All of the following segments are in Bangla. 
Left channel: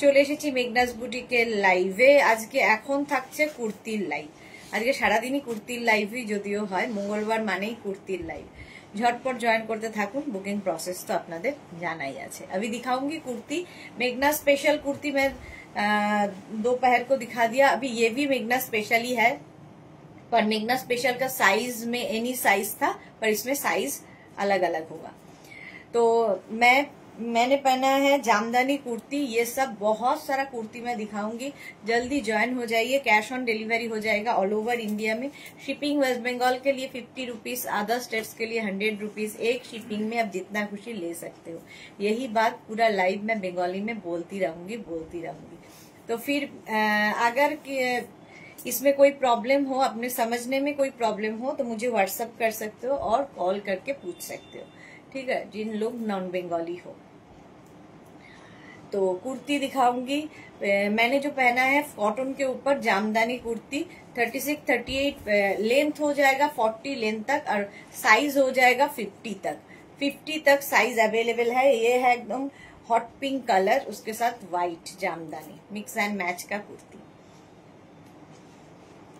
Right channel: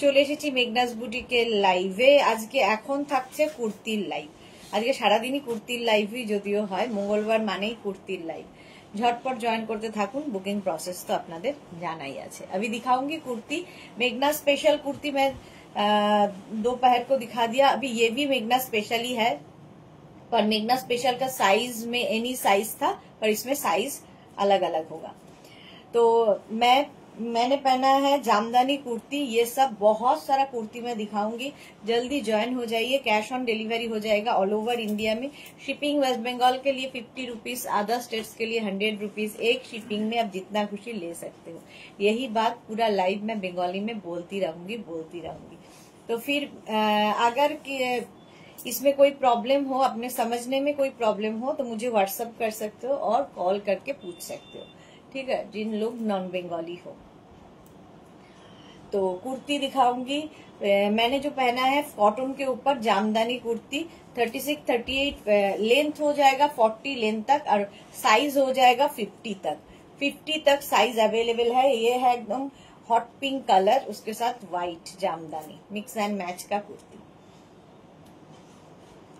চলে এসেছি মেঘনাস বুটিকের লাইভে। আজকে এখন থাকছে কুর্তির লাইভ। আজকে সারাদিনই কুর্তির লাইভই যদিও হয়, মঙ্গলবার মানেই কুর্তির লাইভ। झटपट ज्वाइन करते থাকুন। बुकिंग प्रोसेस तो আপনাদের জানাই আছে। अभी दिखाऊंगी कुर्ती, मेघना स्पेशल कुर्ती मैं दोपहर को दिखा दिया। अभी ये भी मेघना स्पेशल ही है, पर मेघना स्पेशल का साइज में एनी साइज था, पर इसमें साइज अलग अलग होगा। तो मैंने पहना है जामदानी कुर्ती। ये सब बहुत सारा कुर्ती मैं दिखाऊंगी, जल्दी ज्वाइन हो जाइए। कैश ऑन डिलीवरी हो जाएगा ऑल ओवर इंडिया में। शिपिंग वेस्ट बंगाल के लिए 50 रुपीज, अदर स्टेट्स के लिए 100 रुपीज। एक शिपिंग में आप जितना खुशी ले सकते हो। यही बात पूरा लाइव में बंगाली में बोलती रहूंगी। तो फिर अगर इसमें कोई प्रॉब्लम हो, अपने समझने में कोई प्रॉब्लम हो, तो मुझे व्हाट्सएप कर सकते हो और कॉल करके पूछ सकते हो, ठीक है, जिन लोग नॉन बंगाली हो। तो कुर्ती दिखाऊंगी। मैंने जो पहना है कॉटन के ऊपर जामदानी कुर्ती, 36-38 लेंथ हो जाएगा, 40 लेंथ तक, और साइज हो जाएगा 50 तक साइज अवेलेबल है। ये है एकदम हॉट पिंक कलर, उसके साथ white jamdani mix and match का कुर्ती।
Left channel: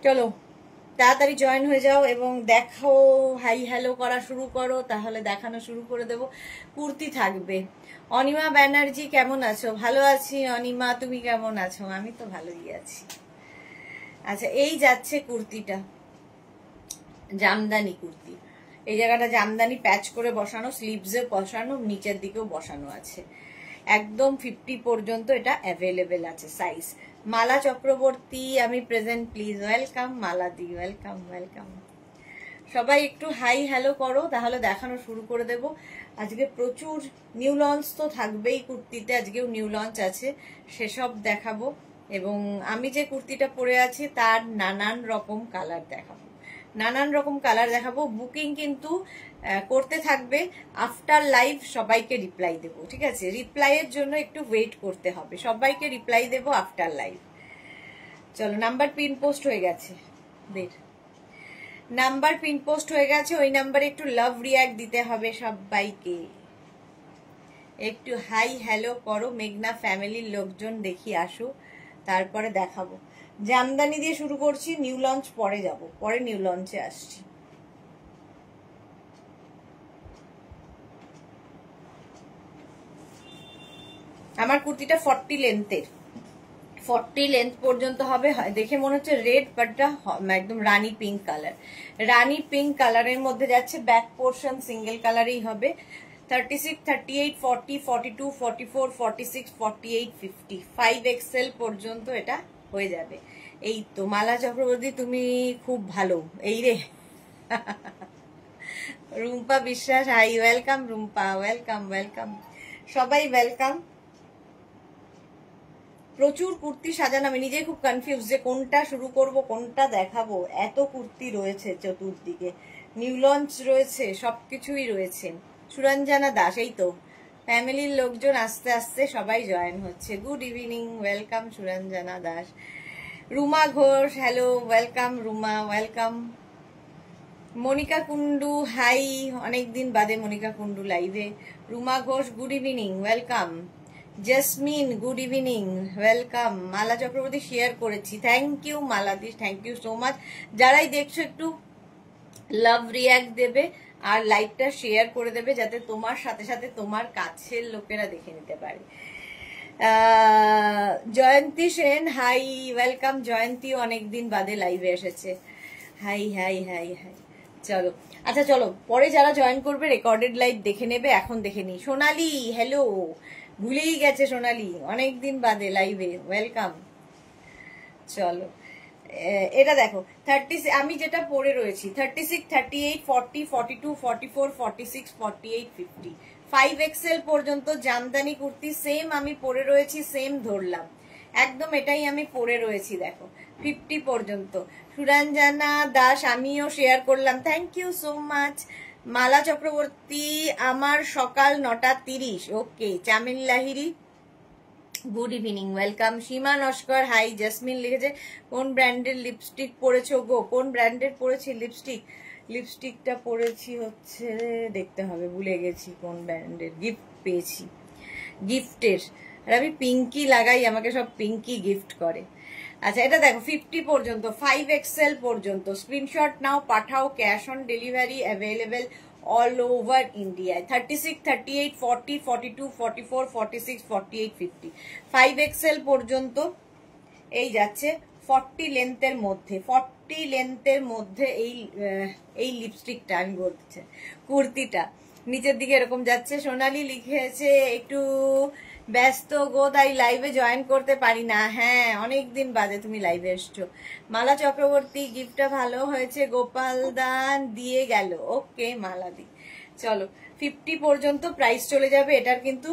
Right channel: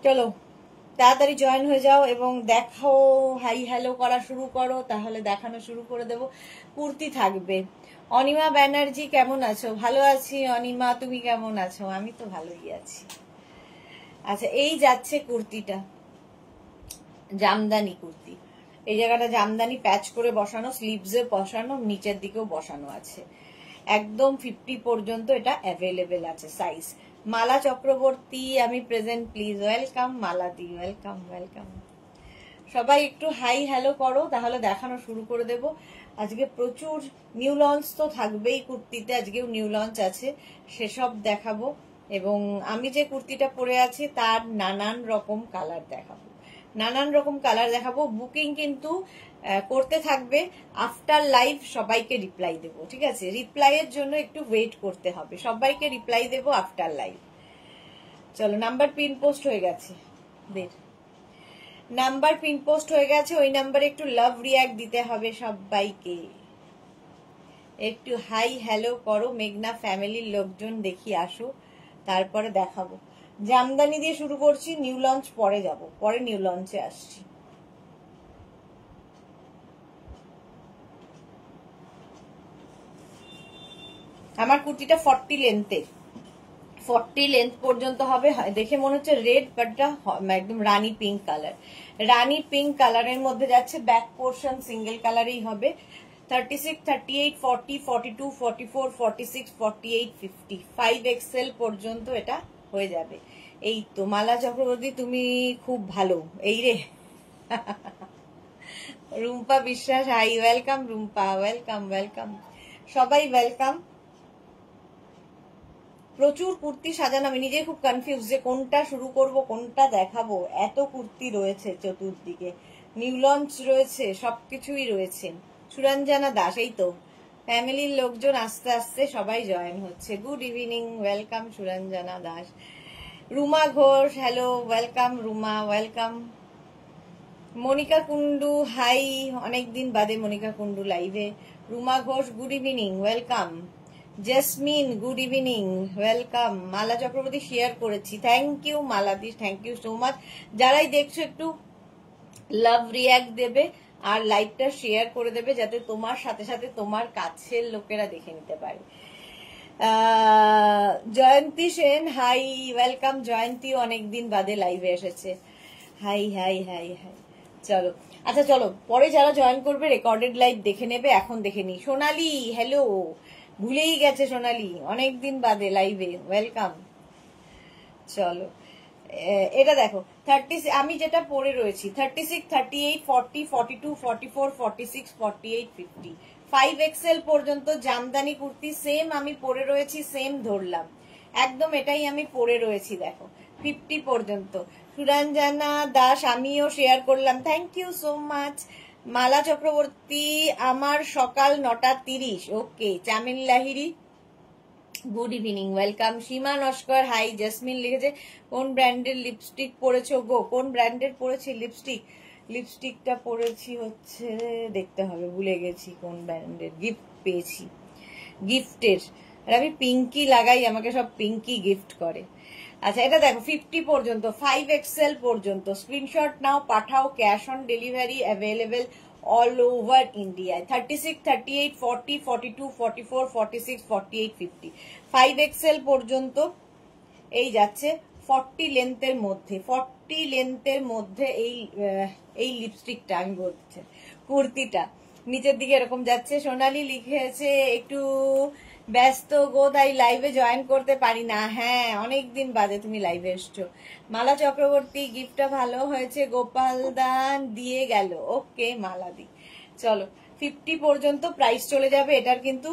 चलो তাড়াতাড়ি জয়েন হয়ে যাও এবং দেখো, হাই হ্যালো করা শুরু করো, তাহলে দেখানো শুরু করে দেবো। কুর্তি থাকবে। অনিমা ব্যানার্জি কেমন আছো? ভালো আছি অনিমা, তুমি কেমন আছো? আমি তো ভালোই আছি। আচ্ছা, এই যাচ্ছে কুর্তিটা, জামদানি কুর্তি। এই জায়গাটা জামদানি প্যাচ করে বসানো, স্লিভসে বসানো, নিচের দিকেও বসানো আছে। একদম 50 পর্যন্ত এটা অ্যাভেলেবেল আছে সাইজ। মালা চক্রবর্তী, আমি present, please welcome. Mala the welcome. সবাই একটু হাই হ্যালো করো, তাহলে দেখানো শুরু করে দেব। আজকে প্রচুর নিউ লঞ্চ তো থাকবেই কুর্তিতে, আজকেও নিউ লঞ্চ আছে, সেসব দেখাবো। এবং আমি যে কুর্তিটা পরে আছি তার নানান রকম কালার দেখাবো। বুকিং কিন্তু করতে থাকবে। আফটার লাইভ সবাইকে রিপ্লাই দেবো, ঠিক আছে? রিপ্লাইয়ের জন্য একটু ওয়েট করতে হবে। সবাইকে রিপ্লাই দেবো আফটার লাইভ। চলো, নাম্বার পিন পোস্ট হয়ে গেছে, নাম্বার পিন পোস্ট হয়ে গেছে। ওই নাম্বারে একটু লাভ রিয়াক্ট দিতে হবে সবাইকে। একটু হাই হ্যালো করো, মেঘনা ফ্যামিলির লোকজন দেখি আসো, তারপরে দেখাবো। জামদানি দিয়ে শুরু করছি, নিউ লঞ্চ পরে যাব, পরে নিউ লঞ্চে আসছি। আমার কুর্তিটা 40 লেন্থের, 40 লেন্থ পর্যন্ত হবে। দেখে মনে হচ্ছে রেড, বাট একদম রানী পিঙ্ক কালার। রানী পিঙ্ক কালারের মধ্যে যাচ্ছে। ব্যাক পোর্শন সিঙ্গেল কালারেই হবে। 36, 38, 40, 42, 44, 46, 48, 50, 5XL পর্যন্ত এটা হয়ে যাবে। এই তো মালা চক্রবর্তী, তুমি খুব ভালো। এই রে রুম্পা বিশ্বাস, হাই ওয়েলকাম রুম্পা, ওয়েলকাম সবাই, ওয়েলকাম। প্রচুর কুর্তি সাজানো, আমি নিজে খুব কনফিউজ যে কোনটা শুরু করব, কোনটা দেখাবো। এত কুর্তি রয়েছে চতুর্দিকে, নিউ লঞ্চ রয়েছে, সবকিছুই রয়েছে। সুরঞ্জনা দাস, এই তো ফ্যামিলির লোকজন আস্তে আস্তে সবাই জয়েন হচ্ছে। Good evening, welcome Suranjana Das. Ruma Ghosh, hello, welcome Ruma, welcome. Monika Kundu, hi, অনেকদিন বাদে মনিকা কুন্ডু লাইভে। Ruma Ghosh, good evening, welcome. Jasmine, good evening, welcome. Mala Chakraborty share করেছি, থ্যাংক ইউ মালাদি, থ্যাংক ইউ সো মাচ। যারাই দেখছো একটু লাভ রিয়াক্ট দেবে আর লাইভটা শেয়ার করে দেবে, যাতে তোমার সাথে সাথে তোমার কাছের লোকেরা দেখে নিতে পারে। জয়ন্তী সেন, হাই, ওয়েলকাম জয়ন্তী, অনেকদিন বাদে লাইভে এসেছে। হাই। চলো, আচ্ছা চলো, পরে যারা জয়েন করবে রেকর্ডেড লাইভ দেখে নেবে, এখন দেখে নি। সোনালি, হ্যালো, ভুলেই গেছে সোনালি, অনেকদিন বাদে লাইভে, ওয়েলকাম। চলো, এটা দেখো 30, আমি যেটা পরে রয়েছি 36, 38, 40, 42, 44, 46, 48, 50, 5XL পর্যন্ত জামদানি কুর্তি সেম আমি পরে রয়েছি, সেম ধরলাম একদম, এটাই আমি পরে রয়েছি। দেখো 50 পর্যন্ত। সুরঞ্জনা দাস, আমিও শেয়ার করলাম, থ্যাংক ইউ সো মাচ। মালা চক্রবর্তী, আমার সকাল 9:30, ওকে। চামিল লাহিরি, গুড ইভিনিং, ওয়েলকাম। সীমা নস্কর, হাই। জেসমিন লিখেছে, কোন ব্র্যান্ডের লিপস্টিক পরেছো গো? কোন ব্র্যান্ডের পরেছি লিপস্টিকটা পরেছি হচ্ছে, দেখতে হবে, ভুলে গেছি কোন ব্র্যান্ডের, গিফট পেয়েছি, গিফটের। আর আমি পিঙ্কি লাগাই, আমাকে সব পিঙ্কি গিফট করে। আচ্ছা এটা দেখো 50 পর্যন্ত, 5XL পর্যন্ত, স্ক্রিনশট নাও, পাঠাও, cash on delivery available all over ইন্ডিয়ায়। 36, 38, 40, 42, 44, 46, 48, 50, 5XL পর্যন্ত এই যাচ্ছে 40 লেন্থের মধ্যে, 40 লেন্থের মধ্যে এই লিপস্টিকটা আমি বলছি, কুর্তিটা নিচের দিকে এরকম যাচ্ছে। সোনালি লিখেছে একটু ব্যস্ত গো, তাই লাইভে জয়েন করতে পারি না। হ্যাঁ অনেকদিন বাদে তুমি লাইভে এসছো। মালা চক্রবর্তী গিফটটা ভালো হয়েছে, গোপাল দান দিয়ে গেল। ওকে মালাদি, চলো 50 পর্যন্ত প্রাইস চলে যাবে এটার, কিন্তু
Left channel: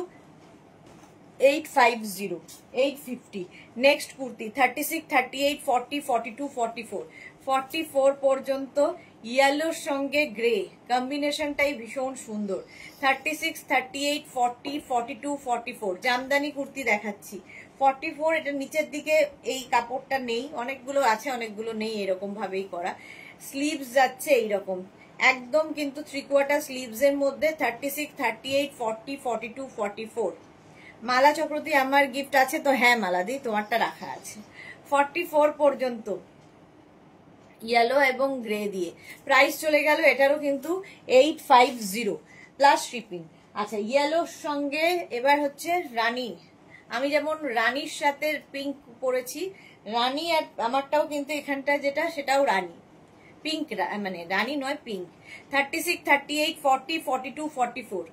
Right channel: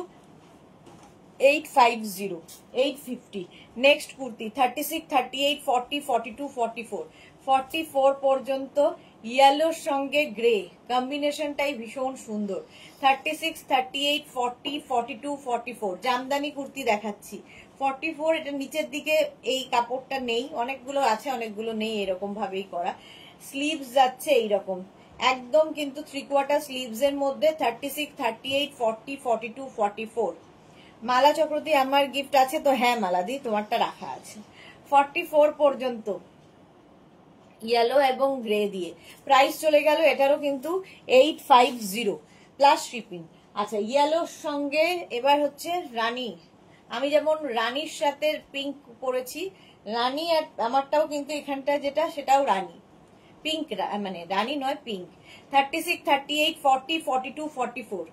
850, 850। নেক্সট কুর্তি 36, 38, 40, 42, 44, 44 পর্যন্ত, ইয়েলোর সঙ্গে গ্রে কম্বিনেশনটাই ভীষণ সুন্দর। 36, 38, 40, 42, 44 জামদানি কুর্তি দেখাচ্ছি। 44 এটা নিচের দিকে এই কাপড়টা নেই, অনেকগুলো আছে অনেকগুলো নেই, এরকম ভাবেই করা। স্লিভস যাচ্ছে এইরকম একদম, কিন্তু 3/4 স্লিভস এর মধ্যে। 36, 38, 40, 42, 44। মালা চক্রবর্তী আমার গিফট আছে তো? হ্যাঁ মালাদি তোমারটা রাখা আছে। 44 পর্যন্ত ইয়েলো এবং গ্রে দিয়ে প্রাইস চলে গেল এটারও কিন্তু 850 প্লাস শিপিং। আচ্ছা ইয়েলোর সঙ্গে এবার হচ্ছে রানী, আমি যেমন রানীর সাথে পিঙ্ক পরেছি, রানী আর আমারটাও কিন্তু এখানটা যেটা সেটাও রানী, পিঙ্ক মানে রানী নয় পিঙ্ক। 36, 38, 40, 42, 44,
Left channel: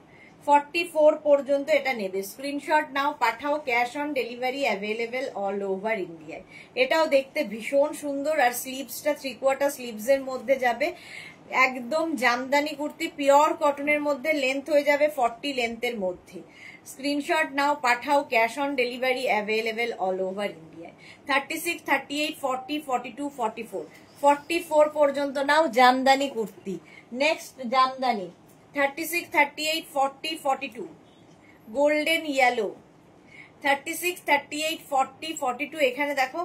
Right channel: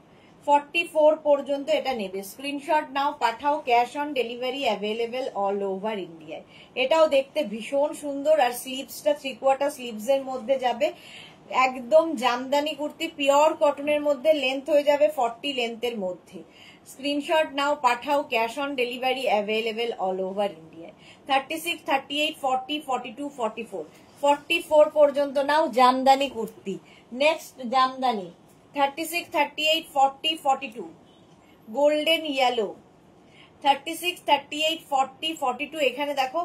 44 পর্যন্ত এটা নেবে। স্ক্রিনশট নাও, পাঠাও, cash on delivery available all over ইন্ডিয়ায়। এটাও দেখতে ভীষণ সুন্দর, আর স্লিভসটা 3/4 স্লিভস এর মধ্যে যাবে, একদম জামদানি কুর্তি, পিওর কটনের মধ্যে, লেন্থ হয়ে যাবে 40 লেন্থের মধ্যে। স্ক্রিনশট নাও, পাঠাও, cash on delivery available all over ইন্ডিয়ায়। 36, 38, 40, 42, 44, 44 পর্যন্ত নাও jamdani kurti. Next jamdani 36, 38, 40, 42 golden yellow. 36, 38, 40, 42 এখানে দেখো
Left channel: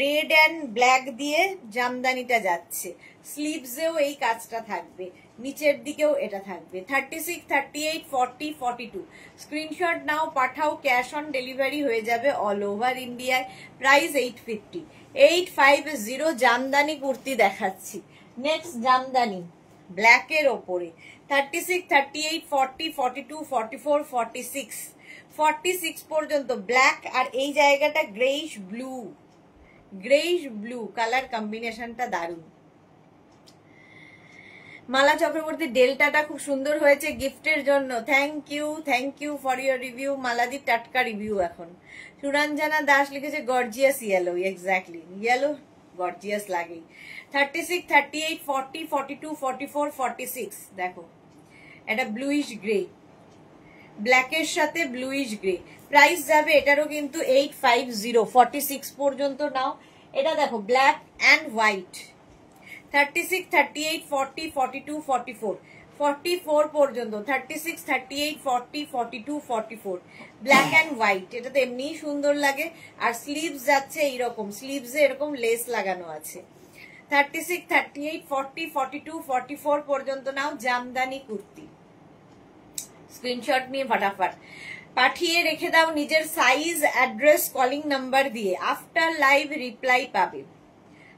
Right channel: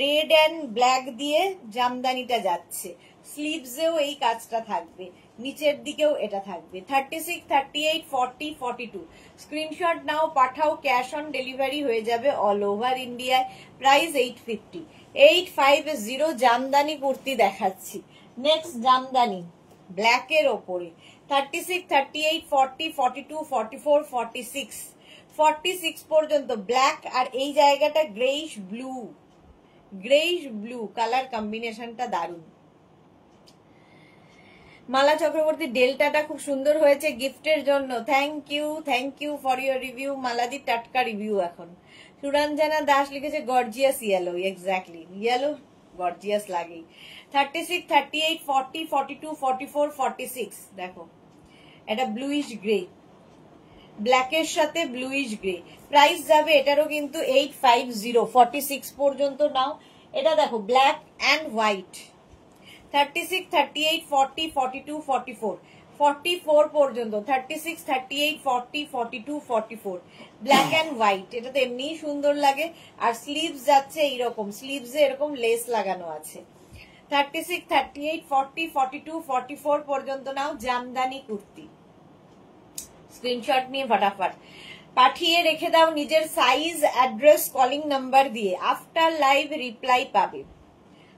রেড অ্যান্ড ব্ল্যাক দিয়ে জামদানিটা যাচ্ছে, স্লিভসেও এই কাজটা থাকবে, নিচের দিকেও এটা থাকবে। 36, 38, 40, 42 স্ক্রিনশট নাও, পাঠাও, ক্যাশ অন ডেলিভারি হয়ে যাবে অল ওভার ইন্ডিয়ায়। প্রাইস 850, 850 জামদানি কুর্তি দেখাচ্ছি। নেক্সট জামদানি ব্ল্যাকের ওপরে 36, 38, 40, 42, 44, 46, 46 পর্যন্ত ব্ল্যাক, আর এই জায়গাটা greyish blue, greyish blue colour কম্বিনেশনটা দারুণ। মালা চক্রবর্তী ডেল্টাটা খুব সুন্দর হয়েছে গিফটের জন্য, thank you for your review মালাদি, টাটকা রিভিউ এখন। সুরঞ্জনা দাস লিখেছে gorgeous yellow, exactly yellow gorgeous লাগেই। 36, 38, 40, 42, 44, 46 দেখো এটা ব্লুইশ গ্রে, ব্ল্যাকের সাথে ব্লুইশ গ্রে। প্রাইস যাবে এটারও কিন্তু 850, 46 পর্যন্ত নাও। এটা দেখো ব্ল্যাক অ্যান্ড হোয়াইট। 36, 38, 40, 42, 44, 44 পর্যন্ত। 36, 38, 40, 42, 44 ব্ল্যাক অ্যান্ড হোয়াইট। এটা তো এমনিই সুন্দর লাগে, আর স্লিভস যাচ্ছে এইরকম, স্লিভসে এরকম লেস লাগানো আছে। 36, 38, 40, 42, 44 পর্যন্ত নাও জামদানি কুর্তি। স্ক্রিনশট নিয়ে ফটাফট পাঠিয়ে রেখে দাও নিজের সাইজ, অ্যাড্রেস, কলিং নাম্বার দিয়ে, আফটার লাইভ রিপ্লাই পাবে।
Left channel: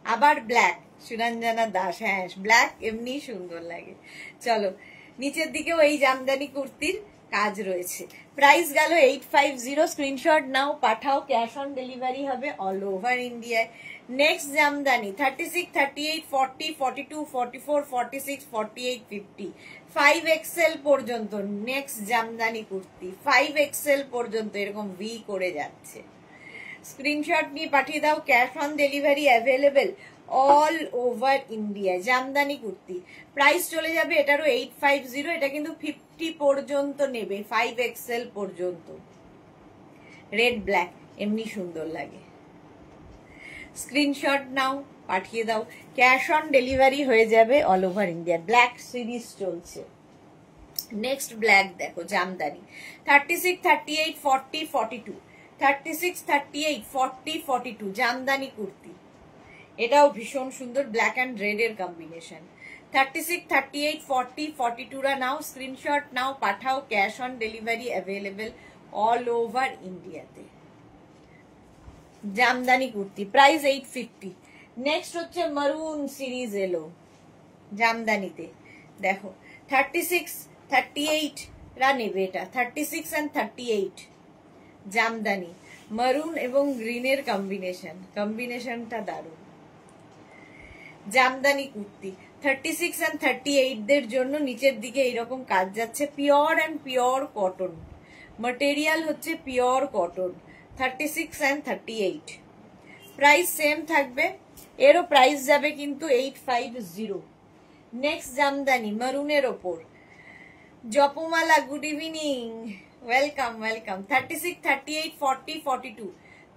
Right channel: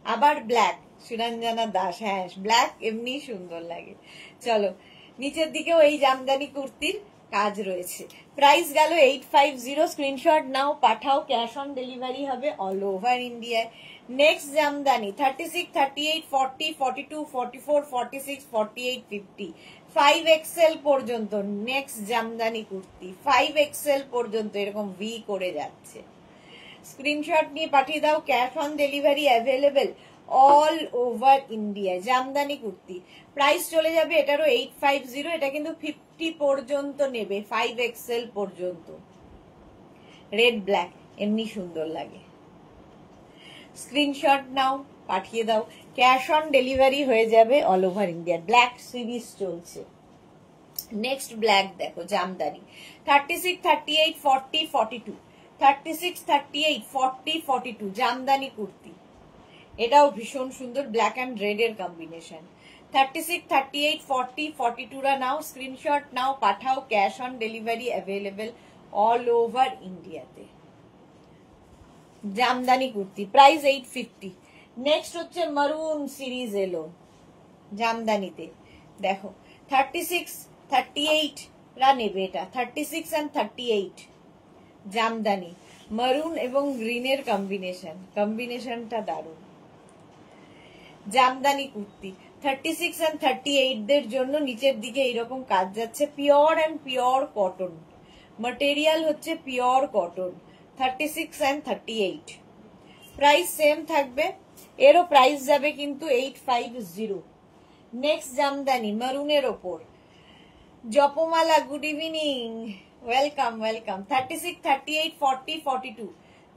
আবার ব্ল্যাক, সুরঞ্জনা দাস, হ্যাঁ ব্ল্যাক এমনি সুন্দর লাগে। চলো নিচের দিকেও এই জামদানি কুর্তির কাজ রয়েছে। প্রাইস গেল 850, স্ক্রিনশট নাও, পাঠাও, ক্যাশ অন ডেলিভারি হবে অল ওভার ইন্ডিয়ায়। নেক্সট জামদানি 36, 38, 40, 42, 44, 46, 48, 50, 5XL পর্যন্ত। নেক্সট জামদানি কুর্তি 5XL পর্যন্ত এরকম ভি করে যাচ্ছে। স্ক্রিনশট নিয়ে পাঠিয়ে দাও, cash on delivery available all over India. Jamdani kurti price চলে যাবে এটারও 850, এটা কিন্তু 50 পর্যন্ত নেবে, 5XL পর্যন্ত। রেড ব্ল্যাক এমনি সুন্দর লাগে। স্ক্রিনশট নাও, পাঠিয়ে দাও, ক্যাশ অন ডেলিভারি হয়ে যাবে all over India. Black series চলছে। নেক্সট ব্ল্যাক দেখো জামদানি 36, 38, 40, 42, 36, 38, 40, 42 জামদানি কুর্তি। এটাও ভীষণ সুন্দর, ব্ল্যাক অ্যান্ড রেড এর কম্বিনেশন। 36, 38, 40, 42 রা নাও, স্ক্রিনশট নাও, পাঠাও, cash on delivery available all over ইন্ডিয়াতে। জামদানি কুর্তি, প্রাইস 850। নেক্সট হচ্ছে মারুন সিরিজ এলো জামদানিতে, দেখো 36, 38 রা নেবে এটা, 36 and 38 জামদানি, মারুন এবং গ্রিনের কম্বিনেশনটা দারুণ। জামদানি কুর্তি 36 and 38 দের জন্য নিচের দিকে এইরকম কাজ যাচ্ছে, pure and pure cotton, material হচ্ছে pure cotton, 36 and 38। Price same থাকবে, এরও প্রাইস যাবে কিন্তু 850। নেক্সট জামদানি মারুনের ওপর, Japamala good evening, welcome welcome. 36, 38, 40, 42,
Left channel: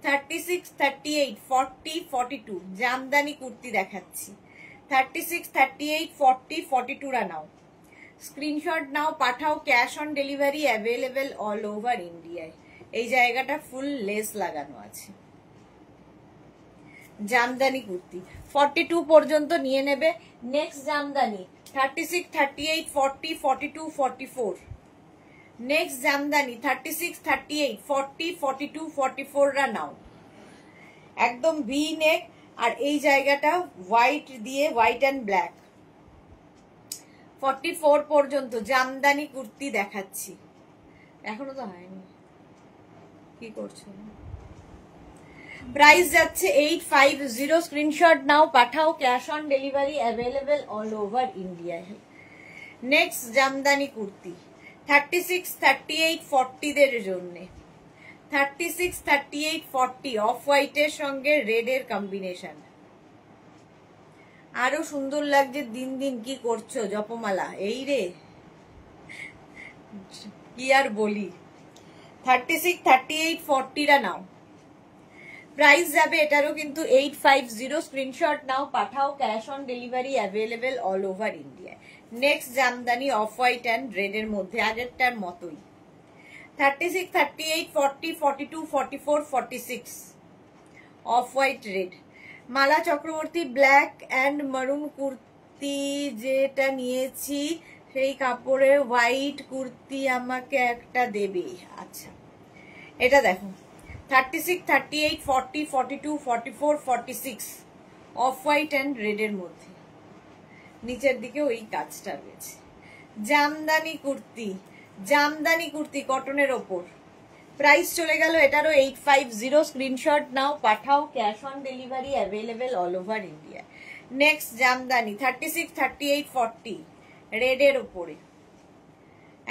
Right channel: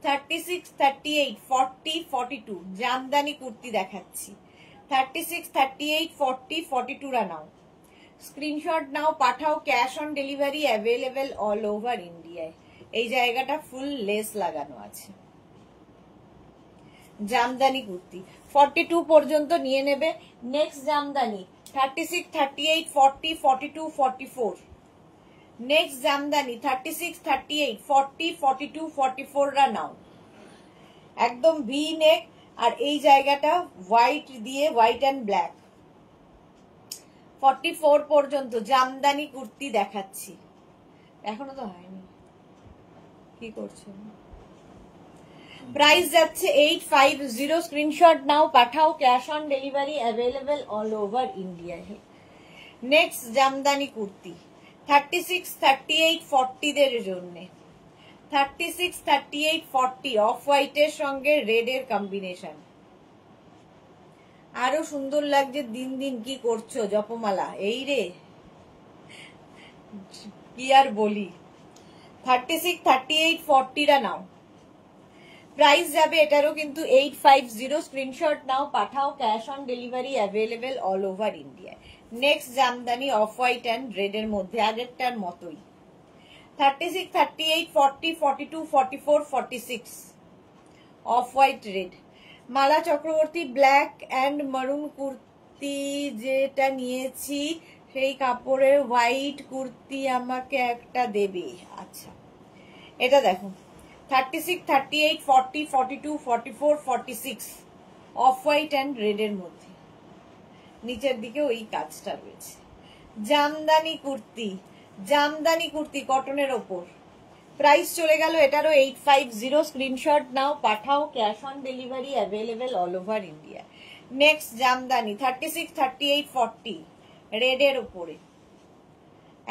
36, 38, 40, 42 jamdani kurti দেখাচ্ছি। 36, 38, 40, 42 রা নাও, স্ক্রিনশট নাও, পাঠাও, cash on delivery available all over ইন্ডিয়ায়। এই জায়গাটা ফুল লেস লাগানো আছে। জামদানি কুর্তি 42 পর্যন্ত নিয়ে নেবে। নেক্সট জামদানি 36, 38, 40, 42, 44। নেক্সট জামদানি 36, 38, 40, 42, 44 রা নাও, একদম ভি নেক, আর এই জায়গাটা হোয়াইট দিয়ে, হোয়াইট অ্যান্ড ব্ল্যাক। 44 পর্যন্ত জামদানি কুর্তি দেখাচ্ছি, এখনো তো হয়নি, কি করছো? প্রাইস যাচ্ছে 850। স্ক্রিনশট নাও, পাঠাও, cash on delivery available all over India. Next Jamdani kurti 36, 38, 40 দের জন্য, 36, 38, 40 অফ হোয়াইটের সঙ্গে রেড এর কম্বিনেশন, আরো সুন্দর লাগছে। দিন দিন কি করছো জপমালা? এই রে, কি আর বলি। 36, 38, 40 রা নাও, প্রাইস যাবে এটারও কিন্তু 850। স্ক্রিনশট নাও, পাঠাও, cash on delivery available all over India. Next Jamdani off white and red এর মধ্যে, আগেরটার মতোই। 36, 38, 40, 42, 44, 46 off white red. Mala Chakraborty black and মারুন কুর্তি যেটা নিয়েছি সেই কাপড়ের হোয়াইট কুর্তি আমাকে একটা দেবে। আচ্ছা, এটা দেখো 36, 38, 40, 42, 44, 46 অফ হোয়াইট অ্যান্ড রেড এর মধ্যে, নিচের দিকে ওই কাজটা রয়েছে। জামদানি কুর্তি, জামদানি কুর্তি কটনের ওপর, প্রাইস চলে গেল এটারও 850। স্ক্রিনশট নাও, পাঠাও, cash on delivery available all over India. Next jamdani 36, 38, 40 red এর ওপরে,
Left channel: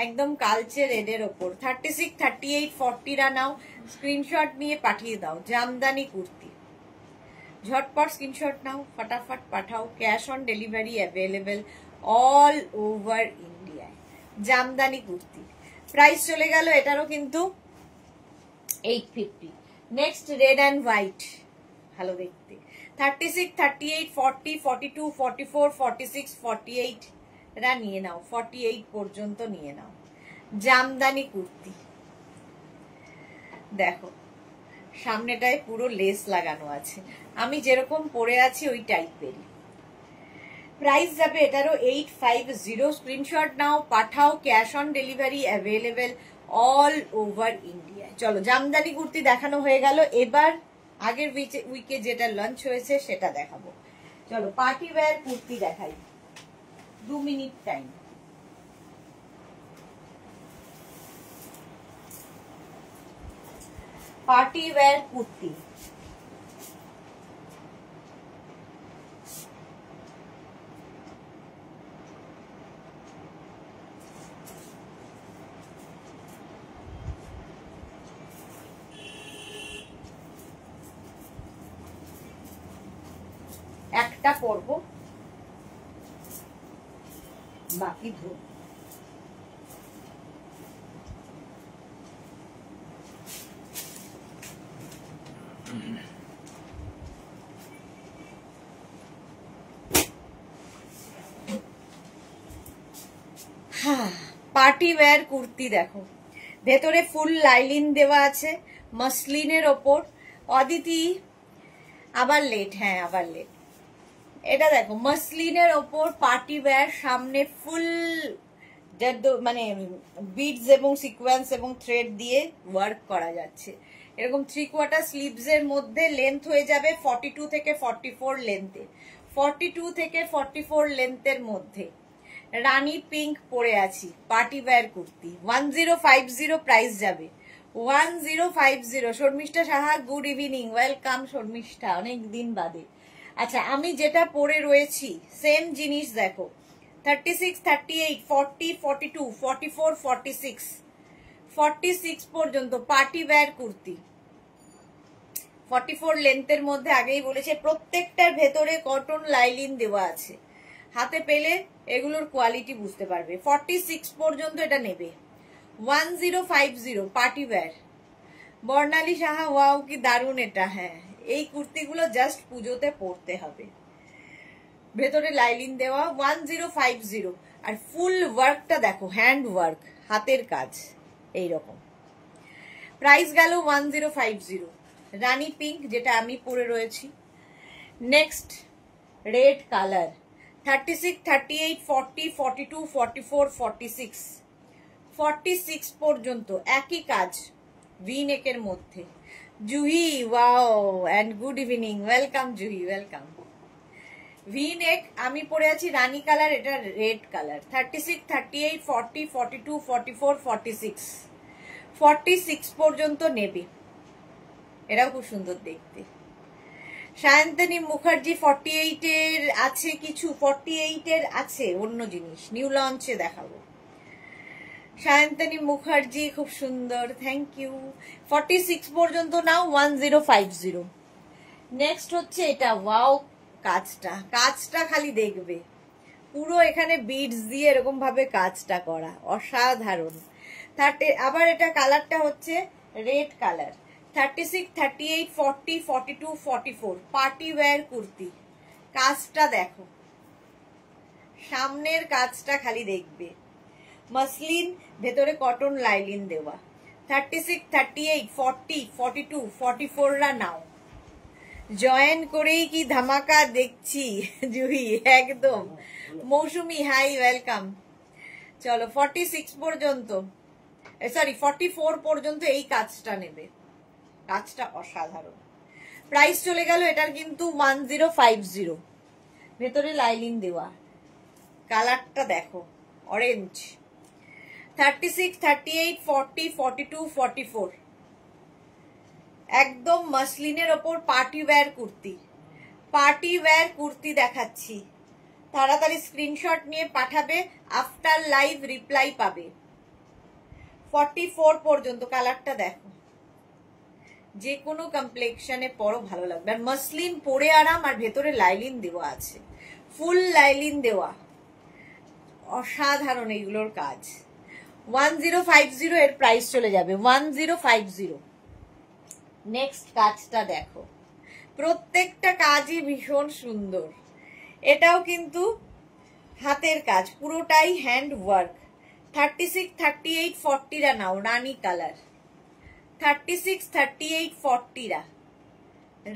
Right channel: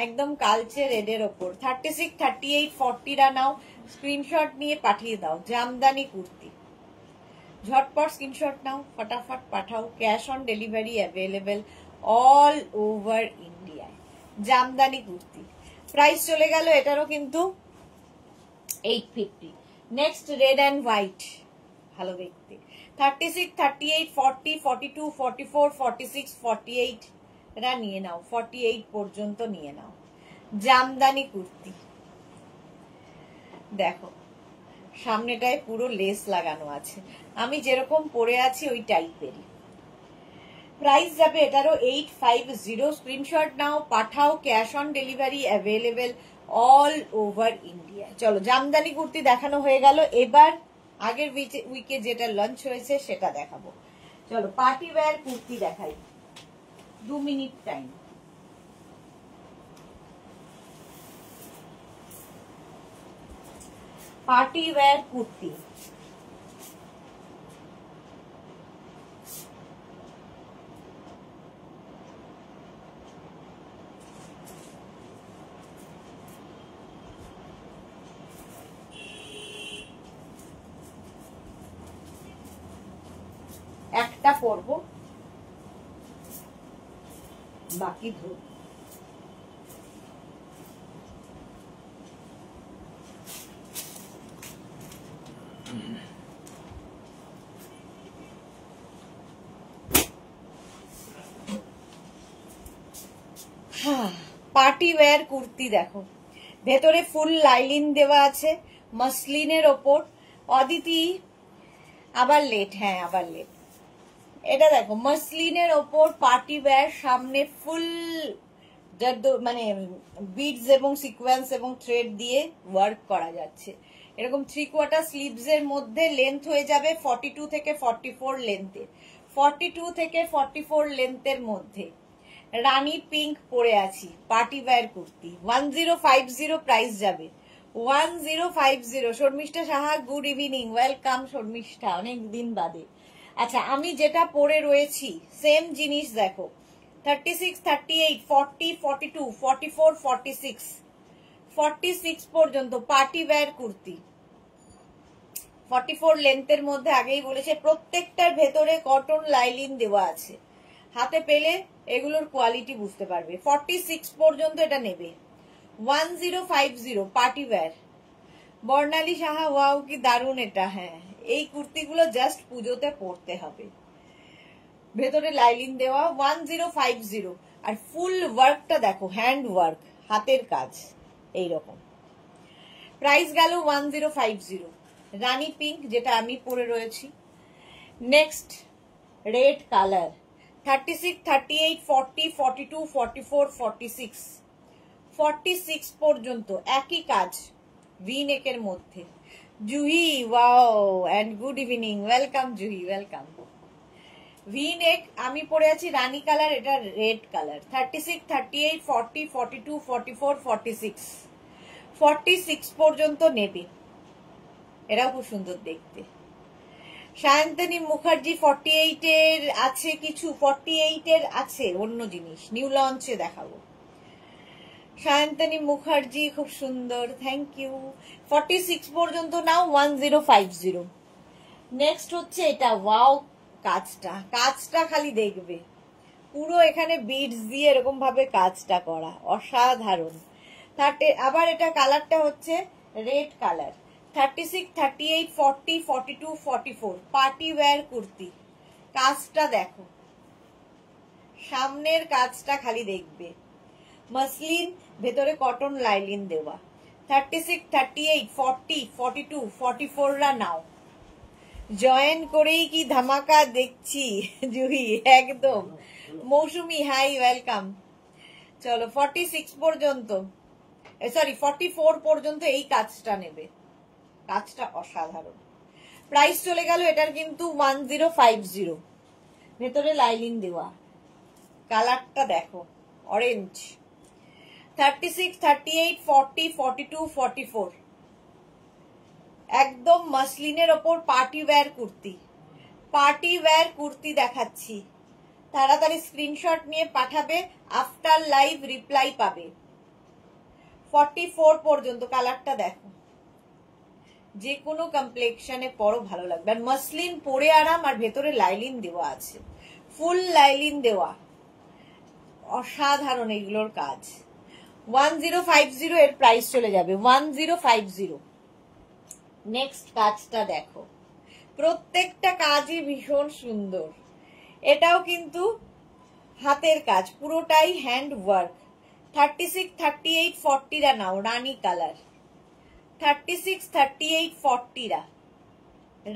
একদম কালচে রেড এর ওপর। 36, 38, 40 রা নাও, স্ক্রিনশট নিয়ে পাঠিয়ে দাও। জামদানি কুর্তি ঝটপট স্ক্রিনশট নাও, ফটাফট পাঠাও, cash on delivery available all over India. Jamdani kurti price চলে গেল এটারও কিন্তু 850। নেক্সট রেড অ্যান্ড হোয়াইট, ভালো দেখতে। 36, 38, 40, 42, 44, 46, 48 রা নিয়ে নাও, 48 পর্যন্ত নিয়ে নাও। জামদানি কুর্তি দেখো, সামনেটায় পুরো লেস লাগানো আছে, আমি যেরকম পরে আছি ওই টাইপেরই। প্রাইস যাবে এটারও 850। স্ক্রিনশট নাও, পাঠাও, cash on delivery available all over India. চলো, জামদানি কুর্তি দেখানো হয়ে গেল, এবার আগের উইকে যেটা লঞ্চ হয়েছে সেটা দেখাবো। চলো পার্টি ওয়্যার কুর্তি দেখাই, 2 minute time. Party wear kurti একটা পরব, বাকি ধরব। পার্টি ওয়্যার কুর্তি দেখো, ভেতরে ফুল লাইলিন দেওয়া আছে, মসলিনের ওপর। অদিতি আবার লেট, হ্যাঁ আবার লেট। এটা দেখো মসলিনের ওপর পার্টি ওয়্যার, সামনে ফুল যার মানে বিডস এবং সিকোয়েন্স এবং থ্রেড দিয়ে ওয়ার্ক করা যাচ্ছে। এরকম 3/4 স্লিভস এর মধ্যে লেন্থ হয়ে যাবে 42 থেকে 44 লেন্থে। 42 থেকে 44 লেন্থের মধ্যে রানী পিঙ্ক পরে আছি, পার্টি ওয়্যার কুর্তি 1050 প্রাইস যাবে 1050। Sharmishtha Saha good evening, welcome Sharmishtha, অনেক দিন বাদে। আচ্ছা, আমি যেটা পরে রয়েছি সেম জিনিস দেখো 36, 38, 40, 42, 44, 46, 46 পর্যন্ত পার্টি ওয়্যার কুর্তি 44 লেন্থের মধ্যে। আগেই বলেছে প্রত্যেকটার ভেতরে কটন লাইলিন দেওয়া আছে, হাতে পেলে এগুলোর কোয়ালিটি বুঝতে পারবে। 46 পর্যন্ত এটা নেবে 1050 পার্টি ওয়্যার। বর্ণালী সাহা ওয়াও কি দারুণ এটা। হ্যাঁ, এই কুর্তিগুলো জাস্ট পুজোতে পরতে হবে, ভেতরে লাইলিন দেওয়া 1050। আর ফুল ওয়ার্কটা দেখো, হ্যান্ড ওয়ার্ক, হাতের কাজ এইরকম। প্রাইস গেল 1050। রানী পিঙ্ক যেটা আমি পরে রয়েছি। নেক্সট রেড কালার 36, 38, 40, 42, 44, 46, 46 পর্যন্ত একই কাজ ভি নেকের মধ্যে। Juhi wow and good evening, welcome Juhi, welcome. V neck আমি পরে আছি রানী কালার, এটা রেড কালার। 36, 38, 40, 42, 44, 46, 46 পর্যন্ত নেবে। এরাও খুব সুন্দর দেখতে। সায়ন্তনী মুখার্জি 48 এর আছে কিছু, 48 এর আছে অন্য জিনিস, নিউ লঞ্চে দেখাবো। সায়ন্তনী মুখার্জি খুব সুন্দর, থ্যাংক ইউ। 46 পর্যন্ত নাও 1050। নেক্সট হচ্ছে এটা, ওয়াও কাজটা খালি দেখবে, পুরো এখানে বিডস দিয়ে এরকম ভাবে কাজটা করা, অসাধারণ। আবার এটা কালারটা হচ্ছে red colour. 36, 38, 40, 42, 44 party wear kurti. কাজটা দেখো, সামনের কাজটা খালি দেখবে, মসলিন, ভেতরে কটন লাইলিন দেওয়া। 36, 38, 40, 42, 44 রা নাও। জয়েন করেই কি ধামাকা দেখছি জুহি, একদম। মৌসুমি হাই, ওয়েলকাম। চলো 46 পর্যন্ত, সরি 44 পর্যন্ত এই কাজটা নেবে, কাজটা অসাধারণ। প্রাইস চলে গেল এটার কিন্তু 1050, ভেতরে লাইলিন দেওয়া। কালারটা দেখো, অরেঞ্জ। 36, 38, 40, 42, 44 একদম মসলিনের ওপর party wear kurti. Party wear kurti দেখাচ্ছি, তাড়াতাড়ি স্ক্রিনশট নিয়ে পাঠাবে, আফটার লাইভ রিপ্লাই পাবে। 44 পর্যন্ত কালারটা দেখো, যে কোনো কমপ্লেক্সনে পরো ভালো লাগবে। আর মসলিন পরে আরাম, আর ভেতরে লাইলিন দেওয়া আছে, ফুল লাইলিন দেওয়া, অসাধারণ এইগুলোর কাজ। 1050 এর প্রাইস চলে যাবে 1050। নেক্সট কাজটা দেখো, প্রত্যেকটা কাজই ভীষণ সুন্দর। এটাও কিন্তু হাতের কাজ, পুরোটাই হ্যান্ড ওয়ার্ক। 36, 38, 40 রা নাও, রানী কালার। 36, 38, 40 রা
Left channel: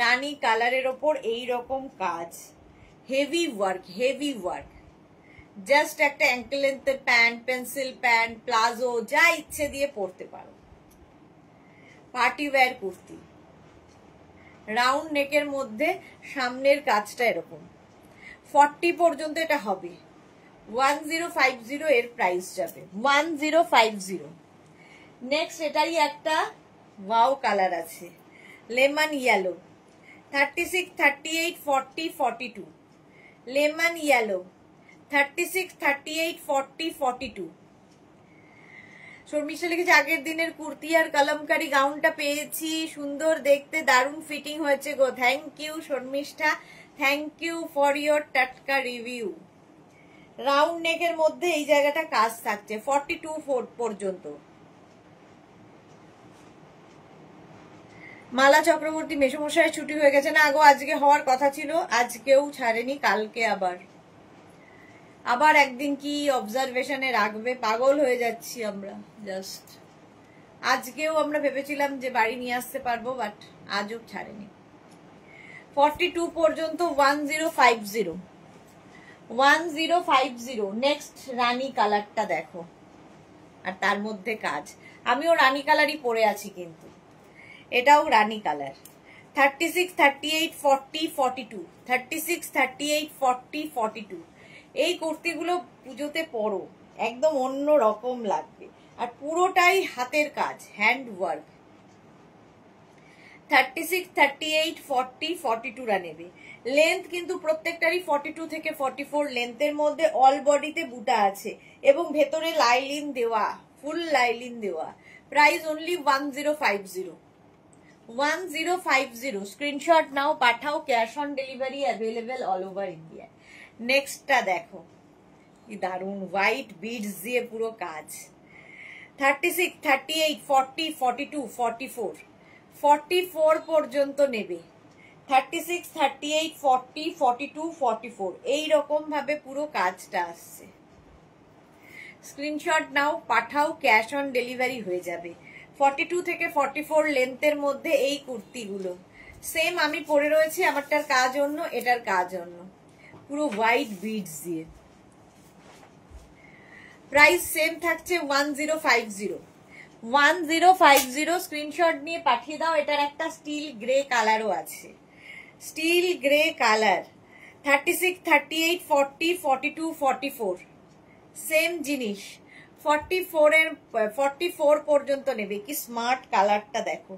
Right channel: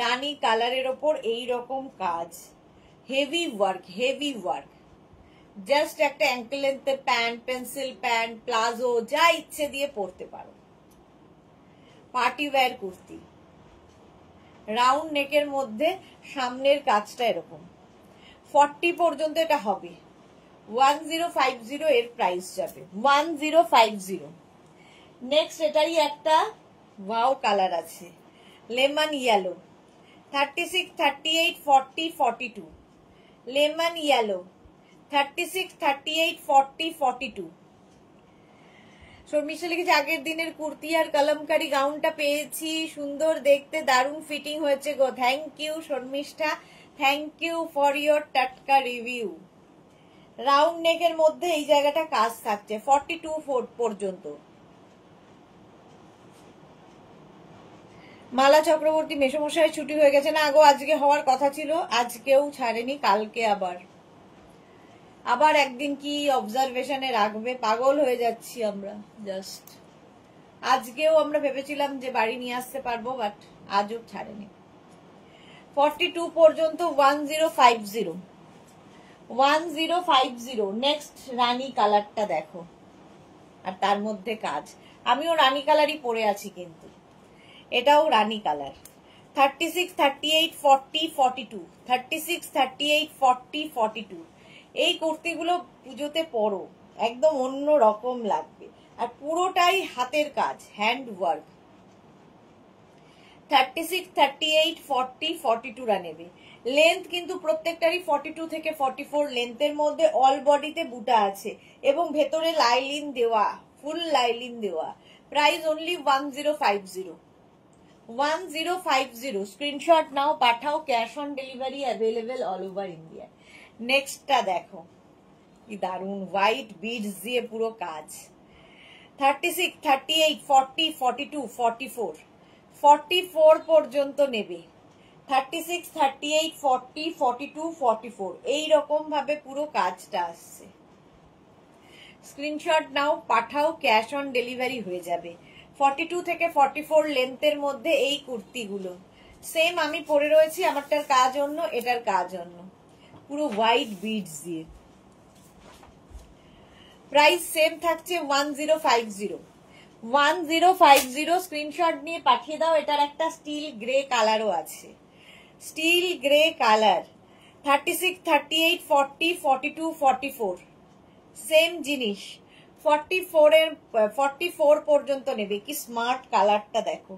রানী কালারের ওপর এইরকম কাজ, heavy work, heavy work. Just একটা অ্যাঙ্কেল লেন্থের প্যান্ট, পেন্সিল প্যান্ট, প্লাজো, যা ইচ্ছে দিয়ে পরতে পারো। পার্টি ওয়্যার কুর্তি, রাউন্ড নেকের মধ্যে সামনের কাজটা এরকম। 40 পর্যন্ত এটা হবে 1050 এর প্রাইস যাবে 1050। নেক্সট এটারই একটা ওয়াও কালার আছে, lemon yellow. 36, 38, 40, 42 lemon yellow. 36, 38, 40, 42। Sharmishtha লিখেছে আগের দিনের কুর্তি আর কলমকারি গাউনটা পেয়েছি, সুন্দর দেখতে, দারুণ ফিটিং হয়েছে গো। Thank you Sharmistha, thank you for your টাটকা রিভিউ। রাউন্ড নেকের মধ্যে এই জায়গাটা কাজ থাকছে 42 পর্যন্ত। মালা চক্রবর্তী মেসমশাই ছুটি হয়ে গেছে না গো, আজকে হওয়ার কথা ছিল, আজকেও ছাড়েনি, কালকে আবার একদিন কি অবজারভেশনে রাখবে, পাগল হয়ে যাচ্ছি আমরা জাস্ট। আজকেও আমরা ভেবেছিলাম যে বাড়ি নিয়ে আসতে পারবো, বাট আজও ছাড়েনি। 42 পর্যন্ত 1050। 1050। নেক্সট রানী কালারটা দেখো, আর তার মধ্যে কাজ। আমিও রানী কালারই পরে আছি, কিন্তু এটাও রানী কালার। 36, 38, 40, 42, 36, 38, 40, 42। এই কুর্তিগুলো পুজোতে পরো, একদম অন্য রকম লাগবে। আর পুরোটাই হাতের কাজ, হ্যান্ড ওয়ার্ক। 36, 38, 40, 42 রা নেবে। লেন্থ কিন্তু প্রত্যেকটারই 42 থেকে 44 লেন্থের মধ্যে। অল বডিতে বুটা আছে এবং ভেতরে লাইলিন দেওয়া, ফুল লাইলিন দেওয়া। Price only 1050। 1050। স্ক্রিনশট নাও, পাঠাও। Cash on delivery available all over India. নেক্সটটা দেখো, কি দারুন, হোয়াইট বিডস দিয়ে পুরো কাজ। 36, 38, 40, 42, 44, 44 পর্যন্ত নেবে। 36, 38, 40, 42, 44 এইরকম ভাবে পুরো কাজটা আসছে। স্ক্রিনশট নাও, পাঠাও। ক্যাশ অন ডেলিভারি হয়ে যাবে। 42 থেকে 44 লেন্থের মধ্যে এই কুর্তিগুলো সেম আমি পরে রয়েছি। আমারটার কাজ অন্য, এটার কাজ অন্য, পুরো হোয়াইট বিডস দিয়ে। প্রাইস সেম থাকছে 1050। 1050 স্ক্রিনশট নিয়ে পাঠিয়ে দাও। এটার একটা স্টিল গ্রে কালারও আছে, স্টিল গ্রে কালার। 36, 38, 40, 42, 44 সেম জিনিস। 44 পর্যন্ত নেবে। কি স্মার্ট কালারটা দেখো,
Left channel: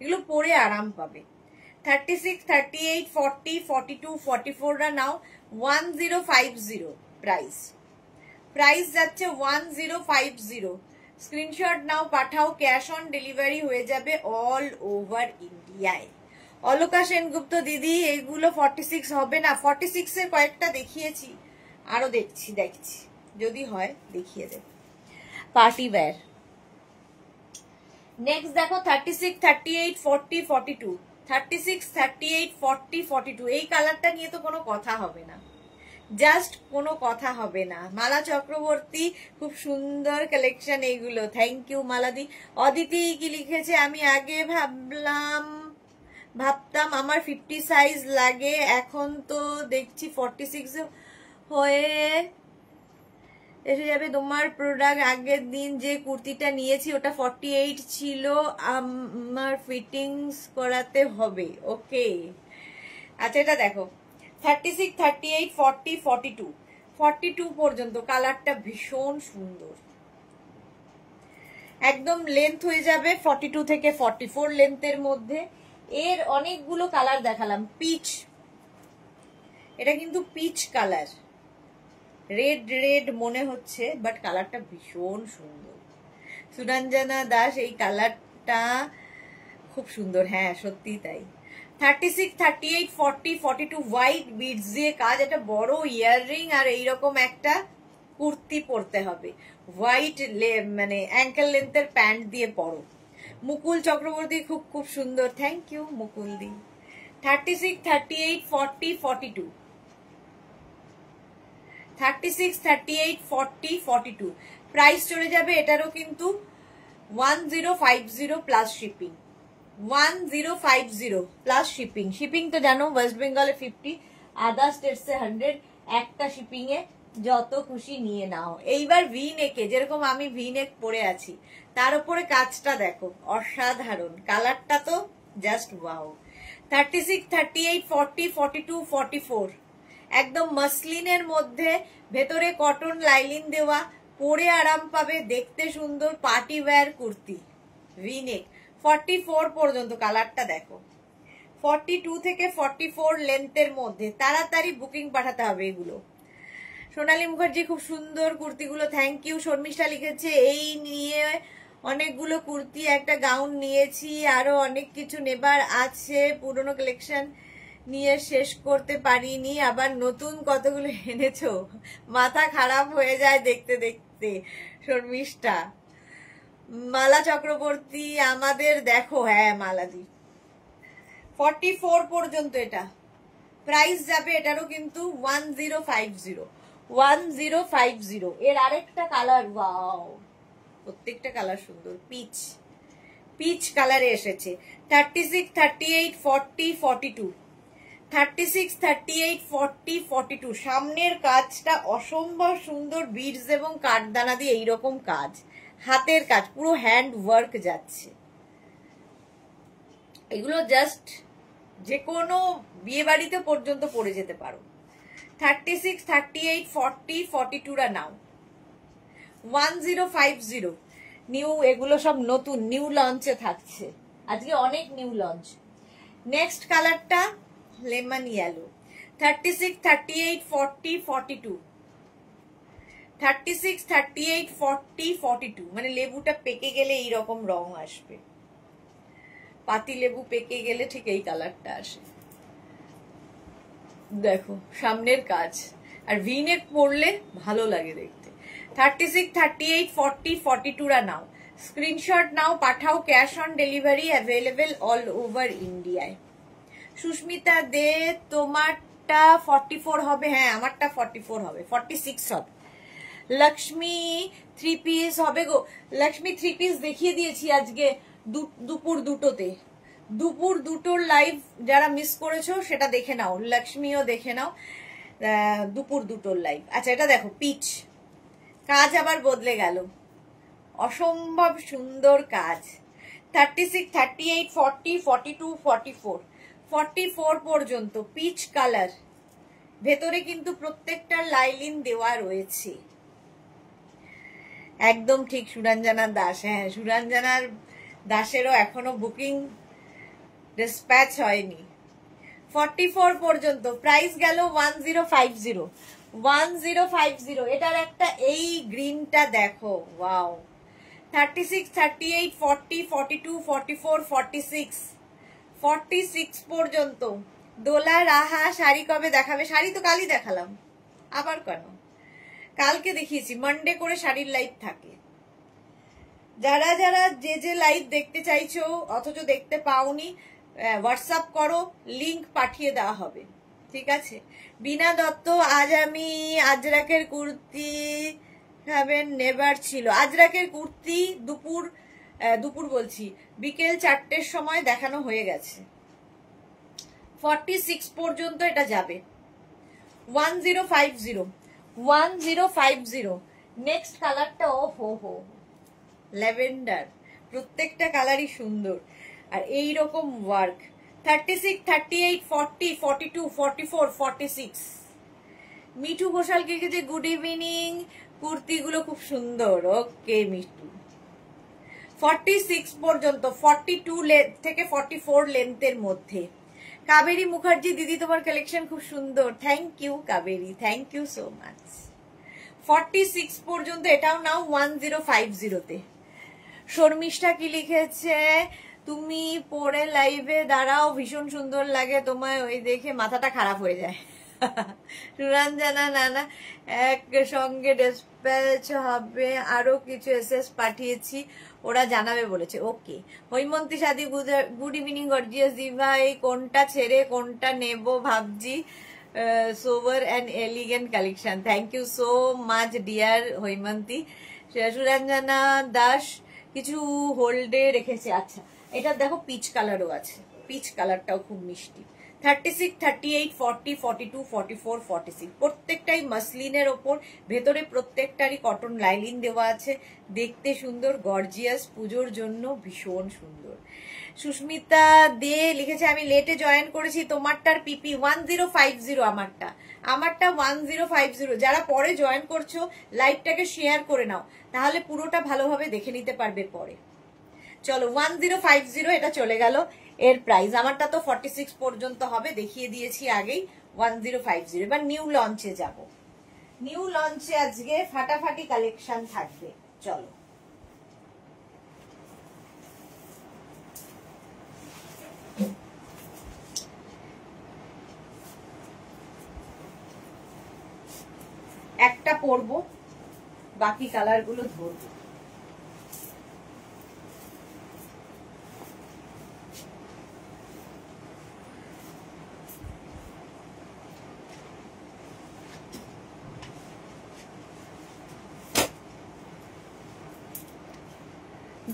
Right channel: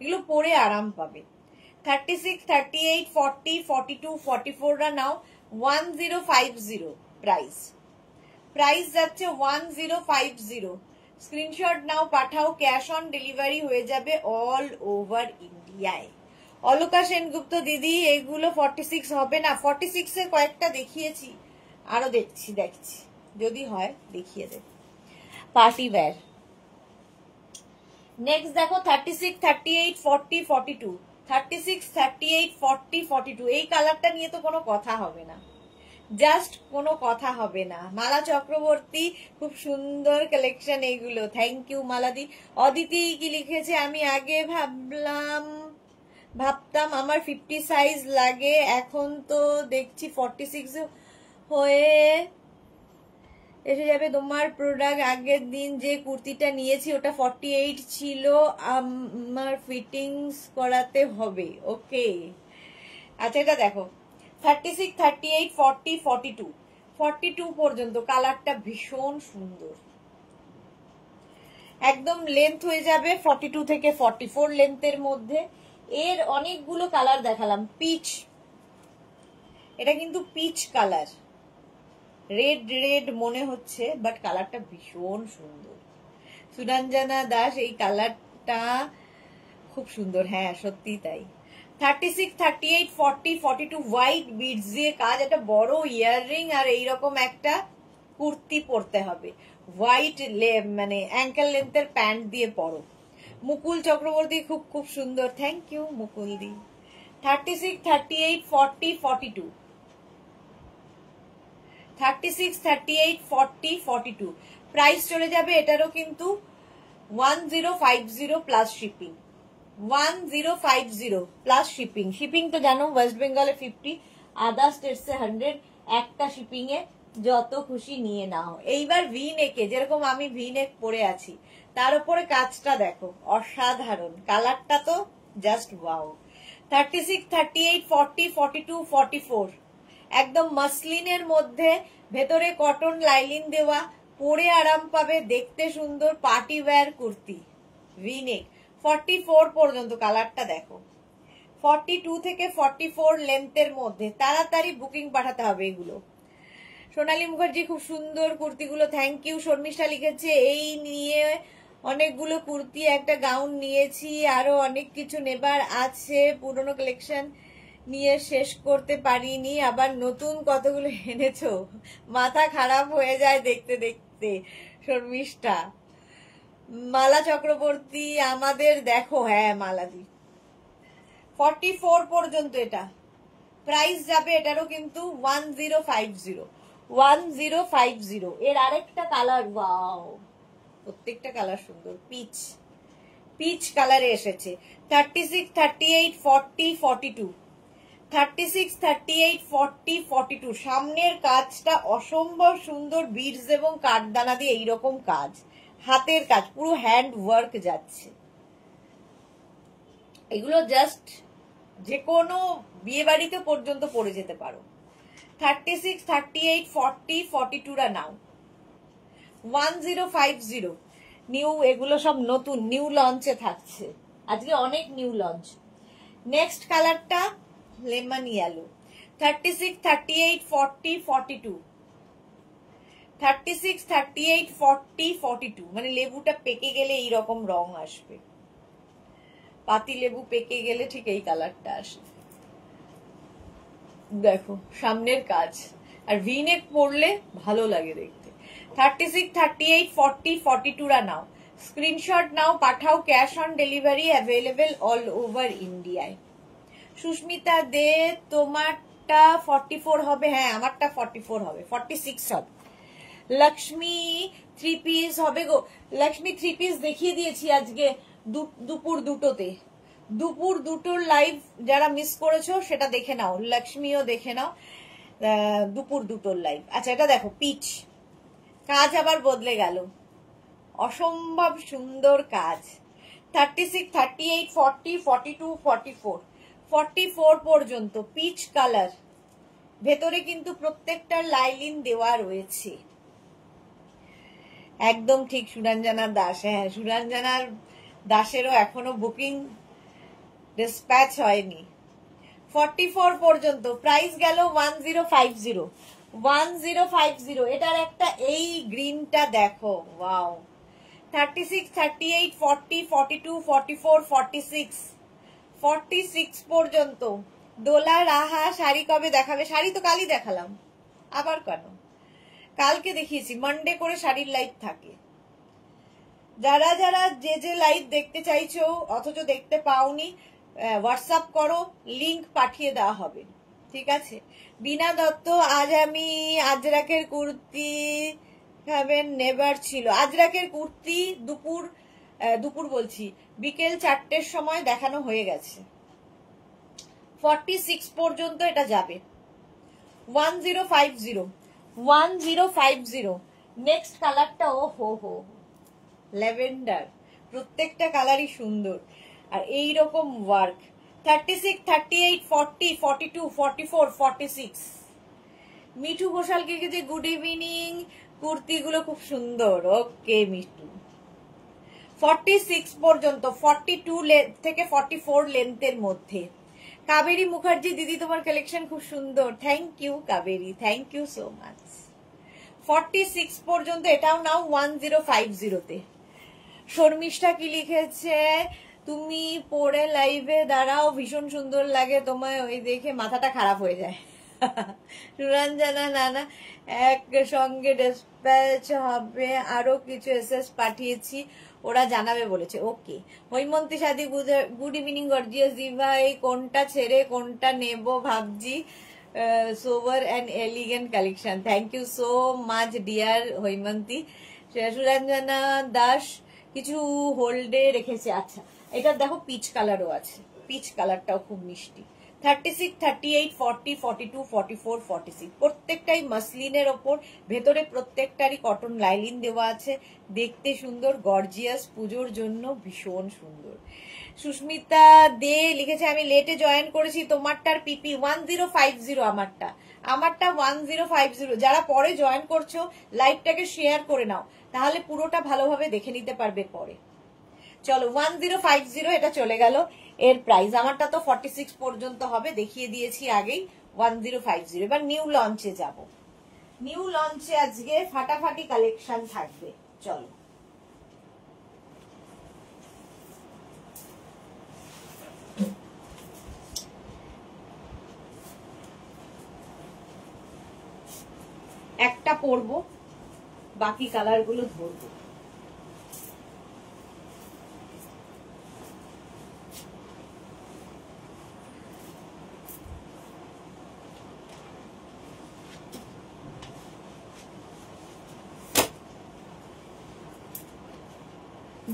এগুলো পরে আরাম পাবে। 36, 38, 40, 42, 44 রা নাও। 1050 প্রাইস। প্রাইস যাচ্ছে 1050। স্ক্রিনশট নাও, পাঠাও। ক্যাশ অন ডেলিভারি হয়ে যাবে অল ওভার ইন্ডিয়ায়। অলকা সেনগুপ্ত দিদি, এইগুলো 46 হবে না। 46 এর কয়েকটা দেখিয়েছি, আরো দেখছি যদি হয় দেখিয়ে দেব। Party wear. নেক্সট দেখো 36, 38, 40, 42। 36, 38, 40, 42 এই কালারটা নিয়ে তো কোনো কথা হবে না, জাস্ট কোনো কথা হবে না। মালা চক্রবর্তী, খুব সুন্দর কালেকশন এইগুলো। Thank you মালাদি। অদিতি কি লিখেছে, আমি আগে ভাবতাম আমার 50 সাইজ লাগে, এখন তো দেখছি 46 হয়ে এসে যাবে। তোমার প্রোডাক্ট আগের দিন যে কুর্তিটা নিয়েছি ওটা 48 ছিল, আমার ফিটিংস করাতে হবে। ওকে, আচ্ছা এটা দেখো 36, 38, 40, 42 42 পর্যন্ত। কালারটা ভীষণ সুন্দর, একদম লেন্থ হয়ে যাবে 42 থেকে 44 লেন্থের মধ্যে। এর অনেকগুলো কালার দেখালাম। পিচ, এটা কিন্তু পিচ কালার, রেড মনে হচ্ছে, বাট কালারটা ভীষণ সুন্দর। সুরঞ্জনা দাস, এই কালারটা খুব সুন্দর। হ্যাঁ সত্যি তাই। 36, 38, 40, 42 হোয়াইট বিডস দিয়ে কাজ। একটা বড় ইয়াররিং আর এইরকম একটা কুর্তি পরতে হবে। হোয়াইট মানে অ্যাঙ্কেল লেন্থের প্যান্ট দিয়ে পরো। মুকুল চক্রবর্তী, খুব সুন্দর। থ্যাংক ইউ মুকুল দি। 36, 38, 40, 42। 36, 38, 40, 42 প্রাইস চলে যাবে এটারও কিন্তু 1050 plus shipping. 1050 plus shipping. Shipping তো জানো ওয়েস্ট বেঙ্গলে 50, আদার স্টেটসে 100। একটা শিপিং এ যত খুশি নিয়ে নাও। এইবার ভি নেকে, যেরকম আমি ভি নেক পরে আছি, তার উপরে কাজটা দেখো, অসাধারণ। কালারটা তো জাস্ট ওয়াও। 36, 38, 40, 42, 44 একদম মসলিনের মধ্যে, ভেতরে কটন লাইলিন দেওয়া, পরে আরাম পাবে, দেখতে সুন্দর, পার্টি ওয়্যার কুর্তি। ভিনেক 44 পর্যন্ত। কালারটা দেখো, 42 থেকে 44 লেন্থের মধ্যে। তাড়াতাড়ি বুকিং পাঠাতে হবে এগুলো। সোনালী মুখার্জি, খুব সুন্দর কুর্তিগুলো। Thank you. শর্মিষ্ঠা লিখেছে, এই নিয়ে অনেকগুলো কুর্তি, একটা গাউন নিয়েছি, আরো অনেক কিছু নেবার আছে, পুরনো কালেকশন নিয়ে শেষ করতে পারিনি, আবার নতুন কতগুলো এনেছো, মাথা খারাপ হয়ে যায় দেখতে দেখতে। শর্মিষ্ঠা। মালা চক্রবর্তী, আমাদের দেখো। হ্যাঁ মালাদি, 44 পর্যন্ত এটা। প্রাইস যাবে এটারও কিন্তু 1050। 1050। এর আরেকটা কালার, ওয়াও, প্রত্যেকটা কালার সুন্দর। পিচ কালারে এসেছে। 36, 38, 40, 42 36, 38, 40, 42 সামনের কাজটা অসম্ভব সুন্দর, বিডস এবং কাঠদানা দিয়ে এইরকম কাজ, হাতের কাজ, পুরো হ্যান্ড ওয়ার্ক যাচ্ছে। এগুলো জাস্ট যে কোনো বিয়ে বাড়িতে পর্যন্ত পরে যেতে পারো। 36, 38, 40, 42 রা নাও। 1050 নিউ, এগুলো সব নতুন নিউ লঞ্চে থাকছে আজকে, অনেক নিউ লঞ্চ। নেক্সট কালারটা লেমন ইয়েলো। 36, 38, 40, 42 36, 38, 40, 42 মানে লেবুটা পেকে গেলে এইরকম রং আসবে, পাতি লেবু পেকে গেলে ঠিক এই কালারটা আসে। দেখো সামনের কাজ, আর ভিনেক পরলে ভালো লাগে দেখতে। 36, 38, 40, 42 রা নাও, স্ক্রিনশট নাও, পাঠাও, cash on delivery available all over ইন্ডিয়ায়। সুস্মিতা দে, তোমারটা 44 হবে? হ্যাঁ আমারটা 44 হবে, 46 হবে। লক্ষ্মী 3 পিস হবে গো, লক্ষ্মী 3 পিস দেখিয়ে দিয়েছি আজকে দুপুর দুটোতে। দুপুর দুটোর লাইভ যারা মিস করেছো সেটা দেখে নাও, লক্ষ্মীও দেখে নাও দুপুর দুটোর লাইভ। আচ্ছা এটা দেখো পিচ, কাজ আবার বদলে গেল, অসম্ভব সুন্দর কাজ। 36, 38, 40, 42, 44 44 পর্যন্ত পিচ কালার, ভেতরে কিন্তু প্রত্যেকটার লাইলিন দেওয়া রয়েছে। একদম ঠিক সুরঞ্জনা দাস, হ্যাঁ সুরঞ্জনার দাসেরও এখনো বুকিং ডিসপ্যাচ হয়নি। 44 পর্যন্ত প্রাইস গেল 1050। 1050 এটার একটা এই গ্রিনটা দেখো, ওয়াও। 36, 38, 40, 42, 44, 46 46 পর্যন্ত। দোলা রাহা শাড়ি কবে দেখাবে? শাড়ি তো কালই দেখালাম, আবার কেন? কালকে দেখিয়েছি, মানডে করে শাড়ির লাইভ থাকে। যারা যারা যে যে লাইভ দেখতে চাইছো অথচ দেখতে পাওনি, হোয়াটসঅ্যাপ করো, লিংক পাঠিয়ে দেওয়া হবে, ঠিক আছে? বিনা দত্ত, আজ আমি আজরাকের কুর্তি খাবেন নেবার ছিল। আজরাকের কুর্তি দুপুর বলছি বিকেল 4টের সময় দেখানো হয়ে গেছে। 46 পর্যন্ত এটা যাবে। 1050 1050। নেক্সট কালারটা ও হো ল্যাভেন্ডার, প্রত্যেকটা কালারই সুন্দর আর এইরকম ওয়ার্ক। 36, 38, 40, 42, 44, 46 মিঠু ঘোষালকে যে গুড ইভিনিং, কুর্তিগুলো খুব সুন্দর। ওকে মিঠু। 46 পর্যন্ত, 42 থেকে 44 লেন্থের মধ্যে। কাবেরী মুখার্জি দিদি তোমার কালেকশন খুব সুন্দর, thank you Kaveri, thank you so much. 46 পর্যন্ত এটাও নাও 1050-তে। শর্মিষ্ঠা কি লিখেছে? তুমি পরে লাইভে দাঁড়াও, ভীষণ সুন্দর লাগে তোমায়, ওই দেখে মাথাটা খারাপ হয়ে যায়। সুরঞ্জনা নানা একসঙ্গে ডিসপ্যাচ হবে, আরো কিছু এসএস পাঠিয়েছি, ওরা জানাবে বলেছে। ওকে। হৈমন্তী সাদি গুড ইভিনিং গর্জিয়াস দিভা, এই কোনটা ছেড়ে কোনটা নেব ভাবছি, sober and elegant collection. Thank you so much dear Haimanti. Suranjana Das কিছু হোল্ডে রেখেছে। আচ্ছা এটা দেখো পিচ কালারও আছে, পিচ কালারটাও খুব মিষ্টি। 36, 38, 40, 42, 44, 46 প্রত্যেকটাই মাসলিনের ওপর, ভেতরে প্রত্যেকটারই কটন লাইলিন দেওয়া আছে, দেখতে সুন্দর, গর্জিয়াস, পুজোর জন্য ভীষণ সুন্দর। সুস্মিতা দে লিখেছে আমি লেটে জয়েন করেছি, তোমারটার পিপি 1050, আমারটা 1050। যারা পরে জয়েন করছো লাইভটাকে শেয়ার করে নাও, তাহলে পুরোটা ভালোভাবে দেখে নিতে পারবে পরে। চলো 1050 এটা চলে গেল এর প্রাইস। আমারটা তো 46 পর্যন্ত হবে, দেখিয়ে দিয়েছি আগেই। 1050। এবার নিউ লঞ্চে যাব। নিউ লঞ্চে আজকে ফাটাফাটি কালেকশন থাকবে, চলো। একটা পরবো, বাকি কালার গুলো ধরবো।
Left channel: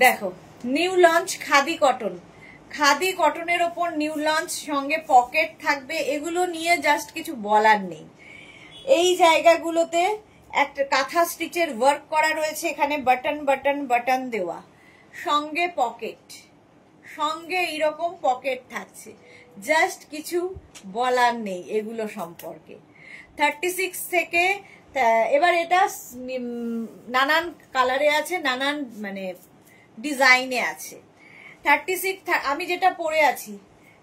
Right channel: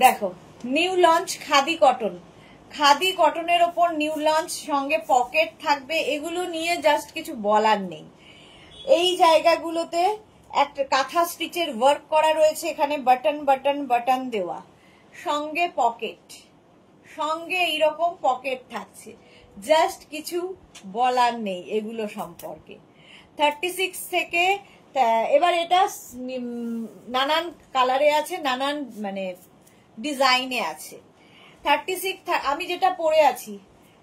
দেখো new launch khadi cotton. Khadi কটনের ওপর নিউ লঞ্চ, সঙ্গে পকেট থাকবে। এগুলো নিয়ে জাস্ট কিছু বলার নেই। এই জায়গাগুলোতে একটা কাঁথা স্টিচের ওয়ার্ক করা রয়েছে, এখানে বাটন বাটন বাটন দেওয়া, সঙ্গে পকেট, সঙ্গে এইরকম পকেট থাকছে। জাস্ট কিছু বলার নেই এগুলো সম্পর্কে। 36 থেকে এবার এটা নানান কালারে আছে, নানান মানে ডিজাইনে আছে। 36 আমি যেটা পরে আছি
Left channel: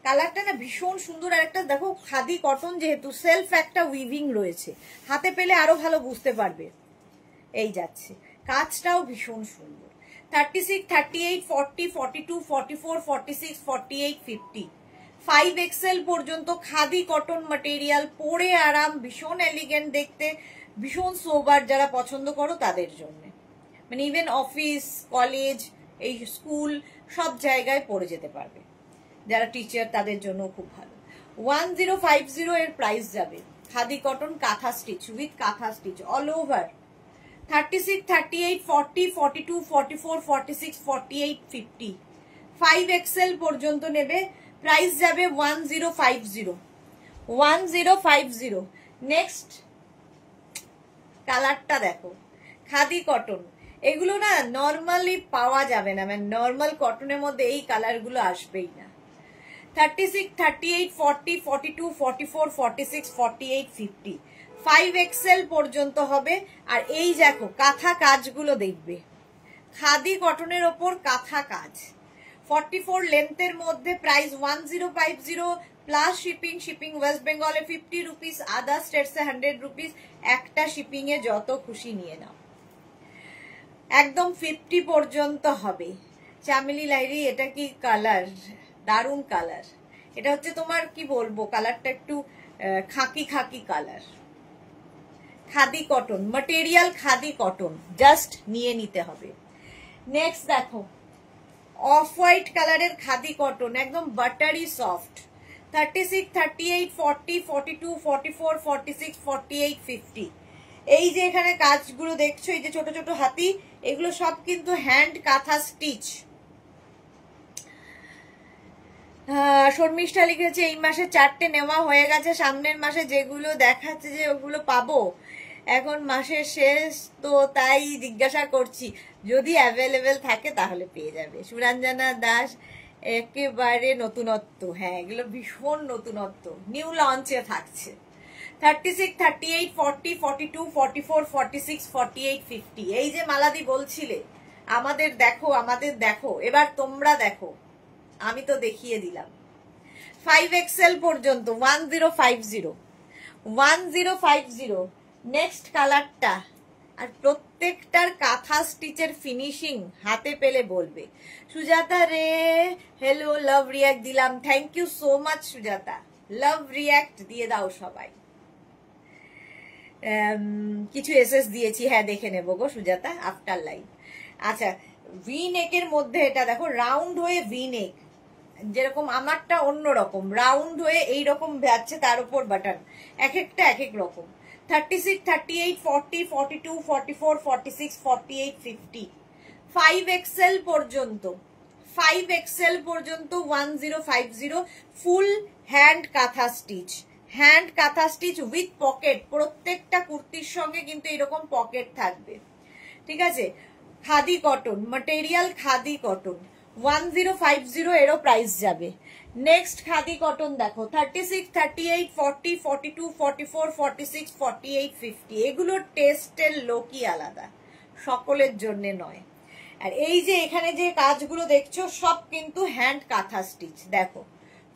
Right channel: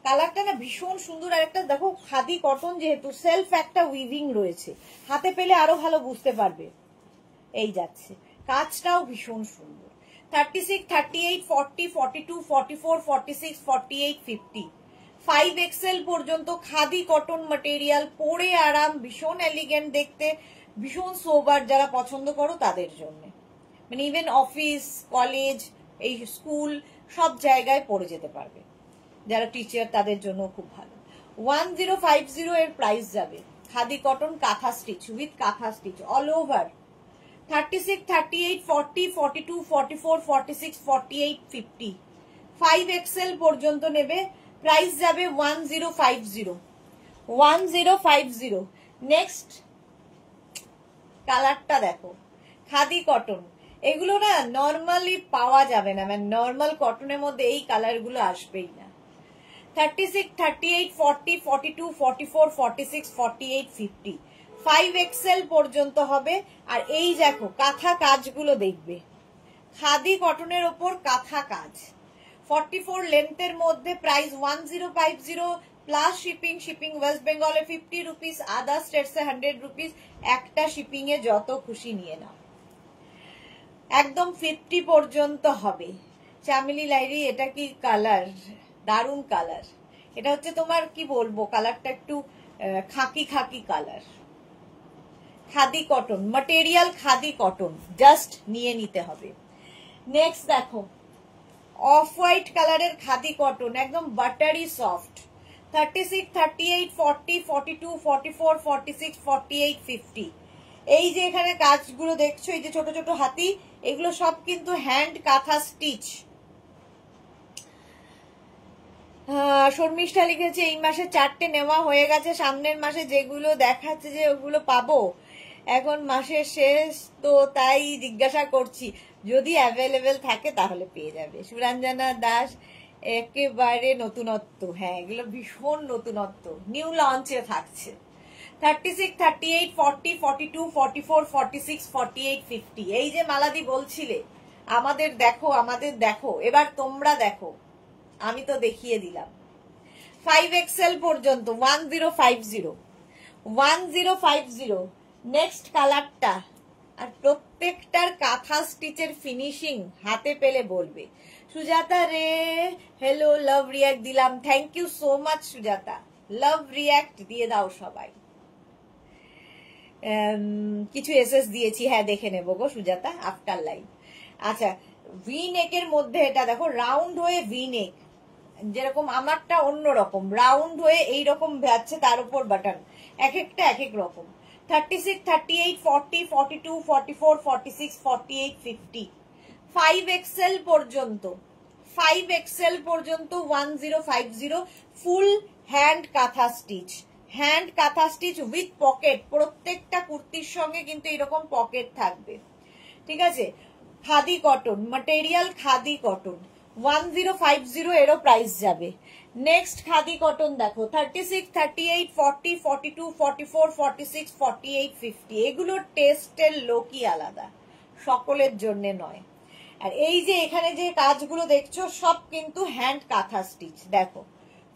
কালারটা না ভীষণ সুন্দর। আর একটা দেখো খাদি কটন, যেহেতু সেলফ একটা উইভিং রয়েছে, হাতে পেলে আরো ভালো বুঝতে পারবে। এই যাচ্ছে, কাজটাও ভীষণ সুন্দর। 36, 38, 40, 42, 44, 46, 48, 50, 5XL পর্যন্ত খাদি কটন ম্যাটেরিয়াল, পরে আরাম, ভীষণ এলিগেন্ট দেখতে, ভীষণ সোবার, যারা পছন্দ করো তাদের জন্য। মানে ইভেন অফিস, কলেজ, এই স্কুল সব জায়গায় পরে যেতে পারবে। যারা টিচার তাদের জন্য খুব ভালো। 1050 এর প্রাইস যাবে। খাদি কটন কাঁথা স্টিচ উইথ কাঁথা স্টিচ অল ওভার। 36, 38, 40, 42, 44, 46, 48, 50, 5XL পর্যন্ত নেবে, প্রাইস যাবে 1050। 1050। নেক্সট কালারটা দেখো, খাদি কটন, এগুলো না নর্মালি পাওয়া যাবে না, মানে নর্মাল কটনের মধ্যে এই কালারগুলো আসবেই না। 36, 38, 40, 42, 44, 46, 48, 50, 5XL পর্যন্ত হবে। আর এই দেখো কাঁথা কাজগুলো দেখবে, খাদি কটনের ওপর কাঁথা কাজ, 44 লেন্থের মধ্যে, price 1050 plus shipping. Shipping West বেঙ্গলে 50 রুপিস, আদার স্টেটসে 100 রুপিস। একটা শিপিং এ যত খুশি নিয়ে নাও, একদম 50 পর্যন্ত হবে। চামেলি লাইরি, এটা কি কালার, দারুন কালার। এটা হচ্ছে তোমার কি বলবো, কালারটা একটু খাকি খাকি colour. Khadi cotton material, khadi cotton, just নিয়ে নিতে হবে। নেক্সট দেখো অফ হোয়াইট কালারের খাদি কটন, একদম বাটারি সফট। 36, 38, 40, 42, 44, 46, 48, 50। এই যে এখানে কাজগুলো দেখছো, এই যে ছোট ছোট হাতি, এগুলো সব কিন্তু হ্যান্ড কাঁথা স্টিচ। শর্মিষ্ঠা লিখেছে এই মাসে 4টে নেওয়া হয়ে গেছে, সামনের মাসে যেগুলো দেখাচ্ছে যে ওগুলো পাবো, এখন মাসের শেষ তো তাই জিজ্ঞাসা করছি, যদি অ্যাভেলেবেল থাকে তাহলে পেয়ে যাবে। সুরঞ্জনা দাস, একেবারে নতুনত্ব, হ্যাঁ এগুলো ভীষণ নতুনত্ব, নিউ লঞ্চে থাকছে। 36, 38, 40, 42, 44, 46, 48, 50। এই যে মালাদি বলছিলে আমাদের দেখো, আমাদের দেখো, এবার তোমরা দেখো, আমি তো দেখিয়ে দিলাম। 5XL পর্যন্ত 1050, 1050। নেক্সট কালারটা, আর প্রত্যেকটার কাঁথা স্টিচের ফিনিশিং হাতে পেলে বলবে। Sujata Roy, hello, love react দিলাম, thank you so much Sujata, love react দিয়ে দাও সবাই। কিছু এসএস দিয়েছি, হ্যাঁ দেখে নেবো গো সুজাতা আফটার লাইভ। আচ্ছা, ভি নেকের মধ্যে এটা দেখো, রাউন্ড হয়ে ভি নেক, যেরকম আমারটা অন্যরকম, রাউন্ড হয়ে এইরকম যাচ্ছে, তার উপর বাটন, এক একটা এক এক রকম। 36, 38, 40, 42, 44, 46, 48, 50, 5XL পর্যন্ত, 5XL পর্যন্ত 1050। ফুল হ্যান্ড কাঁথা স্টিচ, হ্যান্ড কাঁথা স্টিচ উইথ পকেট। প্রত্যেকটা কুর্তির সঙ্গে কিন্তু এরকম পকেট থাকবে, ঠিক আছে। Khadi cotton material, khadi cotton 1050 এরও প্রাইস যাবে। নেক্সট খাদি কটন দেখো, 36, 38, 40, 42, 44, 46, 48, 50। এগুলোর টেস্টের লোকই আলাদা, সকলের জন্য নয়। আর এই যে এখানে যে কাজগুলো দেখছো সব কিন্তু হ্যান্ড কাঁথা স্টিচ, দেখো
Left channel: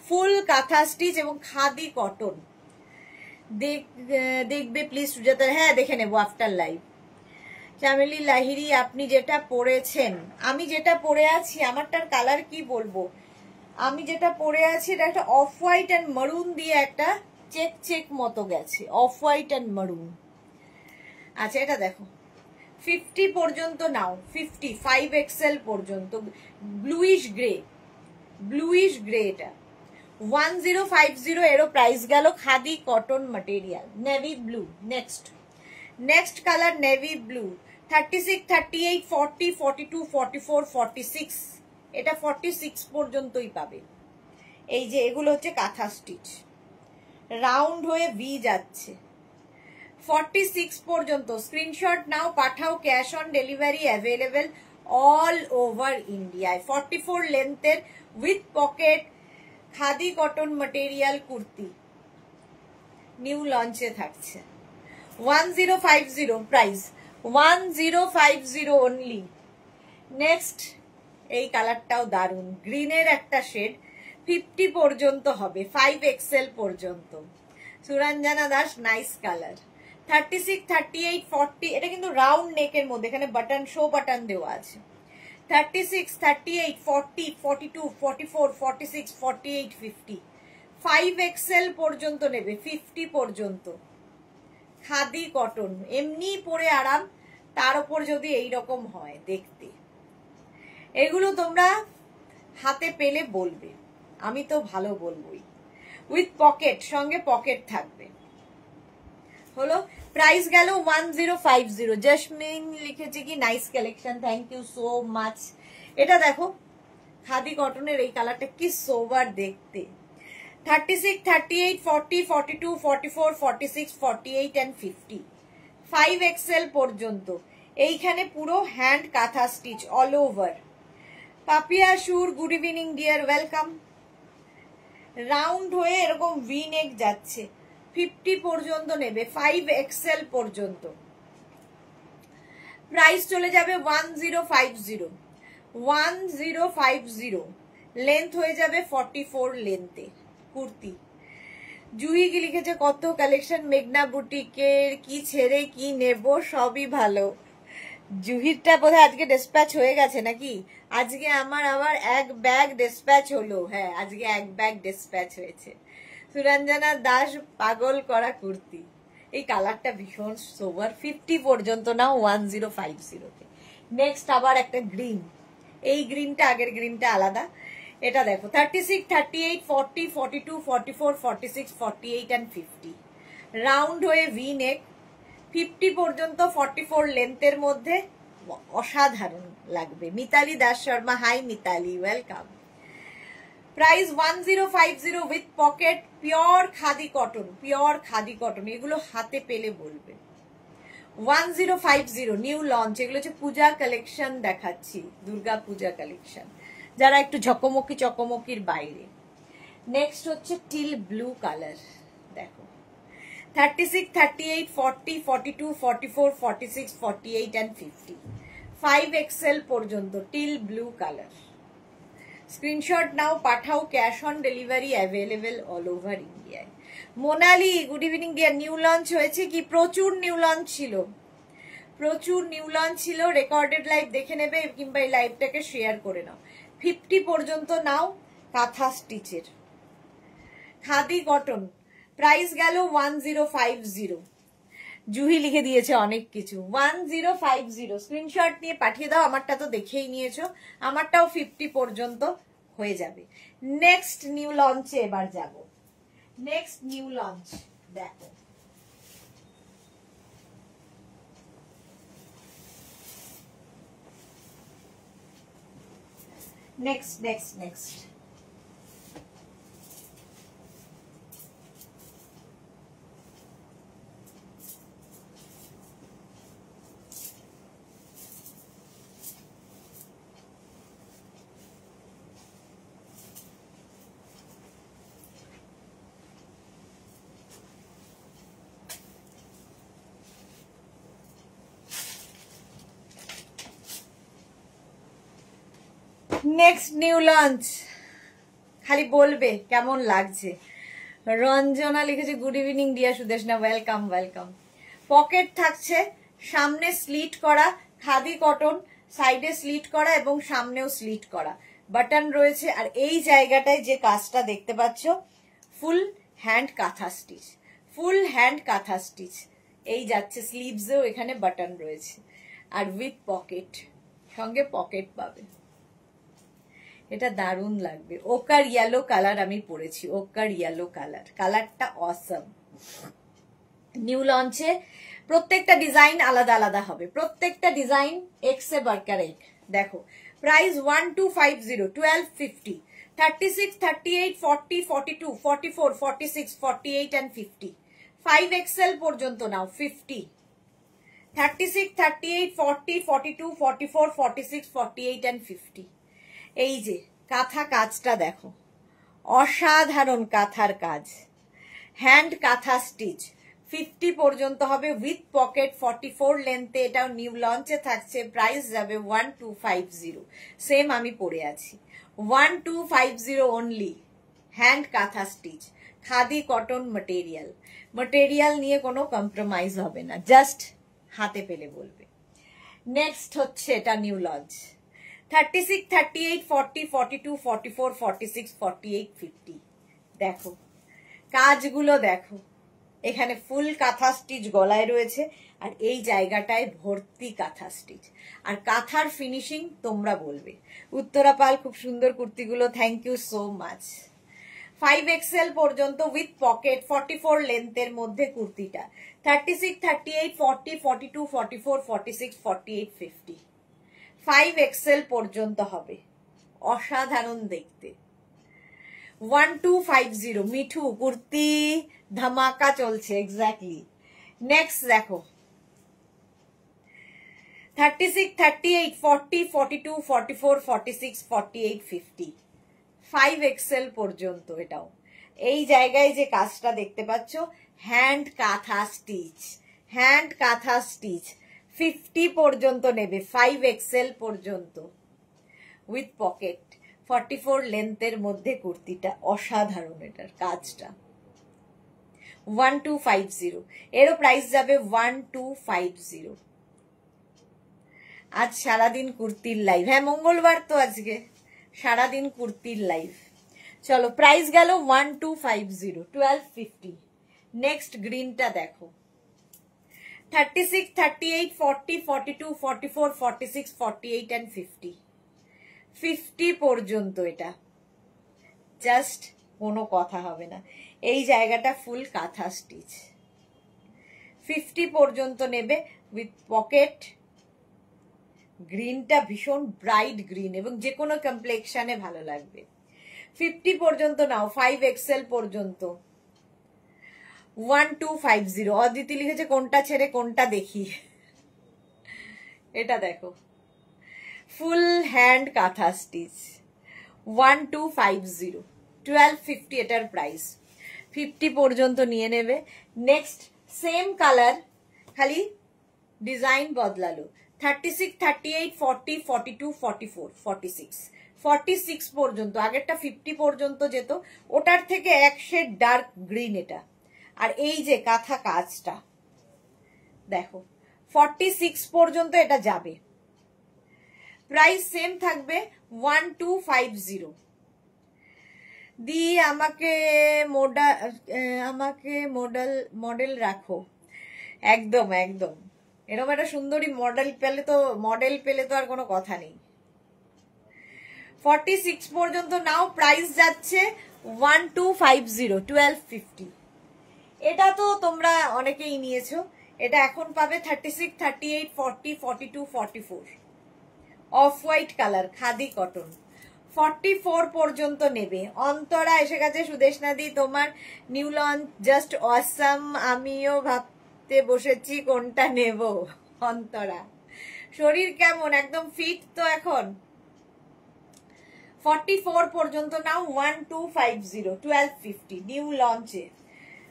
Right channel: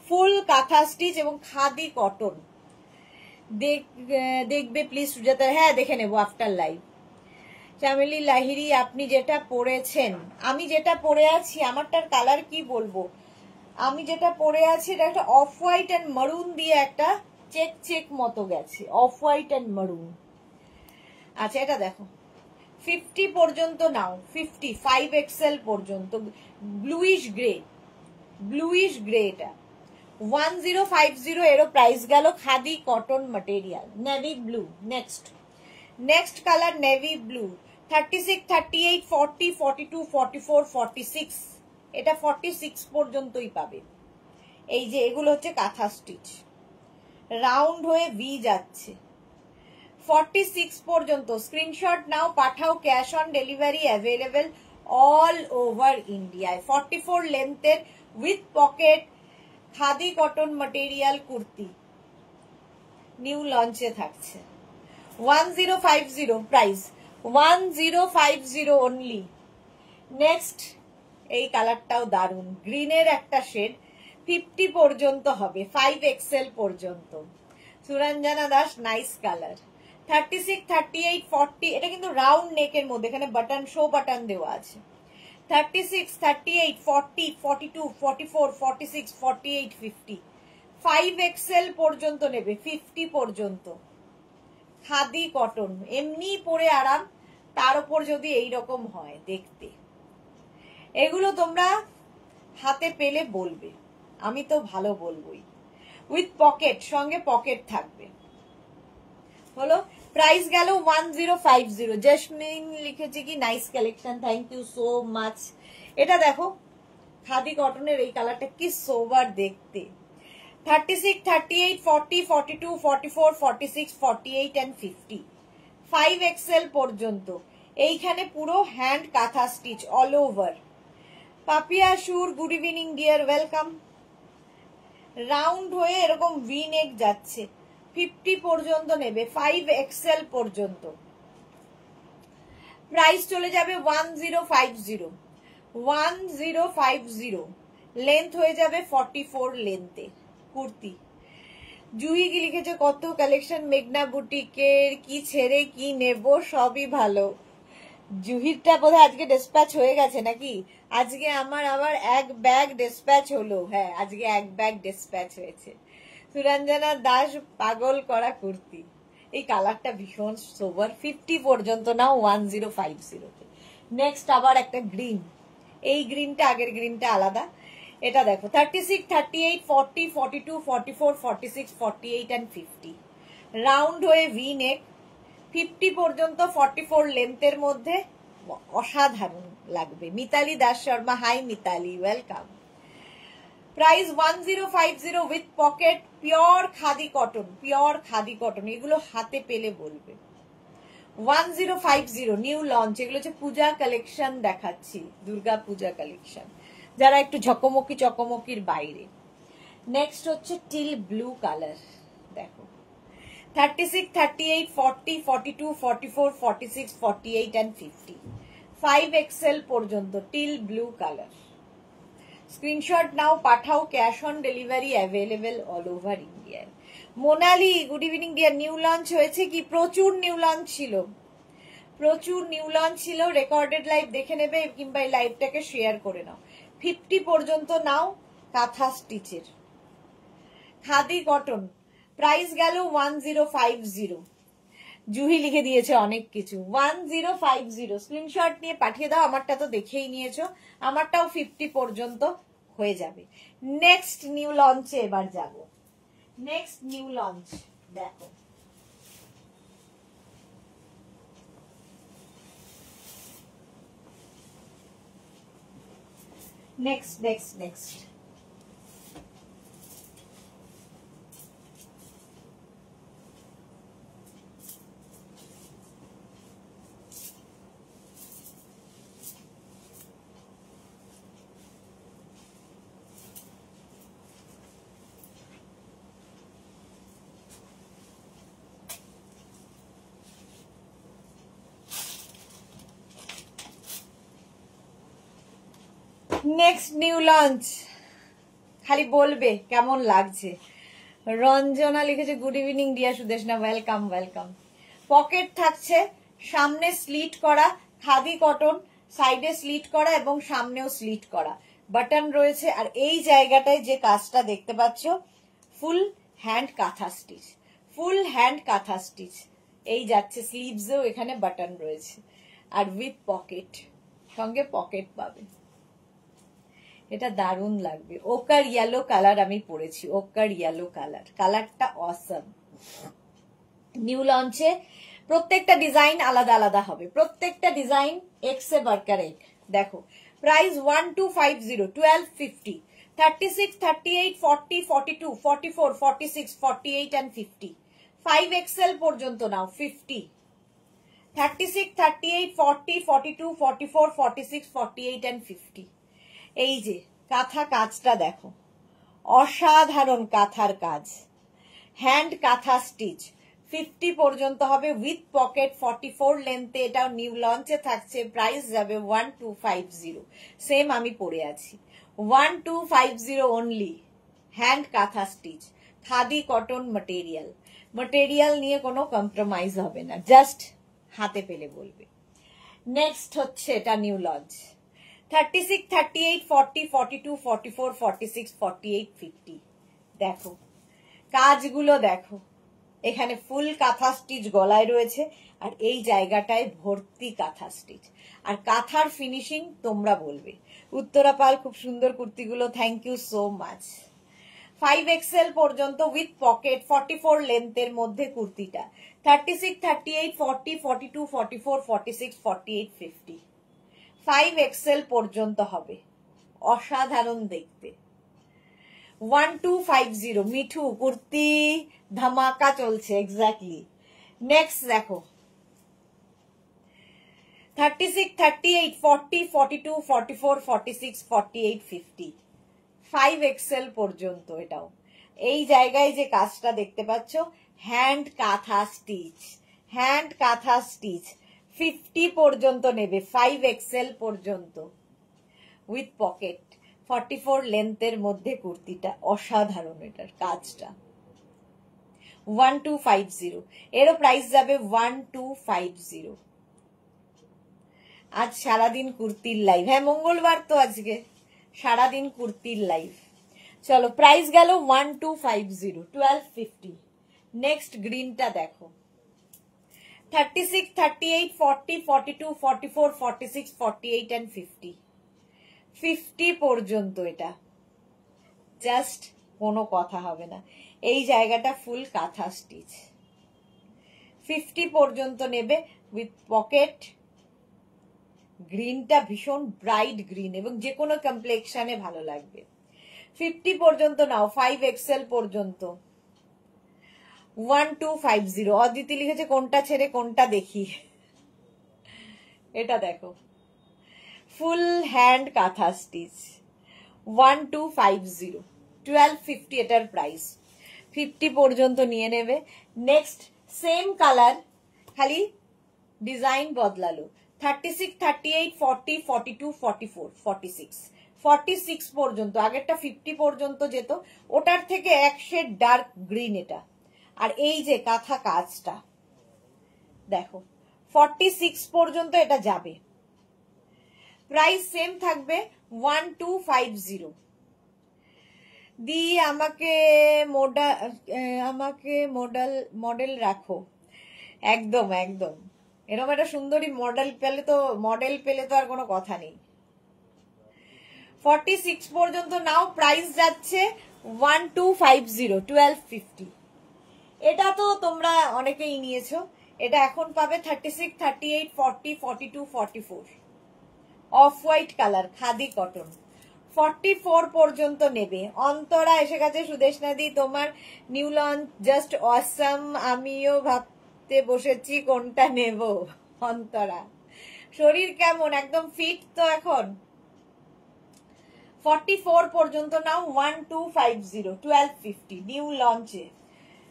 ফুল কাঁথা স্টিচ এবং খাদি কটন। দেখবে প্লিজ সুজাতা, হ্যাঁ দেখে নেবো আফটার লাইভ। চামেলি লাহিরি, আপনি যেটা পরেছেন, আমি যেটা পরে আছি, আমারটার কালার কি বলবো, আমি যেটা পরে আছি এটা একটা অফ হোয়াইট অ্যান্ড মারুন দিয়ে একটা চেক চেক মতো গেছে, অফ হোয়াইট অ্যান্ড মারুন। আচ্ছা এটা দেখো 50 পর্যন্ত নাও, 50, 5XL পর্যন্ত, ব্লুইশ গ্রে, ব্লুইশ গ্রে, এটা 1050 এরও প্রাইস গেল। Khadi cotton material, navy blue. Next colour navy blue, 36, 38, 40, 42, 44, 46। এটা 46 পর্যন্তই পাবে। এই যে এগুলো হচ্ছে কাঁথা স্টিচ, রাউন্ড হয়ে ভি যাচ্ছে 46 পর্যন্ত। স্ক্রিনশট নাও, পাঠাও, cash on delivery available all over ইন্ডিয়ায়। 44 লেন্থের with pocket khadi cotton material kurti new লঞ্চে থাকছে। 1050 প্রাইস, 1050 অনলি। নেক্সট এই কালারটাও দারুন, গ্রিনের একটা শেড, 50 পর্যন্ত হবে, 5XL পর্যন্ত। Suranjana Das, nice colour. 36, 38, 40, এটা কিন্তু রাউন্ড নেকের মধ্যে, এখানে বাটন, শো বাটন দেওয়া আছে। 36, 38, 40, 42, 44, 46, 48, 50, 5XL পর্যন্ত নেবে, 50 পর্যন্ত। খাদি কটন, এমনি পরে আরাম, তার উপর যদি এইরকম হয় দেখতে। এগুলো তোমরা হাতে পেলে বলবে, আমি তো ভালো বলবোই। উইথ পকেট, সঙ্গে পকেট থাকবে। হলো, প্রাইস গেল 1050। জেসমিন লিখেছে কি nice collection, thank you so much. এটা দেখো খাদি কটনের এই কালারটা কি সোবার দেখতে। 36, 38, 40, 42, 44, 46, 48 and 50, 5XL পর্যন্ত। এইখানে পুরো হ্যান্ড কাঁথা stitch all over. Papiya Sur, good evening dear, welcome. Round হয়ে এরকম ভি নেক যাচ্ছে, 50 পর্যন্ত নেবে, 5XL পর্যন্ত। প্রাইস চলে যাবে 1050, 1050। লেন্থ হয়ে যাবে 44 লেন্থে কুর্তি। জুহি কি লিখেছে, কত কালেকশন মেঘনা বুটিকের, কি ছেড়ে কি নেব, সবই ভালো। জুহিরটা বোধহয় আজকে ডিসপ্যাচ হয়ে গেছে নাকি? আজকে আমার আবার এক ব্যাগ ডিসপ্যাচ হলো। হ্যাঁ, আজকে এক ব্যাগ ডিসপ্যাচ হয়েছে। সুরঞ্জনা দাস, পাগল করা কুর্তি, এই কালারটা ভীষণ সোবার, 50 পর্যন্ত নাও 1050। নেক্সট আবার একটা গ্রিন, এই গ্রিনটা আগের গ্রিনটা আলাদা। এটা দেখো 36, 38, 40, 42, 44, 46, 48 and 50, রাউন্ড হয়ে ভি নেক, 50 পর্যন্ত, 44 লেন্থের মধ্যে, অসাধারণ লাগবে। Mitali Das Sharma, hi Mitali, welcome. Price 1050 with pocket, pure khadi cotton, pure khadi cotton. এগুলো হাতে পেলে বলবে। 1050 নিউ লঞ্চ। এগুলো হচ্ছে পূজা কালেকশন দেখাচ্ছি, দুর্গা পূজা কালেকশন, যারা একটু ঝকমকি চকমকির বাইরে। নেক্সট হচ্ছে টিল ব্লু কালার, দেখো 36, 38, 40, 42, 44, 46, 48 and 50, 5XL পর্যন্ত টিল ব্লু কালার। স্ক্রিনশট নাও, পাঠাও, cash on delivery available all over ইন্ডিয়ায়। Monali, good evening dear. New launch হয়েছে কি? প্রচুর নিউ লঞ্চ ছিল, প্রচুর নিউ লঞ্চ ছিল। রেকর্ডেড লাইভ দেখে নেবে কিংবা এই লাইভটাকে শেয়ার করে নাও। 50 পর্যন্ত নাও, কাঁথা স্টিচের খাদি কটন। প্রাইস গেল 1050। জুহি লিখে দিয়েছে অনেক কিছু। 1050 স্ক্রিনশট নিয়ে পাঠিয়ে দাও। আমারটা তো দেখেই নিয়েছো, আমারটাও 50 পর্যন্ত হয়ে যাবে। নেক্সট নিউ লঞ্চে এবার যাব। নেক্সট নিউ লঞ্চ দেখো, নেক্সট নেক্সট নিউ লঞ্চ। খালি বলবে কেমন লাগছে। রঞ্জনা লিখেছে, good evening deer Sudeshna, welcome welcome. Pocket থাকছে, সামনে স্লিট করা খাদি কটন, সাইডে স্লিট করা এবং সামনেও স্লিট করা, বাটন রয়েছে। আর এই জায়গাটায় যে কাজটা দেখতে পাচ্ছ, ফুল হ্যান্ড কাঁথা স্টিচ, ফুল হ্যান্ড কাঁথা স্টিচ। এই যাচ্ছে স্লিভসেও এখানে বাটন রয়েছে, আর উইথ পকেট, সঙ্গে পকেট পাবে। এটা দারুণ লাগবে। ওকার ইয়েলো কালার আমি পরেছি, ওকার ইয়েলো কালার, কালারটা অসম। নিউ লঞ্চে প্রত্যেকটা ডিজাইন আলাদা আলাদা হবে, প্রত্যেকটা ডিজাইন এক সে বাড়কার এক। দেখো প্রাইস 1250, 1250, 36, 38, 40, 42, 44, 46, 48 and 50. 5XL পর্যন্ত নাও 50, 36, 38, 40, 42, 44, 46, 48 and 50. এই যে কাঁথা কাজটা দেখো, অসাধারণ কাঁথার কাজ, হ্যান্ড কাঁথা স্টিচ। 50 পর্যন্ত হবে উইথ পকেট, 44 লেন্থে, এটাও নিউ লঞ্চে থাকছে। প্রাইস যাবে 1250, সেম আমি পরে আছি, 1250 অনলি। হ্যান্ড কাঁথা stitch, khadi cotton material, material নিয়ে কোনো কম্প্রোমাইজ হবে না, জাস্ট হাতে পেলে বলবে। নেক্সট হচ্ছে এটা নিউ লঞ্চ, 36, 38, 40, 42, 44, 46, 48, 50। দেখো কাজগুলো দেখো, এখানে ফুল কাঁথা স্টিচ গলায় রয়েছে, আর এই জায়গাটায় ভর্তি কাঁথা স্টিচ, আর কাঁথার ফিনিশিং তোমরা বলবে। উত্তরা পাল, খুব সুন্দর কুর্তিগুলো, thank you so much. 5XL পর্যন্ত উইথ পকেট, 44 লেন্থের মধ্যে কুর্তিটা, 36, 38, 40, 42, 44, 46, 48, 50। 5XL পর্যন্ত হবে, অসাধারণ দেখতে। 1250 মিঠু কুর্তি ধামাকা চলছে, এক্স্যাক্টলি। নেক্সট দেখো 36, 38, 40, 42, 44, 46, 48, 50। 5XL পর্যন্ত এটাও। এই জায়গায় যে কাজটা দেখতে পাচ্ছ, হ্যান্ড কাঁথা স্টিচ, হ্যান্ড কাঁথা স্টিচ। 50 পর্যন্ত নেবে, 5XL পর্যন্ত উইথ পকেট, 44 লেন্থের মধ্যে কুর্তিটা, অসাধারণ এটার কাজটা। 1250, এরও প্রাইস যাবে 1250। আজ সারাদিন কুর্তির লাইভ, হ্যাঁ মঙ্গলবার তো আজকে, সারাদিন কুর্তির লাইভ। চলো প্রাইস গেল 1250, 1250। নেক্সট গ্রিনটা দেখো, 36, 38, 40, 42, 44, 46, 48 and 50। 50 পর্যন্ত এটা, জাস্ট কোনো কথা হবে না। এই জায়গাটা ফুল কাঁথা স্টিচ, 50 পর্যন্ত নেবে উইথ পকেট। গ্রিনটা ভীষণ ব্রাইট গ্রিন এবং যে কোনো কমপ্লেক্সনে ভালো লাগবে। 50 পর্যন্ত নাও, 5XL পর্যন্ত 1250। অদিতি লিখেছে কোনটা ছেড়ে কোনটা দেখি, এটা দেখো ফুল হ্যান্ড কাঁথা স্টিচ, 1250, 1250 এটার প্রাইস। 50 পর্যন্ত নিয়ে নেবে। নেক্সট সেম কালার, খালি ডিজাইন বদলালো, 36, 38, 40, 42, 44, 46, 46 পর্যন্ত। আগেরটা 50 পর্যন্ত যেত, ওটার থেকে এক শেড ডার্ক গ্রিন এটা। আর এই যে কাঁথা কাজটা দেখো, 46 পর্যন্ত এটা যাবে। প্রাইস সেম থাকবে 1250। দিয়ে আমাকে মডেল রাখো, একদম একদম। এরকম একটা সুন্দরী মডেল পেলে তো আর কোনো কথা নেই। 46 পর্যন্ত নাও, প্রাইস যাচ্ছে 1250, 1250। এটা তো তোমরা অনেকেই নিয়েছো, এটা এখন পাবে 36, 38, 40, 42, 44। Off white colour, khadi cotton. 44 পর্যন্ত নেবে। অন্তরা এসে গেছে, সুদেশনাদি তোমার নিউ লঞ্চ জাস্ট অসাম, আমিও ভাবতে বসেছি কোনটা নেব। অন্তরা শরীর কেমন, একদম ফিট তো এখন? 44 পর্যন্ত নাও, 1250, 1250 নিউ লঞ্চে,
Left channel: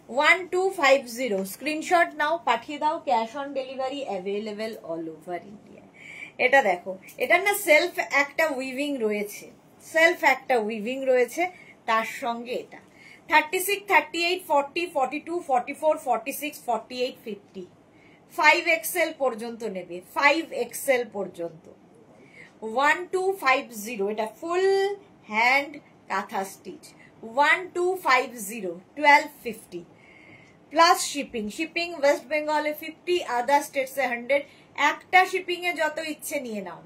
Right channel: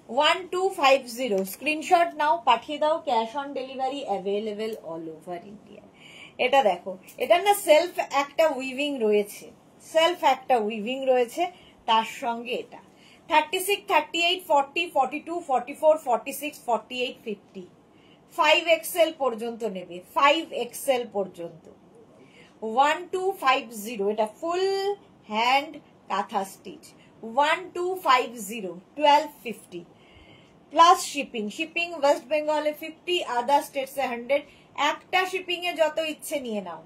1250। স্ক্রিনশট নাও, পাঠিয়ে দাও, cash on delivery available all over India. এটা দেখো, এটার না সেলফ একটা উইভিং রয়েছে, তার সঙ্গে এটা 36, 38, 40, 42, 44, 46, 48, 50। 5XL পর্যন্ত নেবে, 5XL পর্যন্ত 1250। এটা ফুল হ্যান্ড কাঁথা স্টিচ, 1250, 1250 প্লাস শিপিং ওয়েস্ট বেঙ্গলে 50, আদার স্টেটসে 100। একটা শিপিং এ যত ইচ্ছে নিয়ে নাও।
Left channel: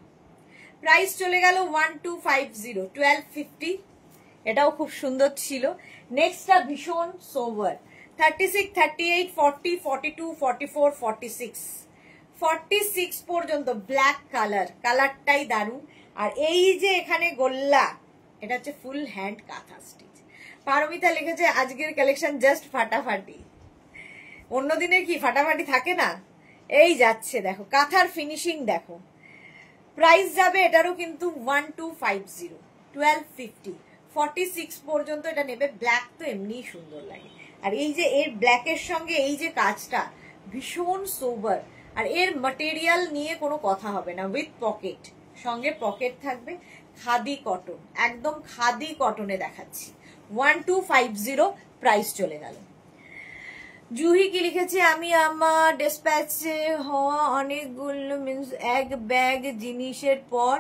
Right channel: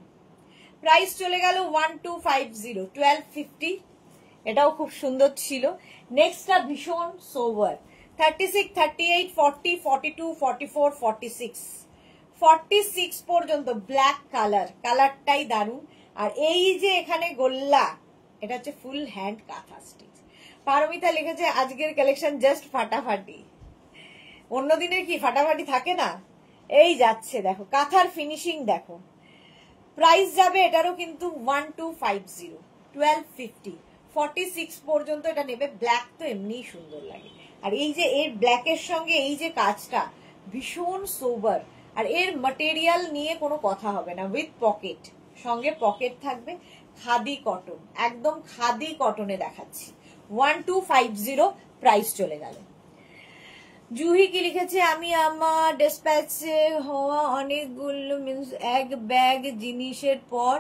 প্রাইস চলে গেল 1250, 1250। এটাও খুব সুন্দর ছিল। নেক্সটটা ভীষণ সোভার, 36, 38, 40, 42, 44, 46, 46 পর্যন্ত। ব্ল্যাক কালারটাই দারুন। আর এই যে এখানে গোল্লা, এটা হচ্ছে ফুল হ্যান্ড কাঁথা স্টিচ। পারমিতা লিখেছে আজকের কালেকশন জাস্ট ফাটাফাটি। অন্যদিনে কি ফাটাফাটি থাকে না? এই যাচ্ছে দেখো, কাঁথার ফিনিশিং দেখো। প্রাইস যাবে এটারও কিন্তু 1250, 1250, 46 পর্যন্ত এটা নেবে। ব্ল্যাক তো এমনিই সুন্দর লাগে, আর এই যে এর ব্ল্যাকের সঙ্গে এই যে কাজটা ভীষণ সোবার, আর এর ম্যাটেরিয়াল নিয়ে কোনো কথা হবে না। উইথ পকেট, সঙ্গে পকেট থাকবে, খাদি কটন, একদম খাদি কটনে দেখাচ্ছি। 1250 প্রাইস চলে গেল। জুহি কি লিখেছে, আমি আমার ডেসপ্যাচে হওয়া অনেকগুলো মিন্স এক ব্যাগ জিনিসের পর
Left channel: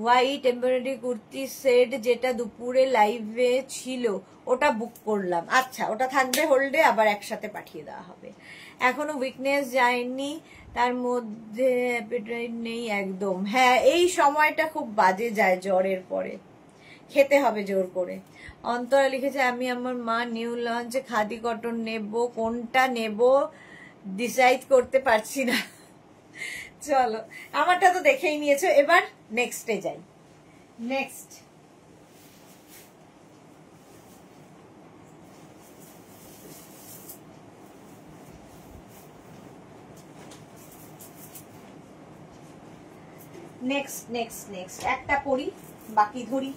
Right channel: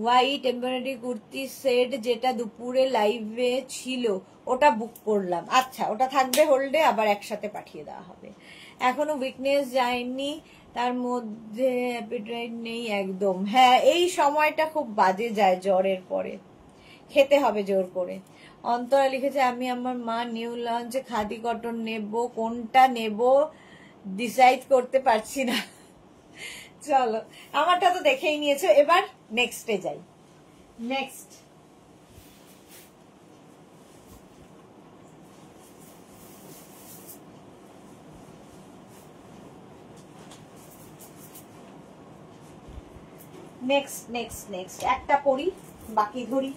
হোয়াইট এমব্রয়ডারি কুর্তি সেট যেটা দুপুরে লাইভে ছিল ওটা বুক করলাম। আচ্ছা, ওটা থাকবে হোল্ডে, আবার একসাথে পাঠিয়ে দেওয়া হবে। এখনো উইকনেস যায়নি, তার মধ্যে অ্যাপিটাইট নেই একদম। হ্যাঁ, এই সময়টা খুব বাজে যায় জ্বরের পরে, খেতে হবে জোর করে। অন্তরা লিখেছে আমি আমার মা নিউ লঞ্চে খাদি কটন নেব, কোনটা নেব ডিসাইড করতে পারছি না। চলো, আমারটা তো দেখেই নিয়েছো, এবার নেক্সটে যাই। নেক্সট নেক্সট নেক্সট নেক্সট একটা পরি, বাকি ধরি।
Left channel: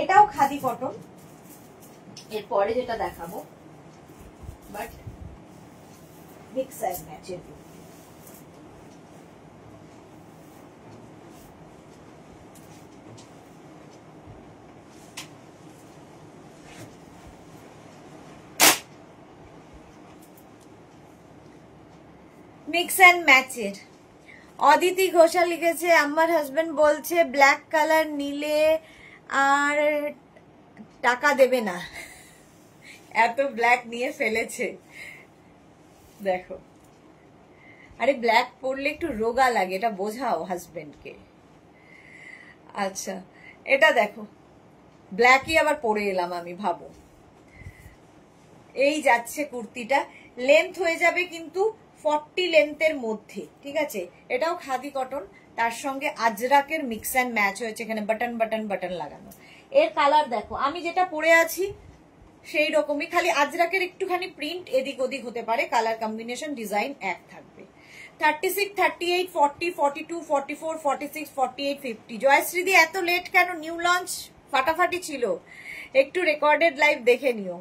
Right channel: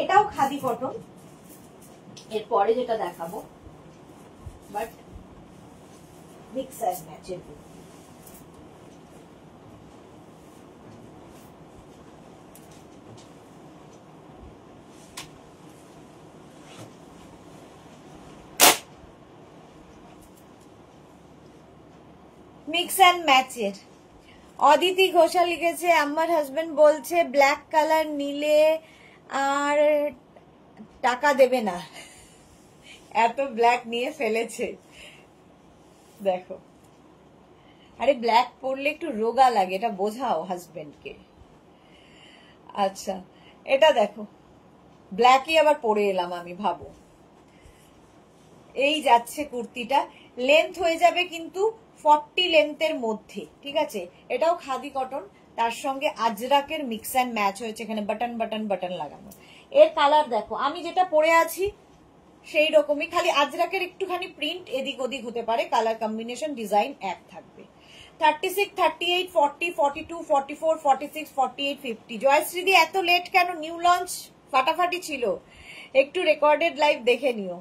এটাও খাদি কটন, এরপরে যেটা দেখাবো বাট মিক্স অ্যান্ড ম্যাচের। মিক্স অ্যান্ড ম্যাচের। অদিতি ঘোষাল লিখেছে আমার হাজবেন্ড বলছে ব্ল্যাক কালার নিলে আর টাকা দেবে না, এত ব্ল্যাক নিয়ে ফেলেছে। দেখো, আরে ব্ল্যাক পরলে একটু রোগা লাগে, এটা বোঝাও হাজবেন্ডকে। আচ্ছা, এটা দেখো, ব্ল্যাকই আবার পরে এলাম আমি, ভাবো। এই যাচ্ছে কুর্তিটা, লেন্থ হয়ে যাবে কিন্তু 40 লেন্থের মধ্যে, ঠিক আছে। এটাও খাদি কটন, তার সঙ্গে আজরাকের মিক্স অ্যান্ড ম্যাচ হয়েছে, এখানে বাটন বাটন বাটন লাগানো। এর কালার দেখো, আমি যেটা পরে আছি সেই রকমই, খালি আজরাকের একটুখানি প্রিন্ট এদিক ওদিক হতে পারে, কালার কম্বিনেশন ডিজাইন এক থাকবে। 36, 38, 40, 42, 44, 46, 48, 50। জয়শ্রীদি এত লেট কেন? নিউ লঞ্চ ফাটাফাটি ছিল, একটু রেকর্ডেড লাইভ দেখে নিও।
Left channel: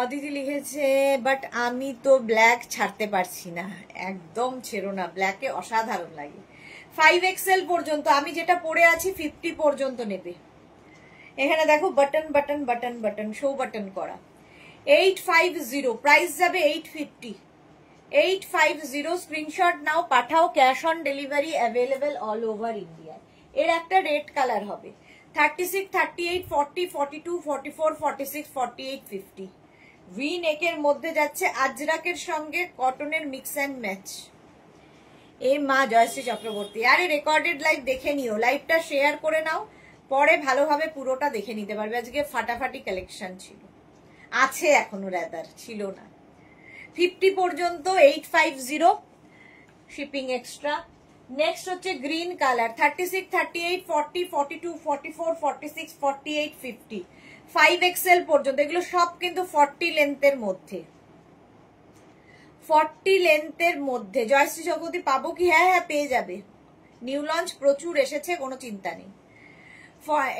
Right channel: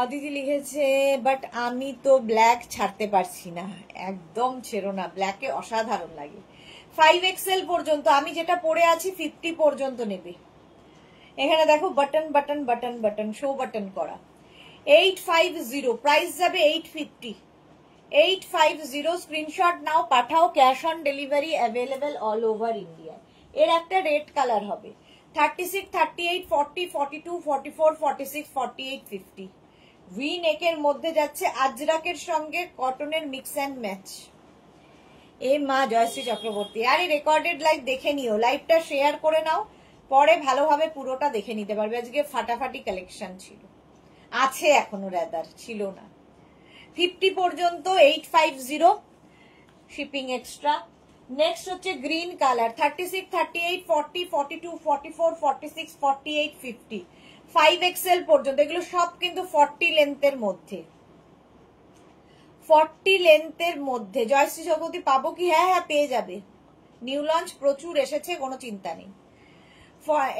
অদিতি লিখেছে বাট আমি তো ব্ল্যাক ছাড়তে পারছি না। একদম ছেড়ো না, ব্ল্যাকে অসাধারণ লাগে। 5XL পর্যন্ত, আমি যেটা পরে আছি 50 পর্যন্ত নেবে। এখানে দেখো button button button button, show button করা। 850, প্রাইস যাবে 850। 850, স্ক্রিনশট নাও, পাঠাও। Cash on delivery available all over India. এর একটা রেড কালার হবে। 36, 38, 40, 42, 44, 46, 48, 50। ভি নেকের মধ্যে যাচ্ছে, আজরাকের সঙ্গে কটনের মিক্স অ্যান্ড ম্যাচ। এই মা জয়শ্রী চক্রবর্তী, আরে রেকর্ডেড লাইভ দেখে নিও, লাইভটা শেয়ার করে নাও, পরে ভালোভাবে পুরোটা দেখে নিতে পারবে। আজকে ফাটাফাটি কালেকশন ছিল, আছে এখনো, রেদার ছিল না। 50 পর্যন্ত 850, শিপিং এক্সট্রা। নেক্সট হচ্ছে গ্রিন কালার, 36, 38, 40, 42, 44, 46, 48, 50। 5XL পর্যন্ত, এগুলো সব কিন্তু 40 লেন্থের মধ্যে। 40 লেন্থের মধ্যে জয়শ্রী চক্রবর্তী পাবো কি? হ্যাঁ হ্যাঁ, পেয়ে যাবে। নিউ লঞ্চ প্রচুর এসেছে, কোনো চিন্তা নেই।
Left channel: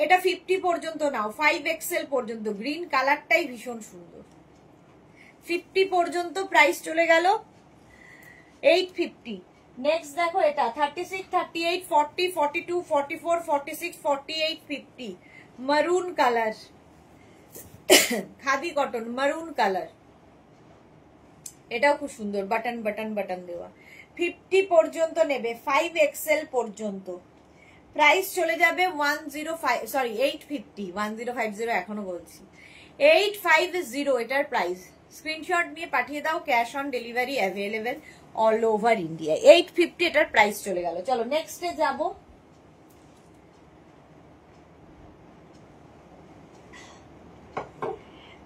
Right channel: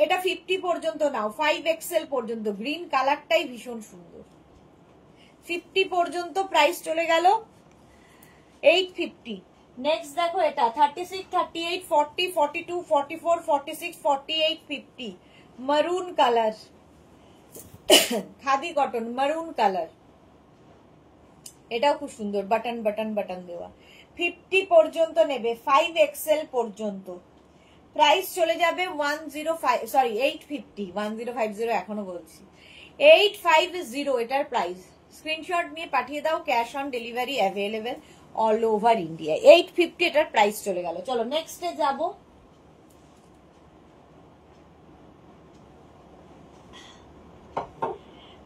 এটা 50 পর্যন্ত নাও, 5XL পর্যন্ত। গ্রিন কালারটাই ভীষণ সুন্দর। 50 পর্যন্ত প্রাইস চলে গেল 850। নেক্সট দেখো, এটা 36, 38, 40, 42, 44, 46, 48, 50। মারুন কালার, খাদি কটন মারুন কালার, এটাও খুব সুন্দর, বাটন বাটন বাটন দেওয়া। 50 পর্যন্ত নেবে, 5XL পর্যন্ত। প্রাইস চলে যাবে 850, 1050 এখনো বলছি। 850 এটার প্রাইস। স্ক্রিনশট নিয়ে পাঠিয়ে দাও, cash on delivery available all over India. 850 এটার প্রাইস চলে গেল। চলো নেক্সটে যাব।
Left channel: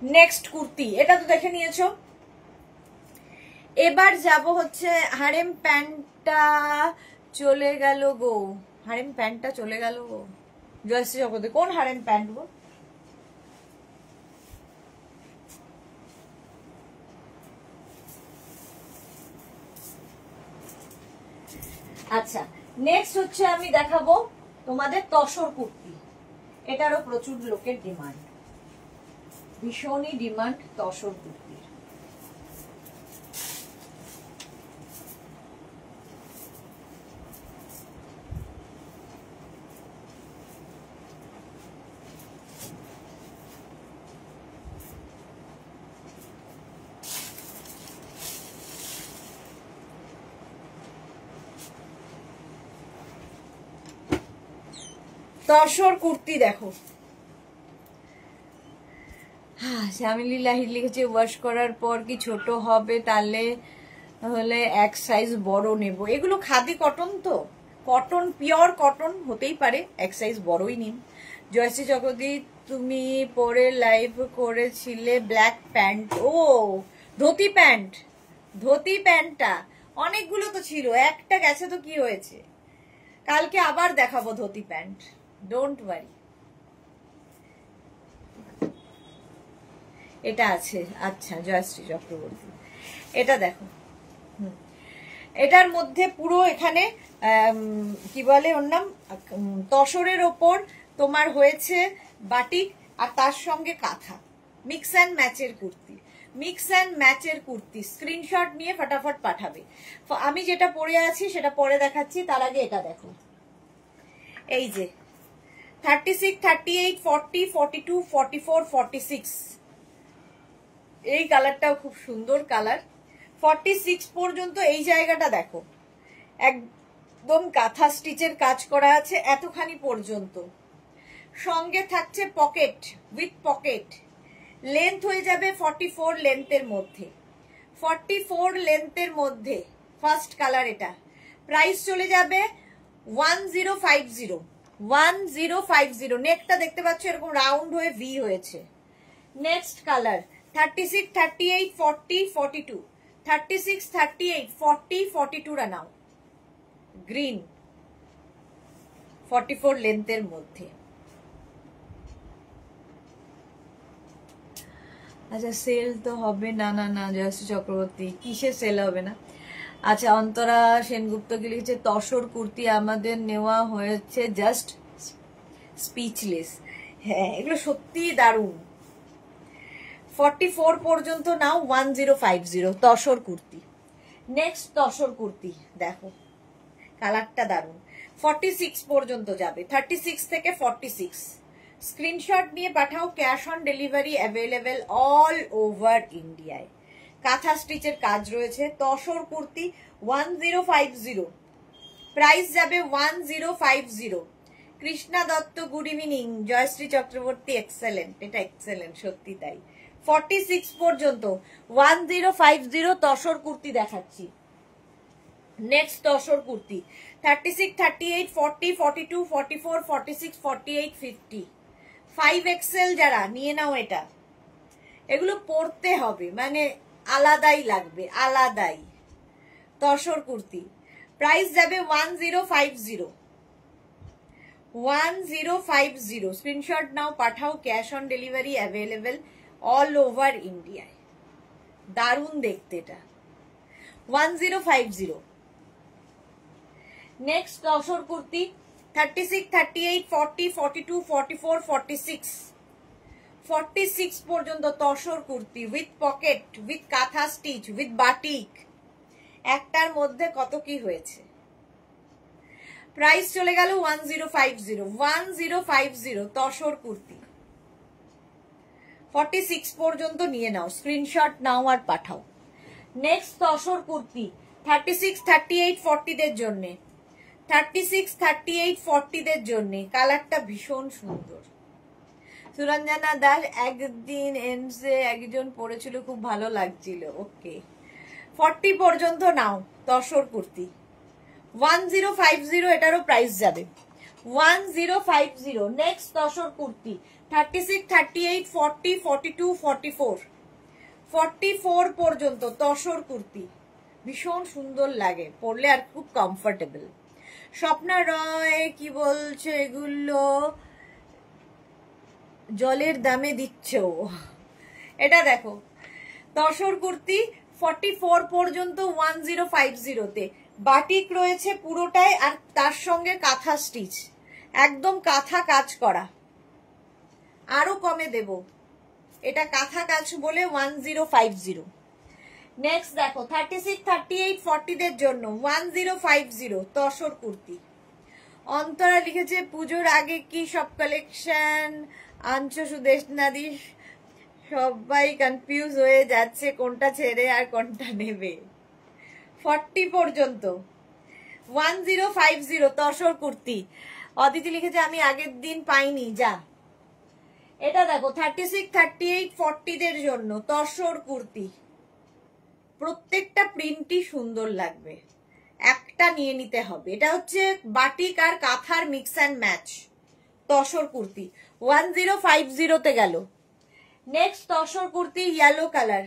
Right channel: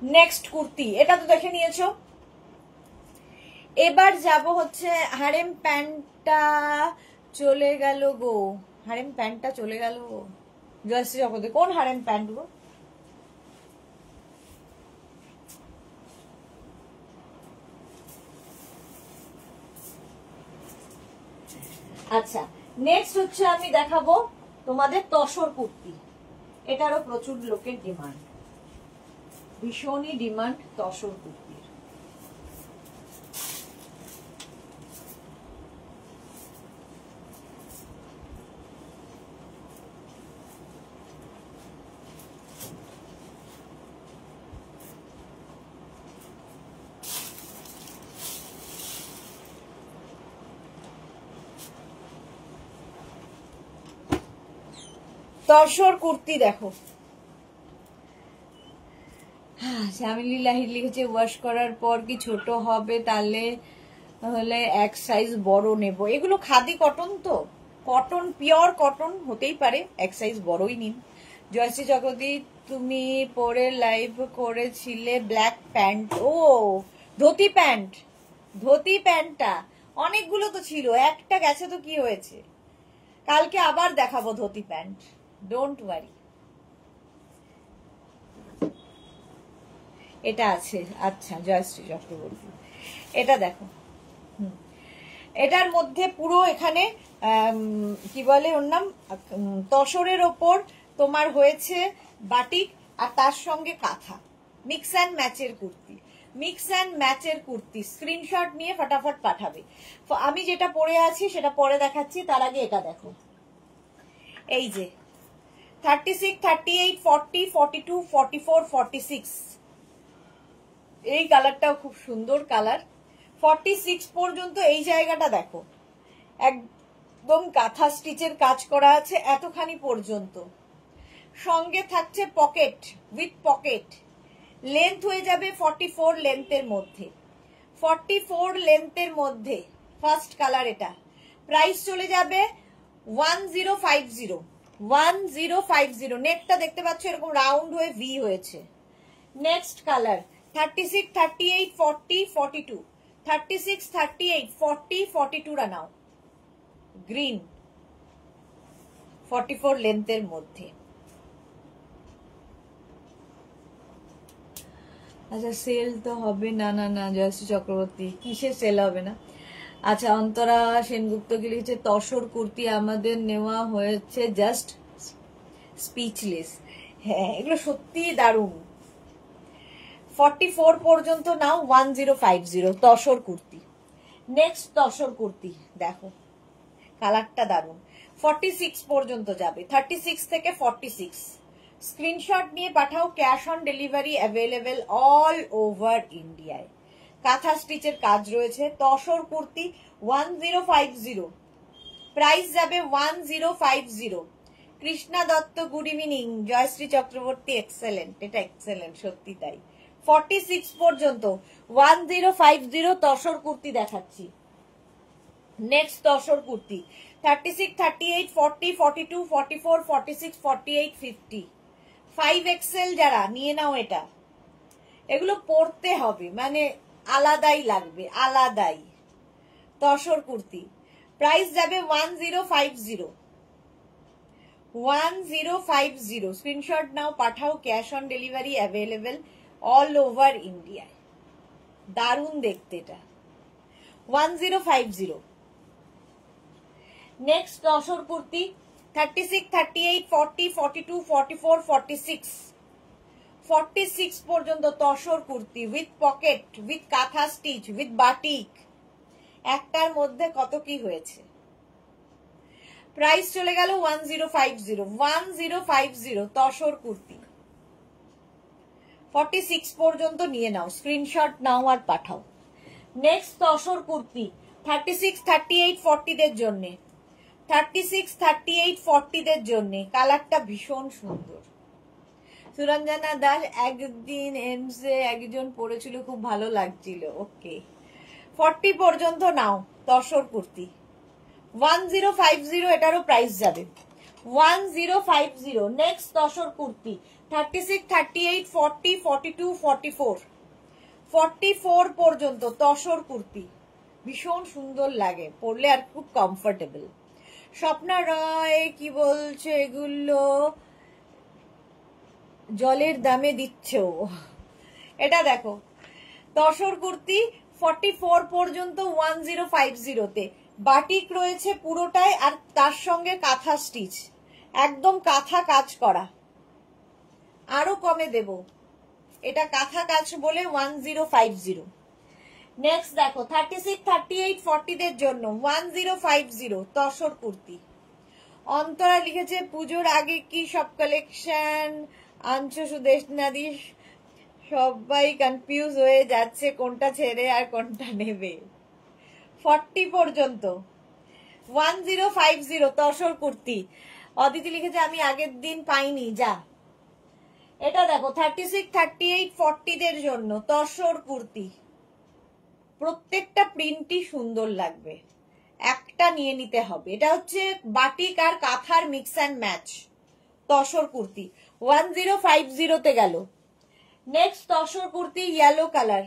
নেক্সট কুর্তি, এটা তো দেখে নিয়েছো। এবার যাব হচ্ছে হারেম প্যান্টটা চলে গেল গো, হারেম প্যান্টটা চলে গেল গো জয়শ্রী চক্রবর্তী। কোন হারেম প্যান্ট গো? আচ্ছা, নেক্সট হচ্ছে আমি দেখাবো তোমাদের তসর কুর্তি। এটারও প্রচুর লোকের ডিমান্ড, ভীষণই ডিমান্ড তসর কুর্তির। তসর কুর্তি দেখো, শ্যামিলি লাহির লিখেছে ওয়াশ করার পর কি ছোট হবে, তাহলে এক সাইজ বড় নেব। এগুলো খাদি কটন, তো কটন, পিওর কটন হতেই পারে, এক সাইজ বড়ই নিন। জয়শ্রী চক্রবর্তী তুমি পরে লাইভ করেছিলে ব্ল্যাক প্যান্ট, ও ধুতি প্যান্ট, ধুতি প্যান্টটা অনেকগুলো তো ছিল, একটা গেছে তো কি হয়েছে, কালকে আবার দেখাবো ধুতি প্যান্ট, ডোন্ট ওয়ারি। এটা আছে, আচ্ছা জয়শ্রী চক্রবর্তী এটা দেখো, এটার মধ্যে পুরো এখানে কি বলে ওর নাম, তসরের ওপর তোমার হয়েছে বাটিক আর তার সঙ্গে কাঁথা, মিক্স অ্যান্ড ম্যাচের কুর্তি, মিক্স অ্যান্ড ম্যাচের কুর্তি। স্ক্রিনশট নিয়ে ফটাফট পাঠাবে। আমি যেটা পরে আছি সেটা পরে দেখাচ্ছি, তার আগে এটা দেখো, এই যে 36, 38, 40, 42, 44, 46, এই কালারটাও খুব সুন্দর কালার। 46 পর্যন্ত এই জায়গাটা দেখো, একদম কাঁথা স্টিচের কাজ করা আছে এতখানি পর্যন্ত, সঙ্গে থাকছে পকেট, উইথ পকেট। লেন্থ হয়ে যাবে 44 লেন্থের মধ্যে, 44 লেন্থের মধ্যে ফার্স্ট কালার এটা। প্রাইস চলে যাবে 1050, 1050। নেকটা দেখতে পাচ্ছ এরকম রাউন্ড হয়ে ভি হয়েছে। নেক্সট কালার 36, 38, 40, 42, 36, 38, 40, 42 রা নাও, গ্রিন 44 লেন্থের মধ্যে। আচ্ছা সেল তো হবে না, না না জয়শ্রী চক্রবর্তী কিসের সেল হবে না। আচ্ছা অন্তরা সেনগুপ্ত কি লিখেছে তসর কুর্তি আমাদের নেওয়া হয়েছে, জাস্ট স্পিচলেস। হ্যাঁ এগুলো সত্যি দারুণ। 44 পর্যন্ত নাও 1050 তসর কুর্তি। নেক্সট তসর কুর্তি দেখো, কালারটা দারুণ। 46 পর্যন্ত যাবে, 36 থেকে 46। স্ক্রিনশট নিয়ে পাঠাও, cash on delivery available all over ইন্ডিয়ায়। কাঁথা স্টিচের কাজ রয়েছে। তসর কুর্তি 1050, প্রাইস যাবে 1050। Krishna Dutta good evening. Jayashree Chakraborty excellent, এটা এক্সেলেন্ট সত্যি তাই। 46 পর্যন্ত 1050 তসর কুর্তি দেখাচ্ছি। নেক্সট তসর কুর্তি 36, 38, 40, 42, 44, 46, 48, 50। 5XL যারা নিয়ে নাও, এটা এগুলো পরতে হবে, মানে আলাদাই লাগবে, আলাদাই। তসর কুর্তি প্রাইস যাবে 1050, 1050। স্ক্রিনশট নাও পাঠাও, cash on delivery available all over ইন্ডিয়ায়। দারুণ দেখতে এটা, 1050। নেক্সট তসর কুর্তি 36, 38, 40, 42, 44, 46, 46 পর্যন্ত tussar kurti with pocket, with কাঁথা স্টিচ, উইথ বাটিক। একটার মধ্যে কত কি হয়েছে। প্রাইস চলে গেল 1050, 1050 তসর কুর্তি। 46 পর্যন্ত নিয়ে নাও, স্ক্রিনশট নাও আর পাঠাও। নেক্সট তসর কুর্তি 36, 38, 40 দের জন্য, 36, 38, 40 দের জন্য। কালারটা ভীষণ সুন্দর। সুরঞ্জনা দাস একদিন এমসে একজন পরেছিল, খুব ভালো লাগছিল। ওকে 40 পর্যন্ত নাও তসর কুর্তি 1050, এটারও প্রাইস যাবে 1050। নেক্সট তসর কুর্তি 36, 38, 40, 42, 44, 44 পর্যন্ত তসর কুর্তি ভীষণ সুন্দর লাগে পরলে, আর খুব কমফোর্টেবল। স্বপ্না রয় কি বলছে, এগুলো জলের দামে দিচ্ছ? এটা দেখো তসর কুর্তি 44 পর্যন্ত 1050-তে বাটিক রয়েছে পুরোটাই, আর তার সঙ্গে কাঁথা স্টিচ, একদম কাঁথা কাজ করা। আরো কমে দেব, এটা কাঁথা কাজ বলে 1050। নেক্সট দেখো 36, 38, 40-দের জন্য 1050 তসর কুর্তি। অন্তরা লিখেছে পুজোর আগে কি সব কালেকশন আনছো সুদেশ নাদি? সবাই কনফিউজ হয়ে যাচ্ছে কোনটা ছেড়ে আর কোনটা নেবে। 40 পর্যন্ত 1050 তসর কুর্তি। অদিতি লিখেছে আমি আগের দিন পাইনি, যা। এটা দেখো 36, 38, 40-দের জন্য তসর কুর্তি, প্রত্যেকটা প্রিন্টই সুন্দর লাগবে, একটা নিয়ে নিতে হবে। এটা হচ্ছে বাটিক আর কাঁথার mix and match tussar kurti, 1050-তে গেল। Next tussar kurti yellow colour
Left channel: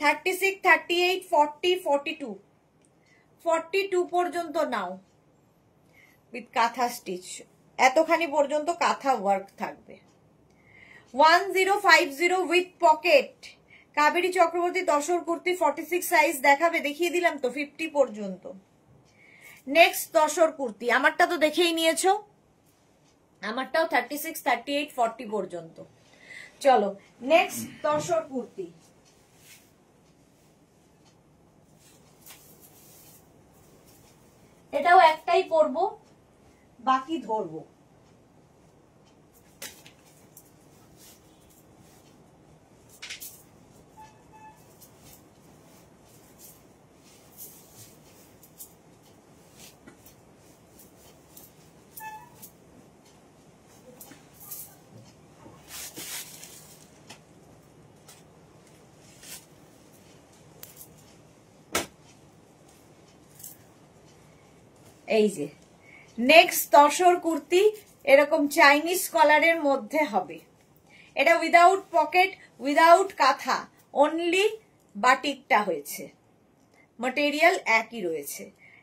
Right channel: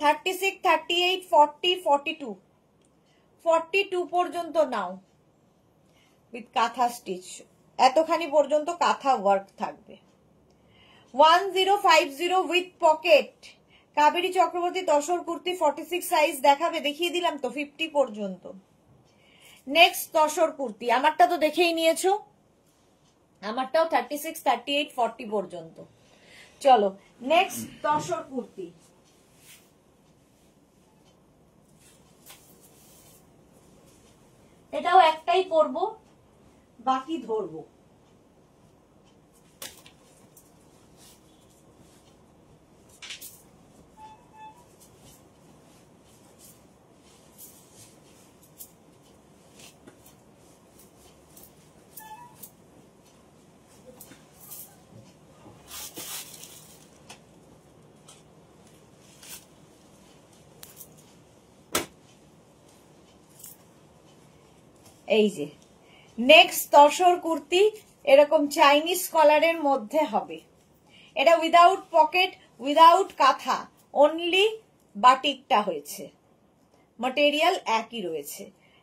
36, 38, 40, 42, 42 পর্যন্ত নাও উইথ কাঁথা স্টিচ, এতখানি পর্যন্ত কাঁথা ওয়ার্ক থাকবে। 1050 with pocket Kaveri Chakraborty tussar kurti 46 size দেখাবে, দেখিয়ে দিলাম তো 50 পর্যন্ত। নেক্সট তসর কুর্তি, আমারটা তো দেখেই নিয়েছো, আমারটাও 36, 38, 40 পর্যন্ত। চলো নেক্সট তসর কুর্তি, এটাও একটাই পরবো, বাকি ধরবো। এই যে নেক্সট তসর কুর্তি, এরকম চাইনিজ কলারের মধ্যে হবে। এটা উইদাউট পকেট, উইদাউট কাঁথা, অনলি বাটিকটা হয়েছে, ম্যাটেরিয়াল একই রয়েছে,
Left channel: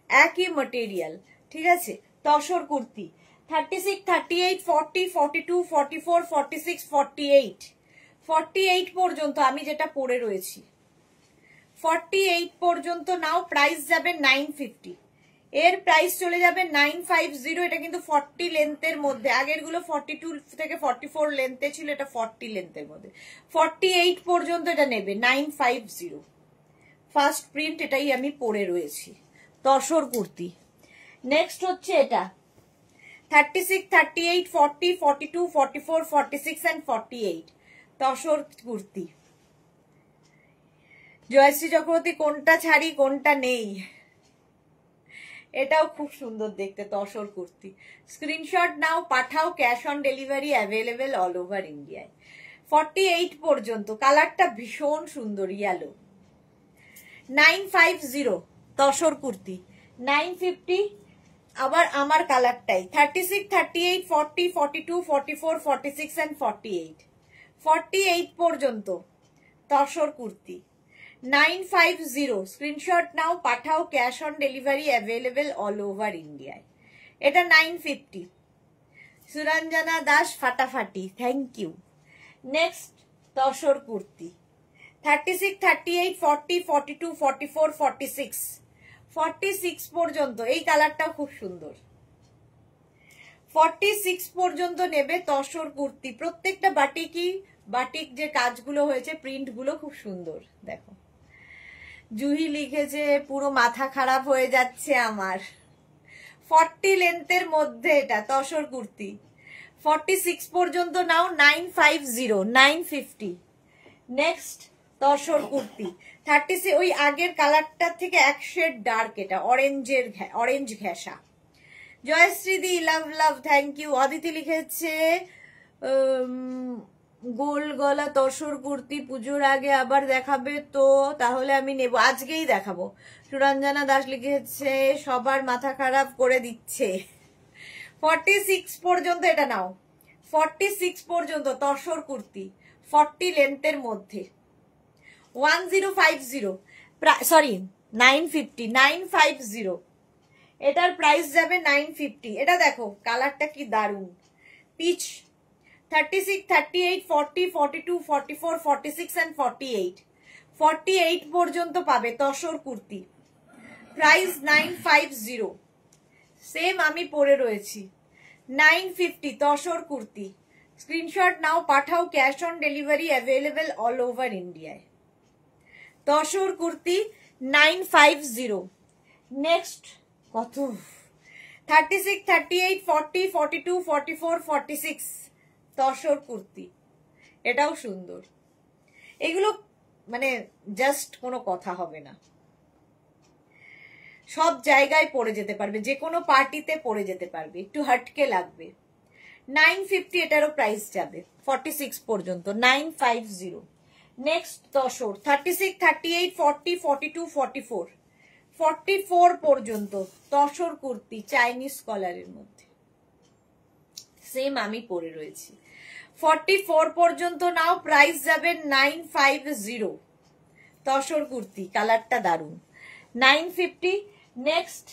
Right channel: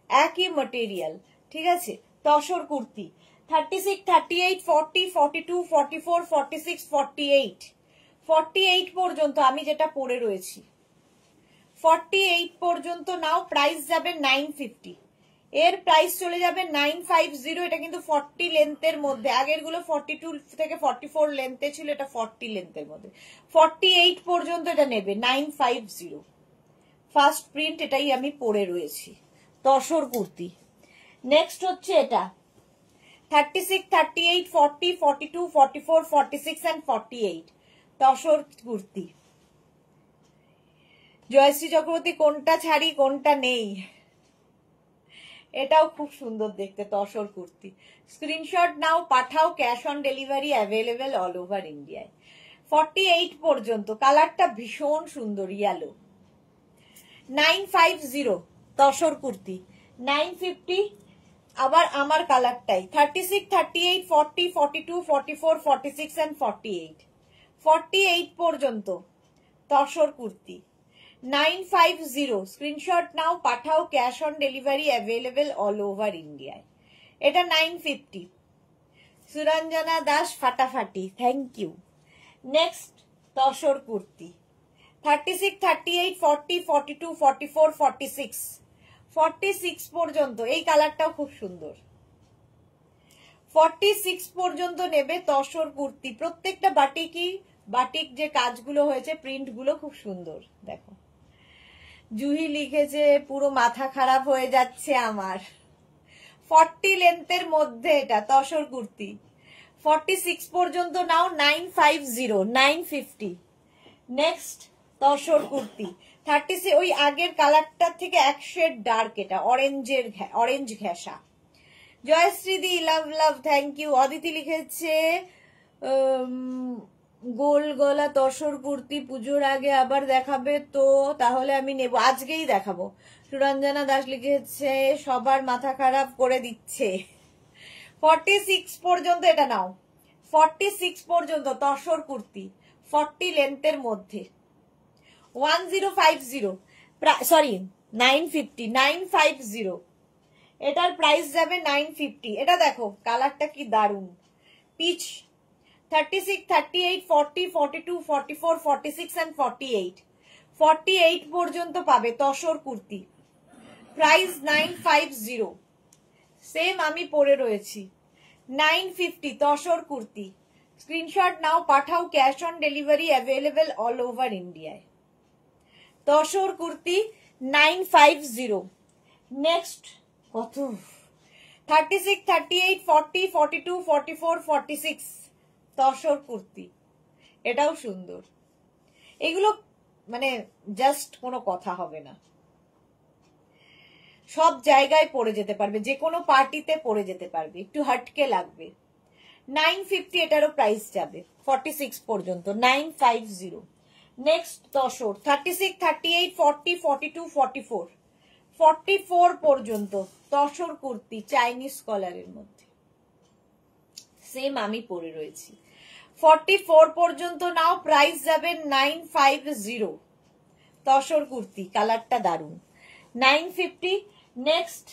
একই ম্যাটেরিয়াল, ঠিক আছে। তসর কুর্তি 36, 38, 40, 42, 44, 46, 48, 48 পর্যন্ত আমি যেটা পরে রয়েছি, 48 পর্যন্ত নাও। প্রাইস যাবে 950, এর প্রাইস চলে যাবে 950। এটা কিন্তু 40 লেন্থের মধ্যে, আগের গুলো 42 থেকে 44 লেন্থে ছিল, এটা 40 লেন্থের মধ্যে। 48 পর্যন্ত এটা নেবে 950, ফার্স্ট প্রিন্ট, এটাই আমি পরে রয়েছি তসর কুর্তি। নেক্সট হচ্ছে এটা 36, 38, 40, 42, 44, 46 and 48 তসর কুর্তি। জয়শ্রী চক্রবর্তী কোনটা ছাড়ি কোনটা নেই, এটাও খুব সুন্দর দেখতে তসর কুর্তি। স্ক্রিনশট নাও, পাঠাও, cash on delivery available all over ইন্ডিয়ায়। 48 পর্যন্ত, কালারটা ভীষণ সুন্দর ইয়েলো। 950 তসর কুর্তি, 950 আবার আমার কালারটাই। 36, 38, 40, 42, 44, 46 and 48, 48 পর্যন্ত তসর কুর্তি 950। স্ক্রিনশট নাও, পাঠাও, cash on delivery available all over ইন্ডিয়ায়। এটা 950। সুরঞ্জনা দাস ফাটাফাটি, thank you. Next tussar kurti 36, 38, 40, 42, 44, 46, 46 পর্যন্ত। এই কালারটাও খুব সুন্দর, 46 পর্যন্ত নেবে তসর কুর্তি। প্রত্যেকটা বাটিক যে কাজগুলো হয়েছে, প্রিন্ট গুলো খুব সুন্দর। দেখো জুহি লিখেছে পুরো মাথা খারাপ হয়ে যাচ্ছে আমার। 40 লেন্থের মধ্যে এটা তসর কুর্তি, 46 পর্যন্ত নাও 950, 950। নেক্সট তসর কুর্তি 36, ওই আগের কালারটার থেকে এক শেড ডার্ক, এটা অরেঞ্জ ঘেঁষা। জয়শ্রী দি love love, thank you. Aditi লিখেছে গোল গলা তসর কুর্তি পুজোর আগে আবার দেখাবে তো, তাহলে আমি নেব, আজকেই দেখাবো। সুরঞ্জনা দাস লিখেছে সবার মাথা খারাপ করে দিচ্ছে। 46 পর্যন্ত এটা নাও, 46 পর্যন্ত তসর কুর্তি, 40 লেন্থের মধ্যে 1050, সরি 950, 950, এটার প্রাইস যাবে 950। এটা দেখো কালারটা কি দারুন, পিচ। 36, 38, 40, 42, 44, 46 and 48, 48 পর্যন্ত পাবে তসর কুর্তি। প্রাইস 950, সেম আমি পরে রয়েছি 950 তসর কুর্তি। স্ক্রিনশট নাও, পাঠাও, cash on delivery available all over ইন্ডিয়ায়। তসর কুর্তি 950। নেক্সট কত, 36, 38, 40, 42, 44, 46 তসর কুর্তি, এটাও সুন্দর। এগুলো মানে জাস্ট কোনো কথা হবে না, সব জায়গায় পরে যেতে পারবে, যে কোনো পার্টিতে পরে যেতে পারবে, একটু হটকে লাগবে। 950 এটারও প্রাইস যাবে 46 পর্যন্ত, 950। নেক্সট তসর 36, 38, 40, 42, 44, 44 পর্যন্ত তসর কুর্তি চাইনিজ কলারের মধ্যে, সেম আমি পরে রয়েছি। 44 পর্যন্ত নাও, প্রাইস যাবে 950 তসর কুর্তি, কালারটা দারুন, 950। Next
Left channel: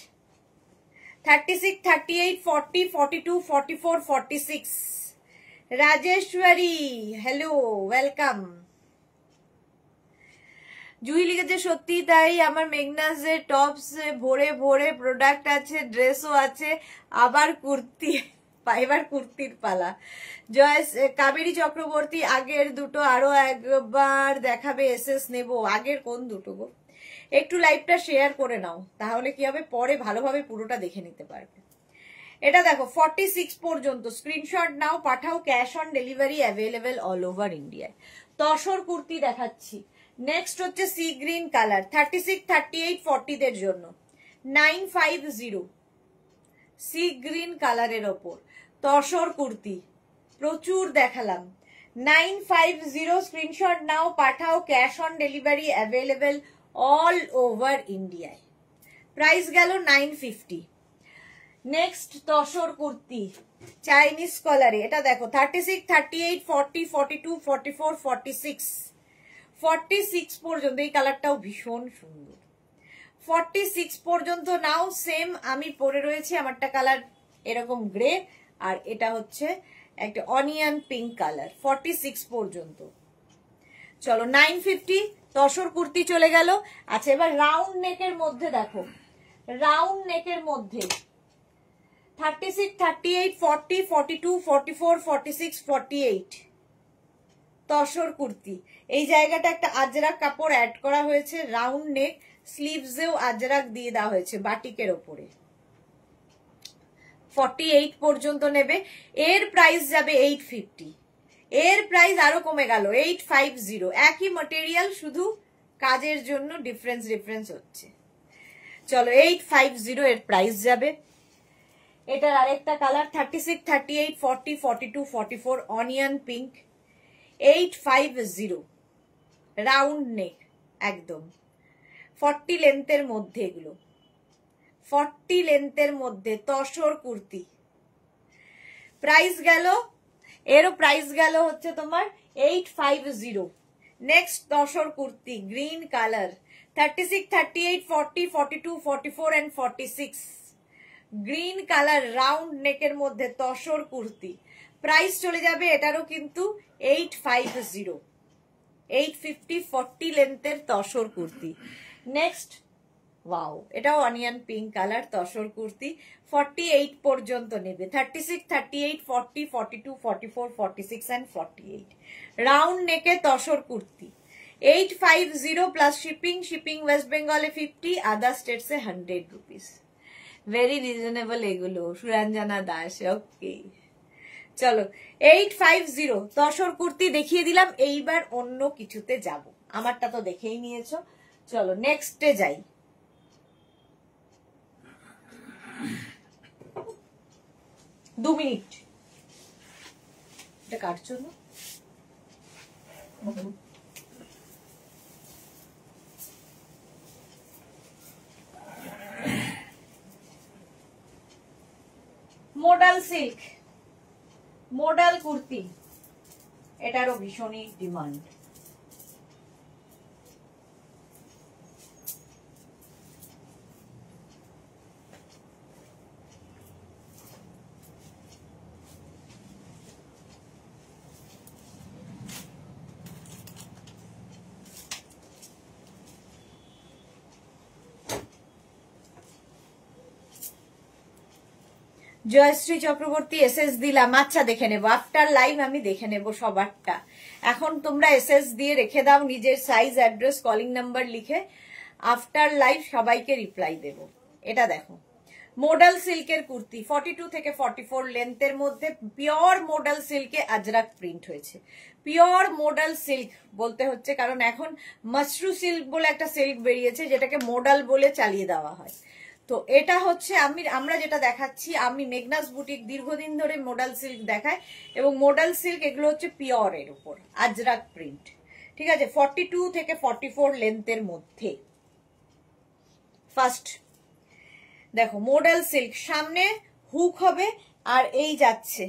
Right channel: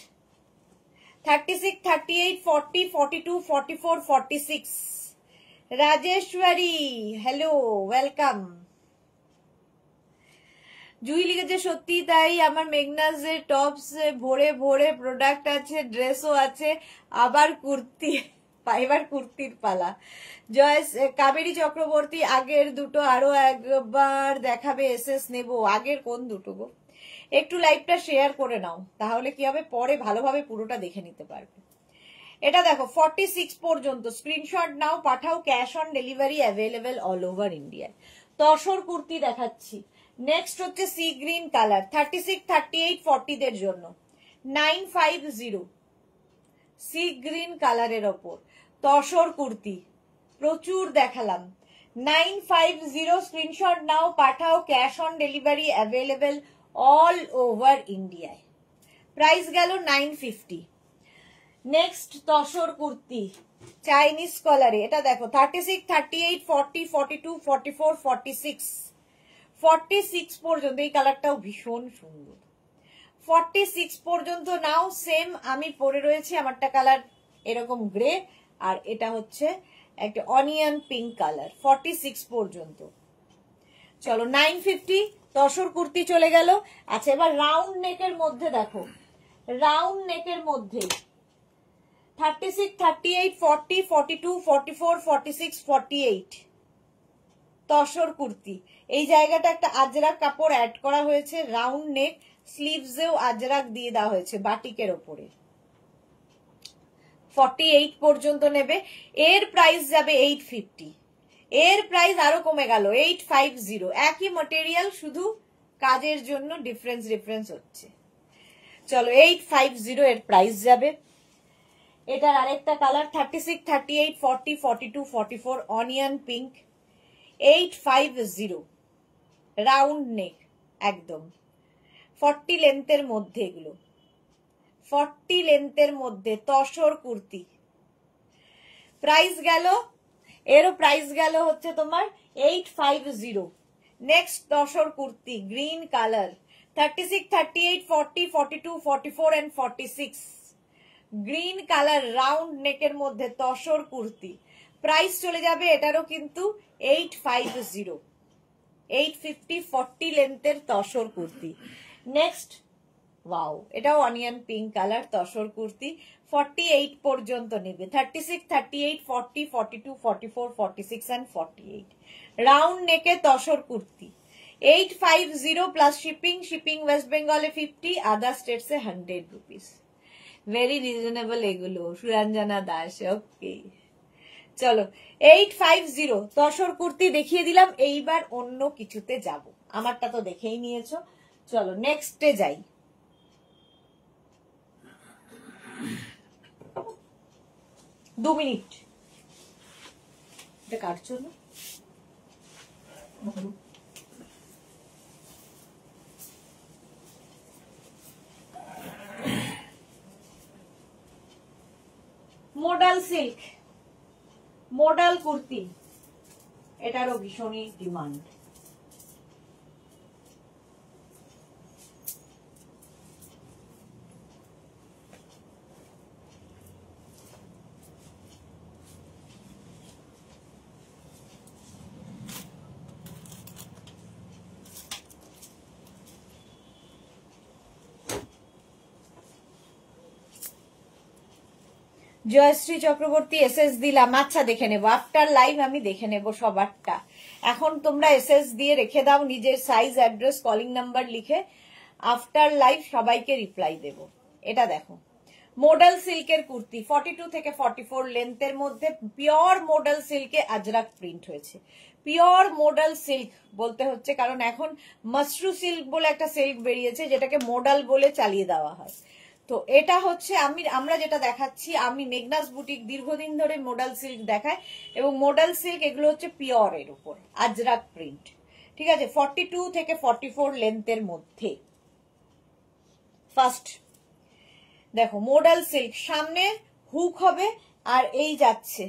36, 38, 40, 42, 44, 46 Rajeshwari, hello, welcome. Jui লিখেছে সত্যি তাই, আমার মেঘনাজে টপস ভরে ভরে প্রোডাক্ট আছে, ড্রেসও আছে, আবার কুর্তি, এবার কুর্তির পালা। জয় কাবেরী চক্রবর্তী, আগের দুটো আরো একবার দেখাবে, এসএস নেব। আগের কোন দুটো গো? একটু লাইভটা শেয়ার করে নাও, তাহলে কি হবে, পরে ভালোভাবে পুরোটা দেখে নিতে পারবে। এটা দেখো 46 পর্যন্ত, স্ক্রিনশট নাও, পাঠাও, cash on delivery available all over ইন্ডিয়ায়। তসর কুর্তি দেখাচ্ছি। নেক্সট হচ্ছে সি গ্রিন কালার, 36, 38, 40 দের জন্য 950 সি গ্রিন কালারের ওপর তসর কুর্তি, প্রচুর দেখালাম। 950 স্ক্রিনশট নাও, পাঠাও, cash on delivery available all over ইন্ডিয়ায়। প্রাইস গেল 950। নেক্সট তসর কুর্তি চাইনিজ কলারে, এটা দেখো 36, 38, 40, 42, 44, 46, 46 পর্যন্ত, এই কালারটাও ভীষণ সুন্দর। 46 পর্যন্ত নাও, সেম আমি পরে রয়েছি, আমারটা কালার এরকম গ্রে, আর এটা হচ্ছে একটা অনিয়ন পিঙ্ক কালার। 46 পর্যন্ত, চলো 950 তসর কুর্তি চলে গেল। আচ্ছা, এবার রাউন্ড নেকের মধ্যে দেখো, রাউন্ড নেকের মধ্যে 36, 38, 40, 42, 44, 46, 48 তসর কুর্তি। এই জায়গাটা একটা আজরাক কাপড় অ্যাড করা হয়েছে, রাউন্ড নেক, স্লিভসেও আজরাক দিয়ে দেওয়া হয়েছে বাটিকের ওপরে। 48 পর্যন্ত নেবে, এর প্রাইস যাবে 850। এর প্রাইস আরো কমে গেল 850, একই ম্যাটেরিয়াল, শুধু কাজের জন্য ডিফারেন্স হচ্ছে। চলো 850 এর প্রাইস যাবে। এটার আরেকটা colour 36, 38, 40, 42, 44 onion pink, 850 round neck একদম, 40 লেন্থের মধ্যে, এগুলো 40 লেন্থের মধ্যে তসর কুর্তি। প্রাইস গেল, এরও প্রাইস গেল হচ্ছে তোমার 850। Next tussar kurti green colour, 36, 38, 40, 42, 44 and 46 green colour round নেকের মধ্যে তসর কুর্তি। প্রাইস চলে যাবে এটারও কিন্তু 850, 850 40 লেন্থের তসর কুর্তি। নেক্সট, ওয়াও, এটাও onion pink colour tussar kurti, 48 পর্যন্ত নেবে। 36, 38, 40, 42, 44, 46 and 48 রাউন্ড নেকে tussar kurti. 850 plus shipping, shipping West বেঙ্গলে 50, আদার স্টেটসে 100 রুপিস। ভেরি রিজনেবল এগুলো, সুরঞ্জনা দাস। ওকে, চলো 850 তসর কুর্তি দেখিয়ে দিলাম। এইবার অন্য কিছুতে যাব, আমারটা তো দেখেই নিয়েছো। চলো নেক্সটে যাই। দু মিনিট, এটা কাটছো না? মোডাল সিল্ক, মোডাল কুর্তি, এটারও ভীষণই ডিমান্ড। জয়শ্রী চক্রবর্তী এসএস দিলাম, আচ্ছা দেখে নেবো আফটার লাইভ, আমি দেখে নেবো সবারটা। এখন তোমরা এসএস দিয়ে রেখে দাও নিজের সাইজ, অ্যাড্রেস, কলিং নাম্বার লিখে, আফটার লাইভ সবাইকে রিপ্লাই দেব। এটা দেখো মডেল সিল্কের কুর্তি, 42 থেকে 44 লেন্থের মধ্যে, পিওর মডেল সিল্কে আজরাক প্রিন্ট হয়েছে। পিওর মডেল সিল্ক বলতে হচ্ছে কারণ এখন মাশরু সিল্ক বলে একটা সিল্ক বেরিয়েছে যেটাকে মডেল বলে চালিয়ে দেওয়া হয়। তো এটা হচ্ছে আমরা যেটা দেখাচ্ছি, আমি মেঘনাস বুটিক দীর্ঘদিন ধরে মডেল সিল্ক দেখায়, এবং মডেল সিল্ক এগুলো হচ্ছে পিওরের উপর আজরাক প্রিন্ট। ঠিক আছে, 42 থেকে 44 লেন্থের মধ্যে। ফার্স্ট দেখো মডেল সিল্ক, সামনে হুক হবে আর এই যাচ্ছে,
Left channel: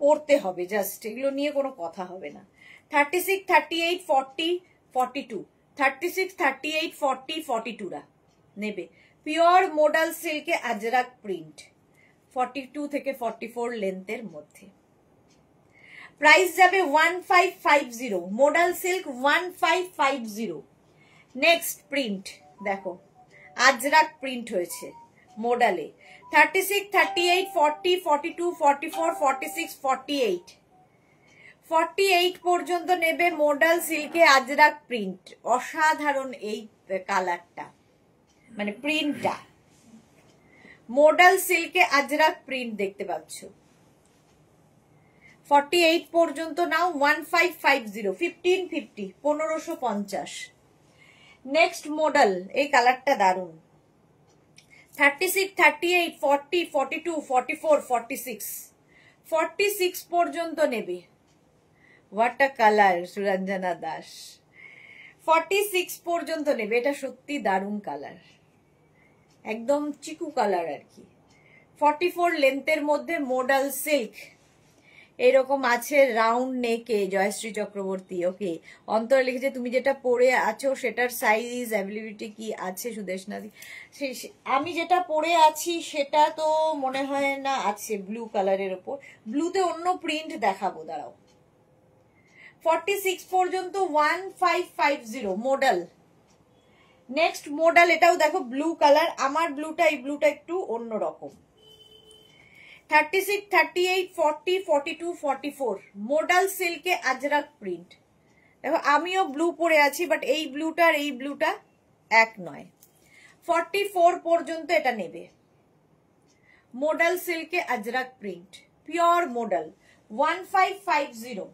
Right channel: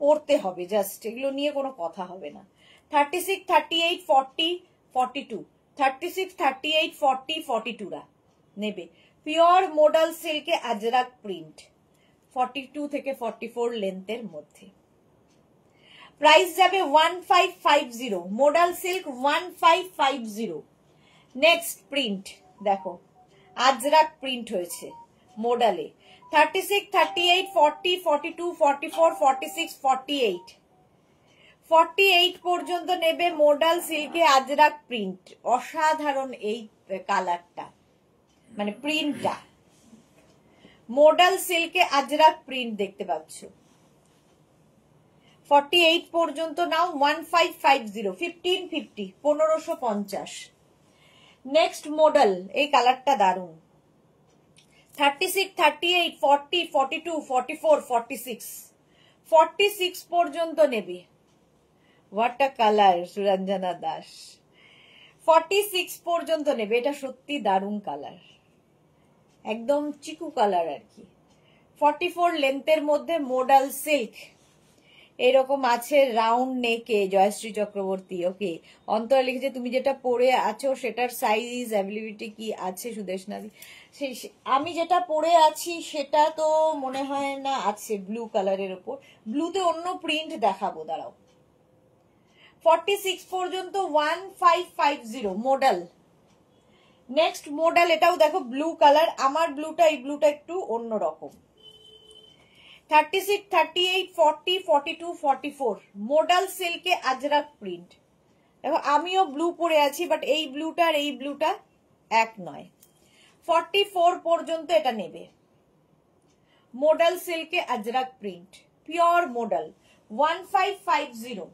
পরতে হবে জাস্ট, এগুলো নিয়ে কোনো কথা হবে না। 36, 38, 40, 42, 36, 38, 40, 42 রা নেবে। পিওর মডেল সিল্কে আজরাক প্রিন্ট, 42 থেকে 44 লেন্থের মধ্যে। প্রাইস যাবে 1550, মডেল সিল্ক 1550। নেক্সট প্রিন্ট দেখো আজরাক প্রিন্ট হয়েছে মডেলে, 36, 38, 40, 42, 44, 46, 48, 48 পর্যন্ত নেবে মডেল সিল্কে আজরাক প্রিন্ট। অসাধারণ এই কালারটা, মানে প্রিন্টটা মডেল সিল্কে আজরাক প্রিন্ট দেখতে পাচ্ছ। 48 পর্যন্ত নাও, 1550, 1550, 1550। নেক্সট মডেল, এই কালারটা দারুন, 36, 38, 40, 42, 44, 46, 46 পর্যন্ত নেবে। What a colour Suranjana Das, 46 পর্যন্ত নেবে। এটা সত্যি দারুন কালার, একদম চিকু কালার আর কি। 44 লেন্থের মধ্যে মডেল সিল্ক এরকম আছে, রাউন্ড নেকে। জয়শ্রী চক্রবর্তী ওকে, অন্তরা লিখেছে তুমি যেটা পরে আছো সেটার সাইজ অ্যাভেলেবিলিটি কি আছে সুদেশনাদি? আমি যেটা পরে আছি সেটা তো মনে হয় না আছে, ব্লু কালারের ওপর, ব্লুতে অন্য প্রিন্ট দেখাবো, দাঁড়াও। 46 পর্যন্ত 1550 মডেল। নেক্সট মডেল, এটাও দেখো ব্লু কালার, আমার ব্লুটা এই ব্লুটা একটু অন্যরকম। 36, 38, 40, 42, 44 মডেল সিল্কে আজরাক প্রিন্ট। দেখো আমিও ব্লু পরে আছি, বাট এই ব্লুটা আর এই ব্লুটা এক নয়। 44 পর্যন্ত এটা নেবে, মডেল সিল্কে Ajrakh print, pure modal, 1550।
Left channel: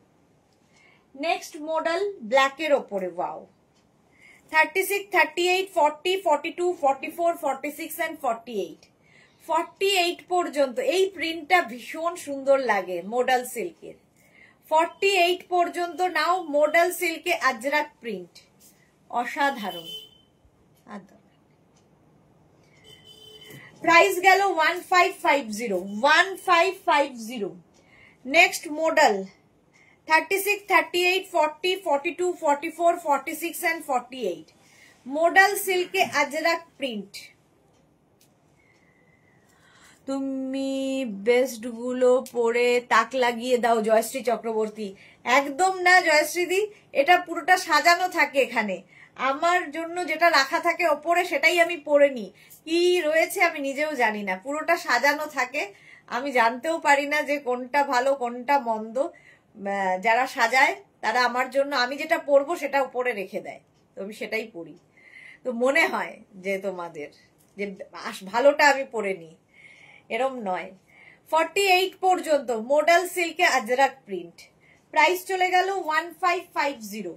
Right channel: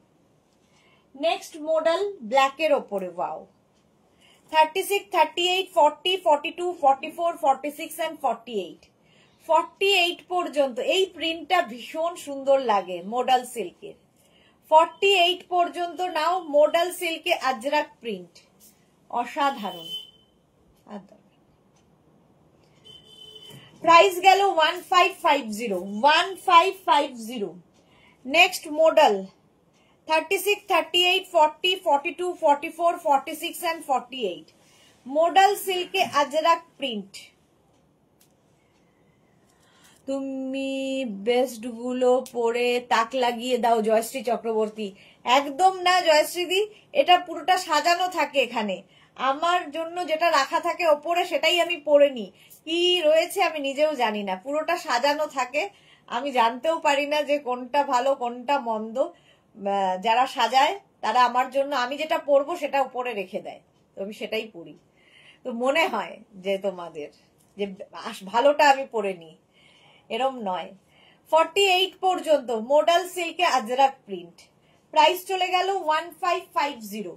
Next modal ব্ল্যাকের ওপরে, ওয়াও, 36, 38, 40, 42, 44, 46 and 48, 48 পর্যন্ত। এই প্রিন্টটা ভীষণ সুন্দর লাগে মডেল সিল্কের। 48 পর্যন্ত নাও, মডেল সিল্কে আজরাক প্রিন্ট, অসাধারণ। প্রাইস গেল 1550, 1550। নেক্সট মডেল 36, 38, 40, 42, 44, 46 and 48 মডেল সিল্কে আজরাক প্রিন্ট। তুমি বেস্ট গুলো পরে তাক লাগিয়ে দাও জয়শ্রী চক্রবর্তী। একদম না জয়শ্রীদি, এটা পুরোটা সাজানো থাকে এখানে, আমার জন্য যেটা রাখা থাকে ওপরে সেটাই আমি পরে নিই। কি রয়েছে আমি নিজেও জানি না, পুরোটা সাজানো থাকে, আমি জানতেও পারি না যে কোনটা ভালো কোনটা মন্দ। যারা সাজায় তারা আমার জন্য আমি যেটা পরবো সেটা উপরে রেখে দেয়, তো আমি সেটাই পরি। তো মনে হয় যে তোমাদের যে ভালোটা আমি পরে নিই, এরম নয়। 48 পর্যন্ত মডেল সিল্কে আজরাক প্রিন্ট, প্রাইস চলে গেল 1550।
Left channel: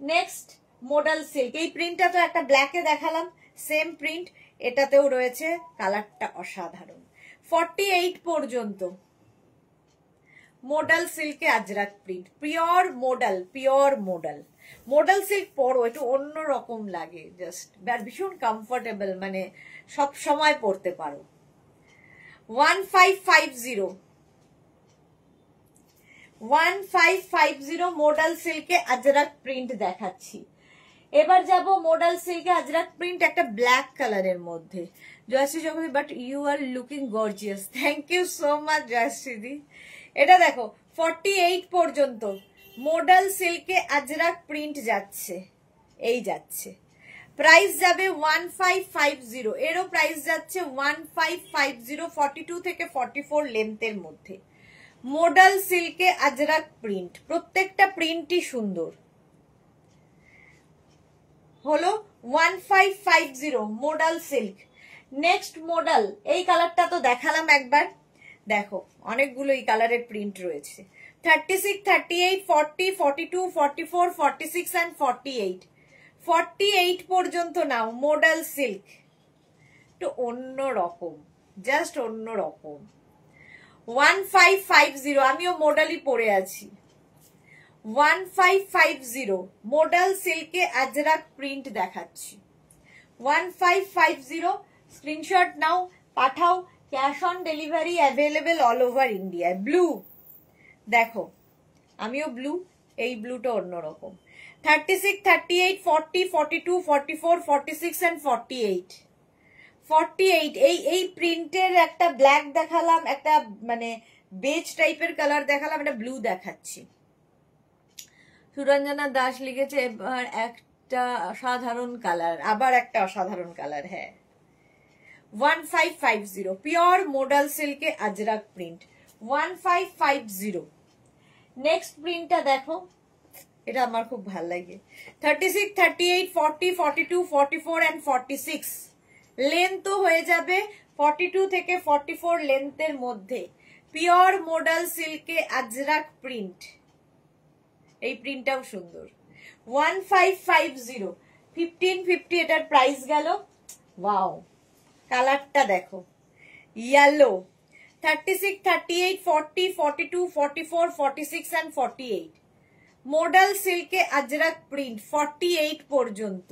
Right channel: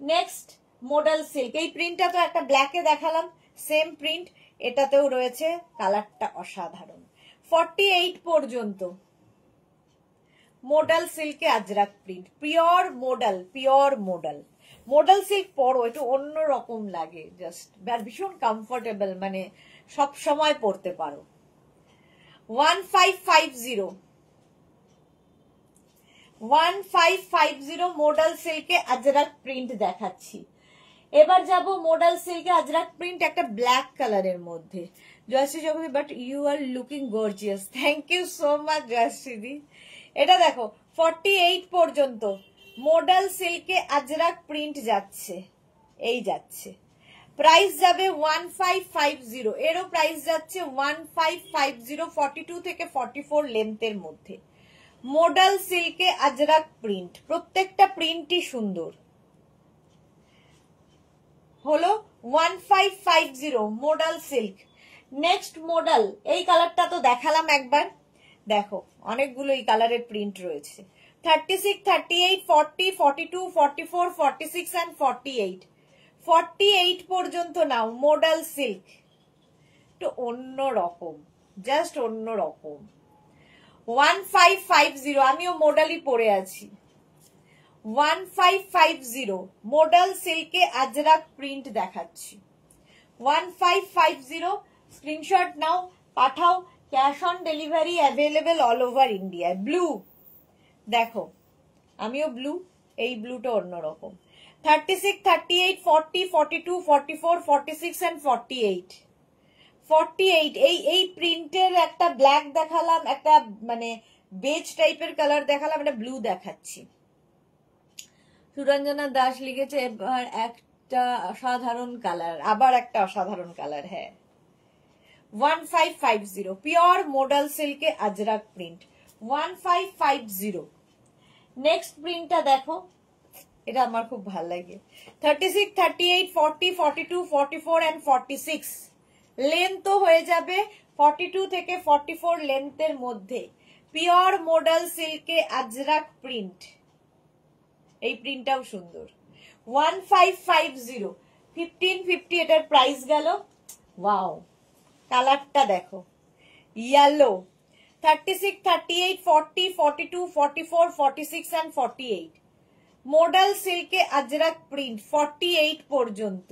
নেক্সট মডেল সিল্ক, এই প্রিন্টটা তো একটা ব্ল্যাকে দেখালাম, সেম প্রিন্ট এটাতেও রয়েছে, কালারটা অসাধারণ। 48 পর্যন্ত মডেল সিল্কে Ajrakh print, pure modal, pure modal. Modal silk পরো, একটু অন্যরকম লাগে, জাস্ট ভীষণ কমফোর্টেবল, মানে সব সময় পরতে পারো। 1550, 1550 মডেল সিল্কে আজরাক প্রিন্ট দেখাচ্ছি। এবার যাব মডেল সিল্কে আজরাক প্রিন্ট একটা ব্ল্যাক কালারের মধ্যে। Joyshree Chakraborty, but you are looking gorgeous, thank you so much জয়শ্রীদি। এটা দেখো 48 পর্যন্ত মডেল সিল্কে আজরাক প্রিন্ট যাচ্ছে, এই যাচ্ছে। প্রাইস যাবে 1550, এরও প্রাইস যাচ্ছে 1550, 42 থেকে 44 লেন্থের মধ্যে। মডাল সিল্কে আজরাক প্রিন্ট, প্রত্যেকটা প্রিন্টই সুন্দর। হলো 1550 মডাল সিল্ক। নেক্সট মডাল, এই কালারটা তো দেখালাম একবার, দেখো অনেকগুলো এই কালারের প্রিন্ট রয়েছে। 36, 38, 40, 42, 44, 46 and 48, 48 পর্যন্ত নাও। মডাল সিল্ক তো অন্য রকম, জাস্ট অন্য রকম। 1550, আমিও মডালই পরে আছি। 1550 মডাল সিল্কে আজরাক প্রিন্ট দেখাচ্ছি। 1550 স্ক্রিনশট নাও, পাঠাও। Cash on delivery available all over India. Blue দেখো, আমিও ব্লু, এই ব্লুটা অন্যরকম। 36, 38, 40, 42, 44, 46 and 48, 48 এই প্রিন্টের একটা ব্ল্যাক দেখালাম, একটা মানে বেজ টাইপের কালার দেখালাম, একটা ব্লু দেখাচ্ছি। সুরঞ্জনা দাস লিখেছে এবার একটা অসাধারণ কালার, আবার একটা অসাধারণ কালার। হ্যাঁ, 1550 পিওর মডাল সিল্কে আজরাক প্রিন্ট, 1550। নেক্সট প্রিন্টটা দেখো, এটা আমার খুব ভালো লাগে। 36, 38, 40, 42, 44 and 46 লেন্থ তো হয়ে যাবে 42 থেকে 44 লেন্থের মধ্যে। পিওর মডাল সিল্কে আজরাক প্রিন্ট, এই প্রিন্টটাও সুন্দর। 1550, 1550 এটার প্রাইস গেল। ওয়াও, কালারটা দেখো, ইয়েলো। 36, 38, 40, 42, 44, 46 and 48 মডাল সিল্কে আজরাক প্রিন্ট, 48 পর্যন্ত।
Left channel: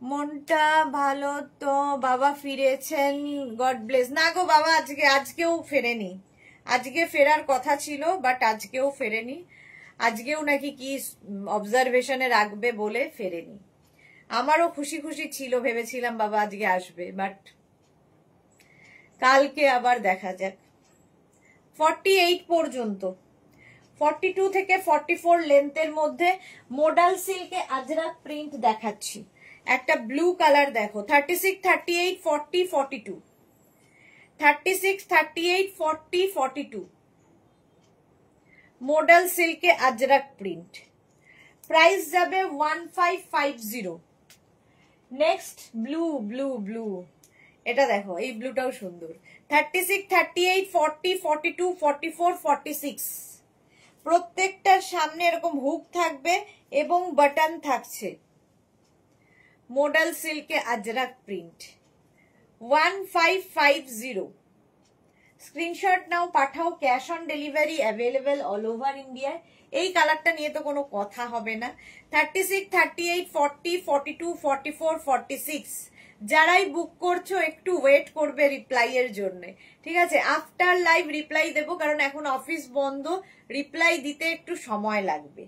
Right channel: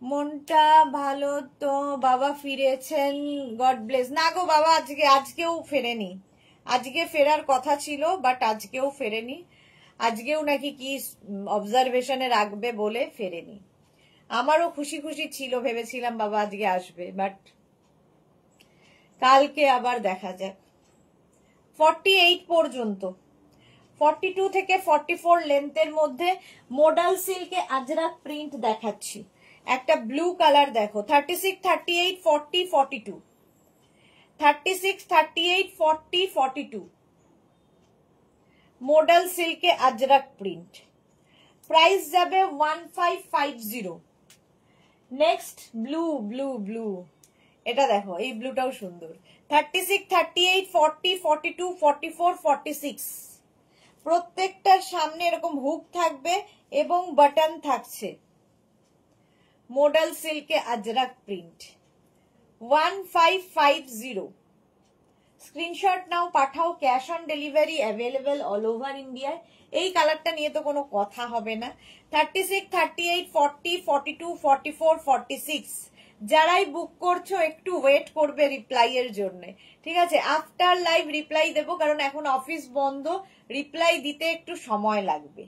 মনটা ভালো তো, বাবা ফিরেছেন, গড ব্লেস। না গো বাবা, আজকেও ফেরেনি। আজকে ফেরার কথা ছিল, বাট আজকেও ফেরেনি। আজকেও নাকি কি অবজারভেশনে রাখবে বলে ফেরেনি। আমারও খুশি খুশি ছিল, ভেবেছিলাম বাবা আজকে আসবে, বাট কালকে আবার দেখা যাক। 48 পর্যন্ত, 42 থেকে 44 লেন্থের মধ্যে মডাল সিল্কে আজরাক প্রিন্ট দেখাচ্ছি। একটা ব্লু কালার দেখো, 36, 38, 40, 42, 36, 38, 40, 42 মডাল সিল্কে আজরাক প্রিন্ট। প্রাইস যাবে 1550। নেক্সট ব্লু, ব্লু ব্লু, এটা দেখো, এই ব্লুটাও সুন্দর। 36, 38, 40, 42, 44, 46 প্রত্যেকটার সামনে এরকম হুক থাকবে এবং বাটন থাকছে। মডাল সিল্কে আজরাক প্রিন্ট, 1550। স্ক্রিনশট নাও, পাঠাও। Cash on delivery available all over India. এই কালারটা নিয়ে তো কোনো কথা হবে না। 36, 38, 40, 42, 44, 46 যারাই বুক করছো একটু ওয়েট করবে রিপ্লাই এর জন্য, ঠিক আছে? আফটার লাইভ রিপ্লাই দেবো, কারণ এখন অফিস বন্ধ, রিপ্লাই দিতে একটু সময় লাগবে।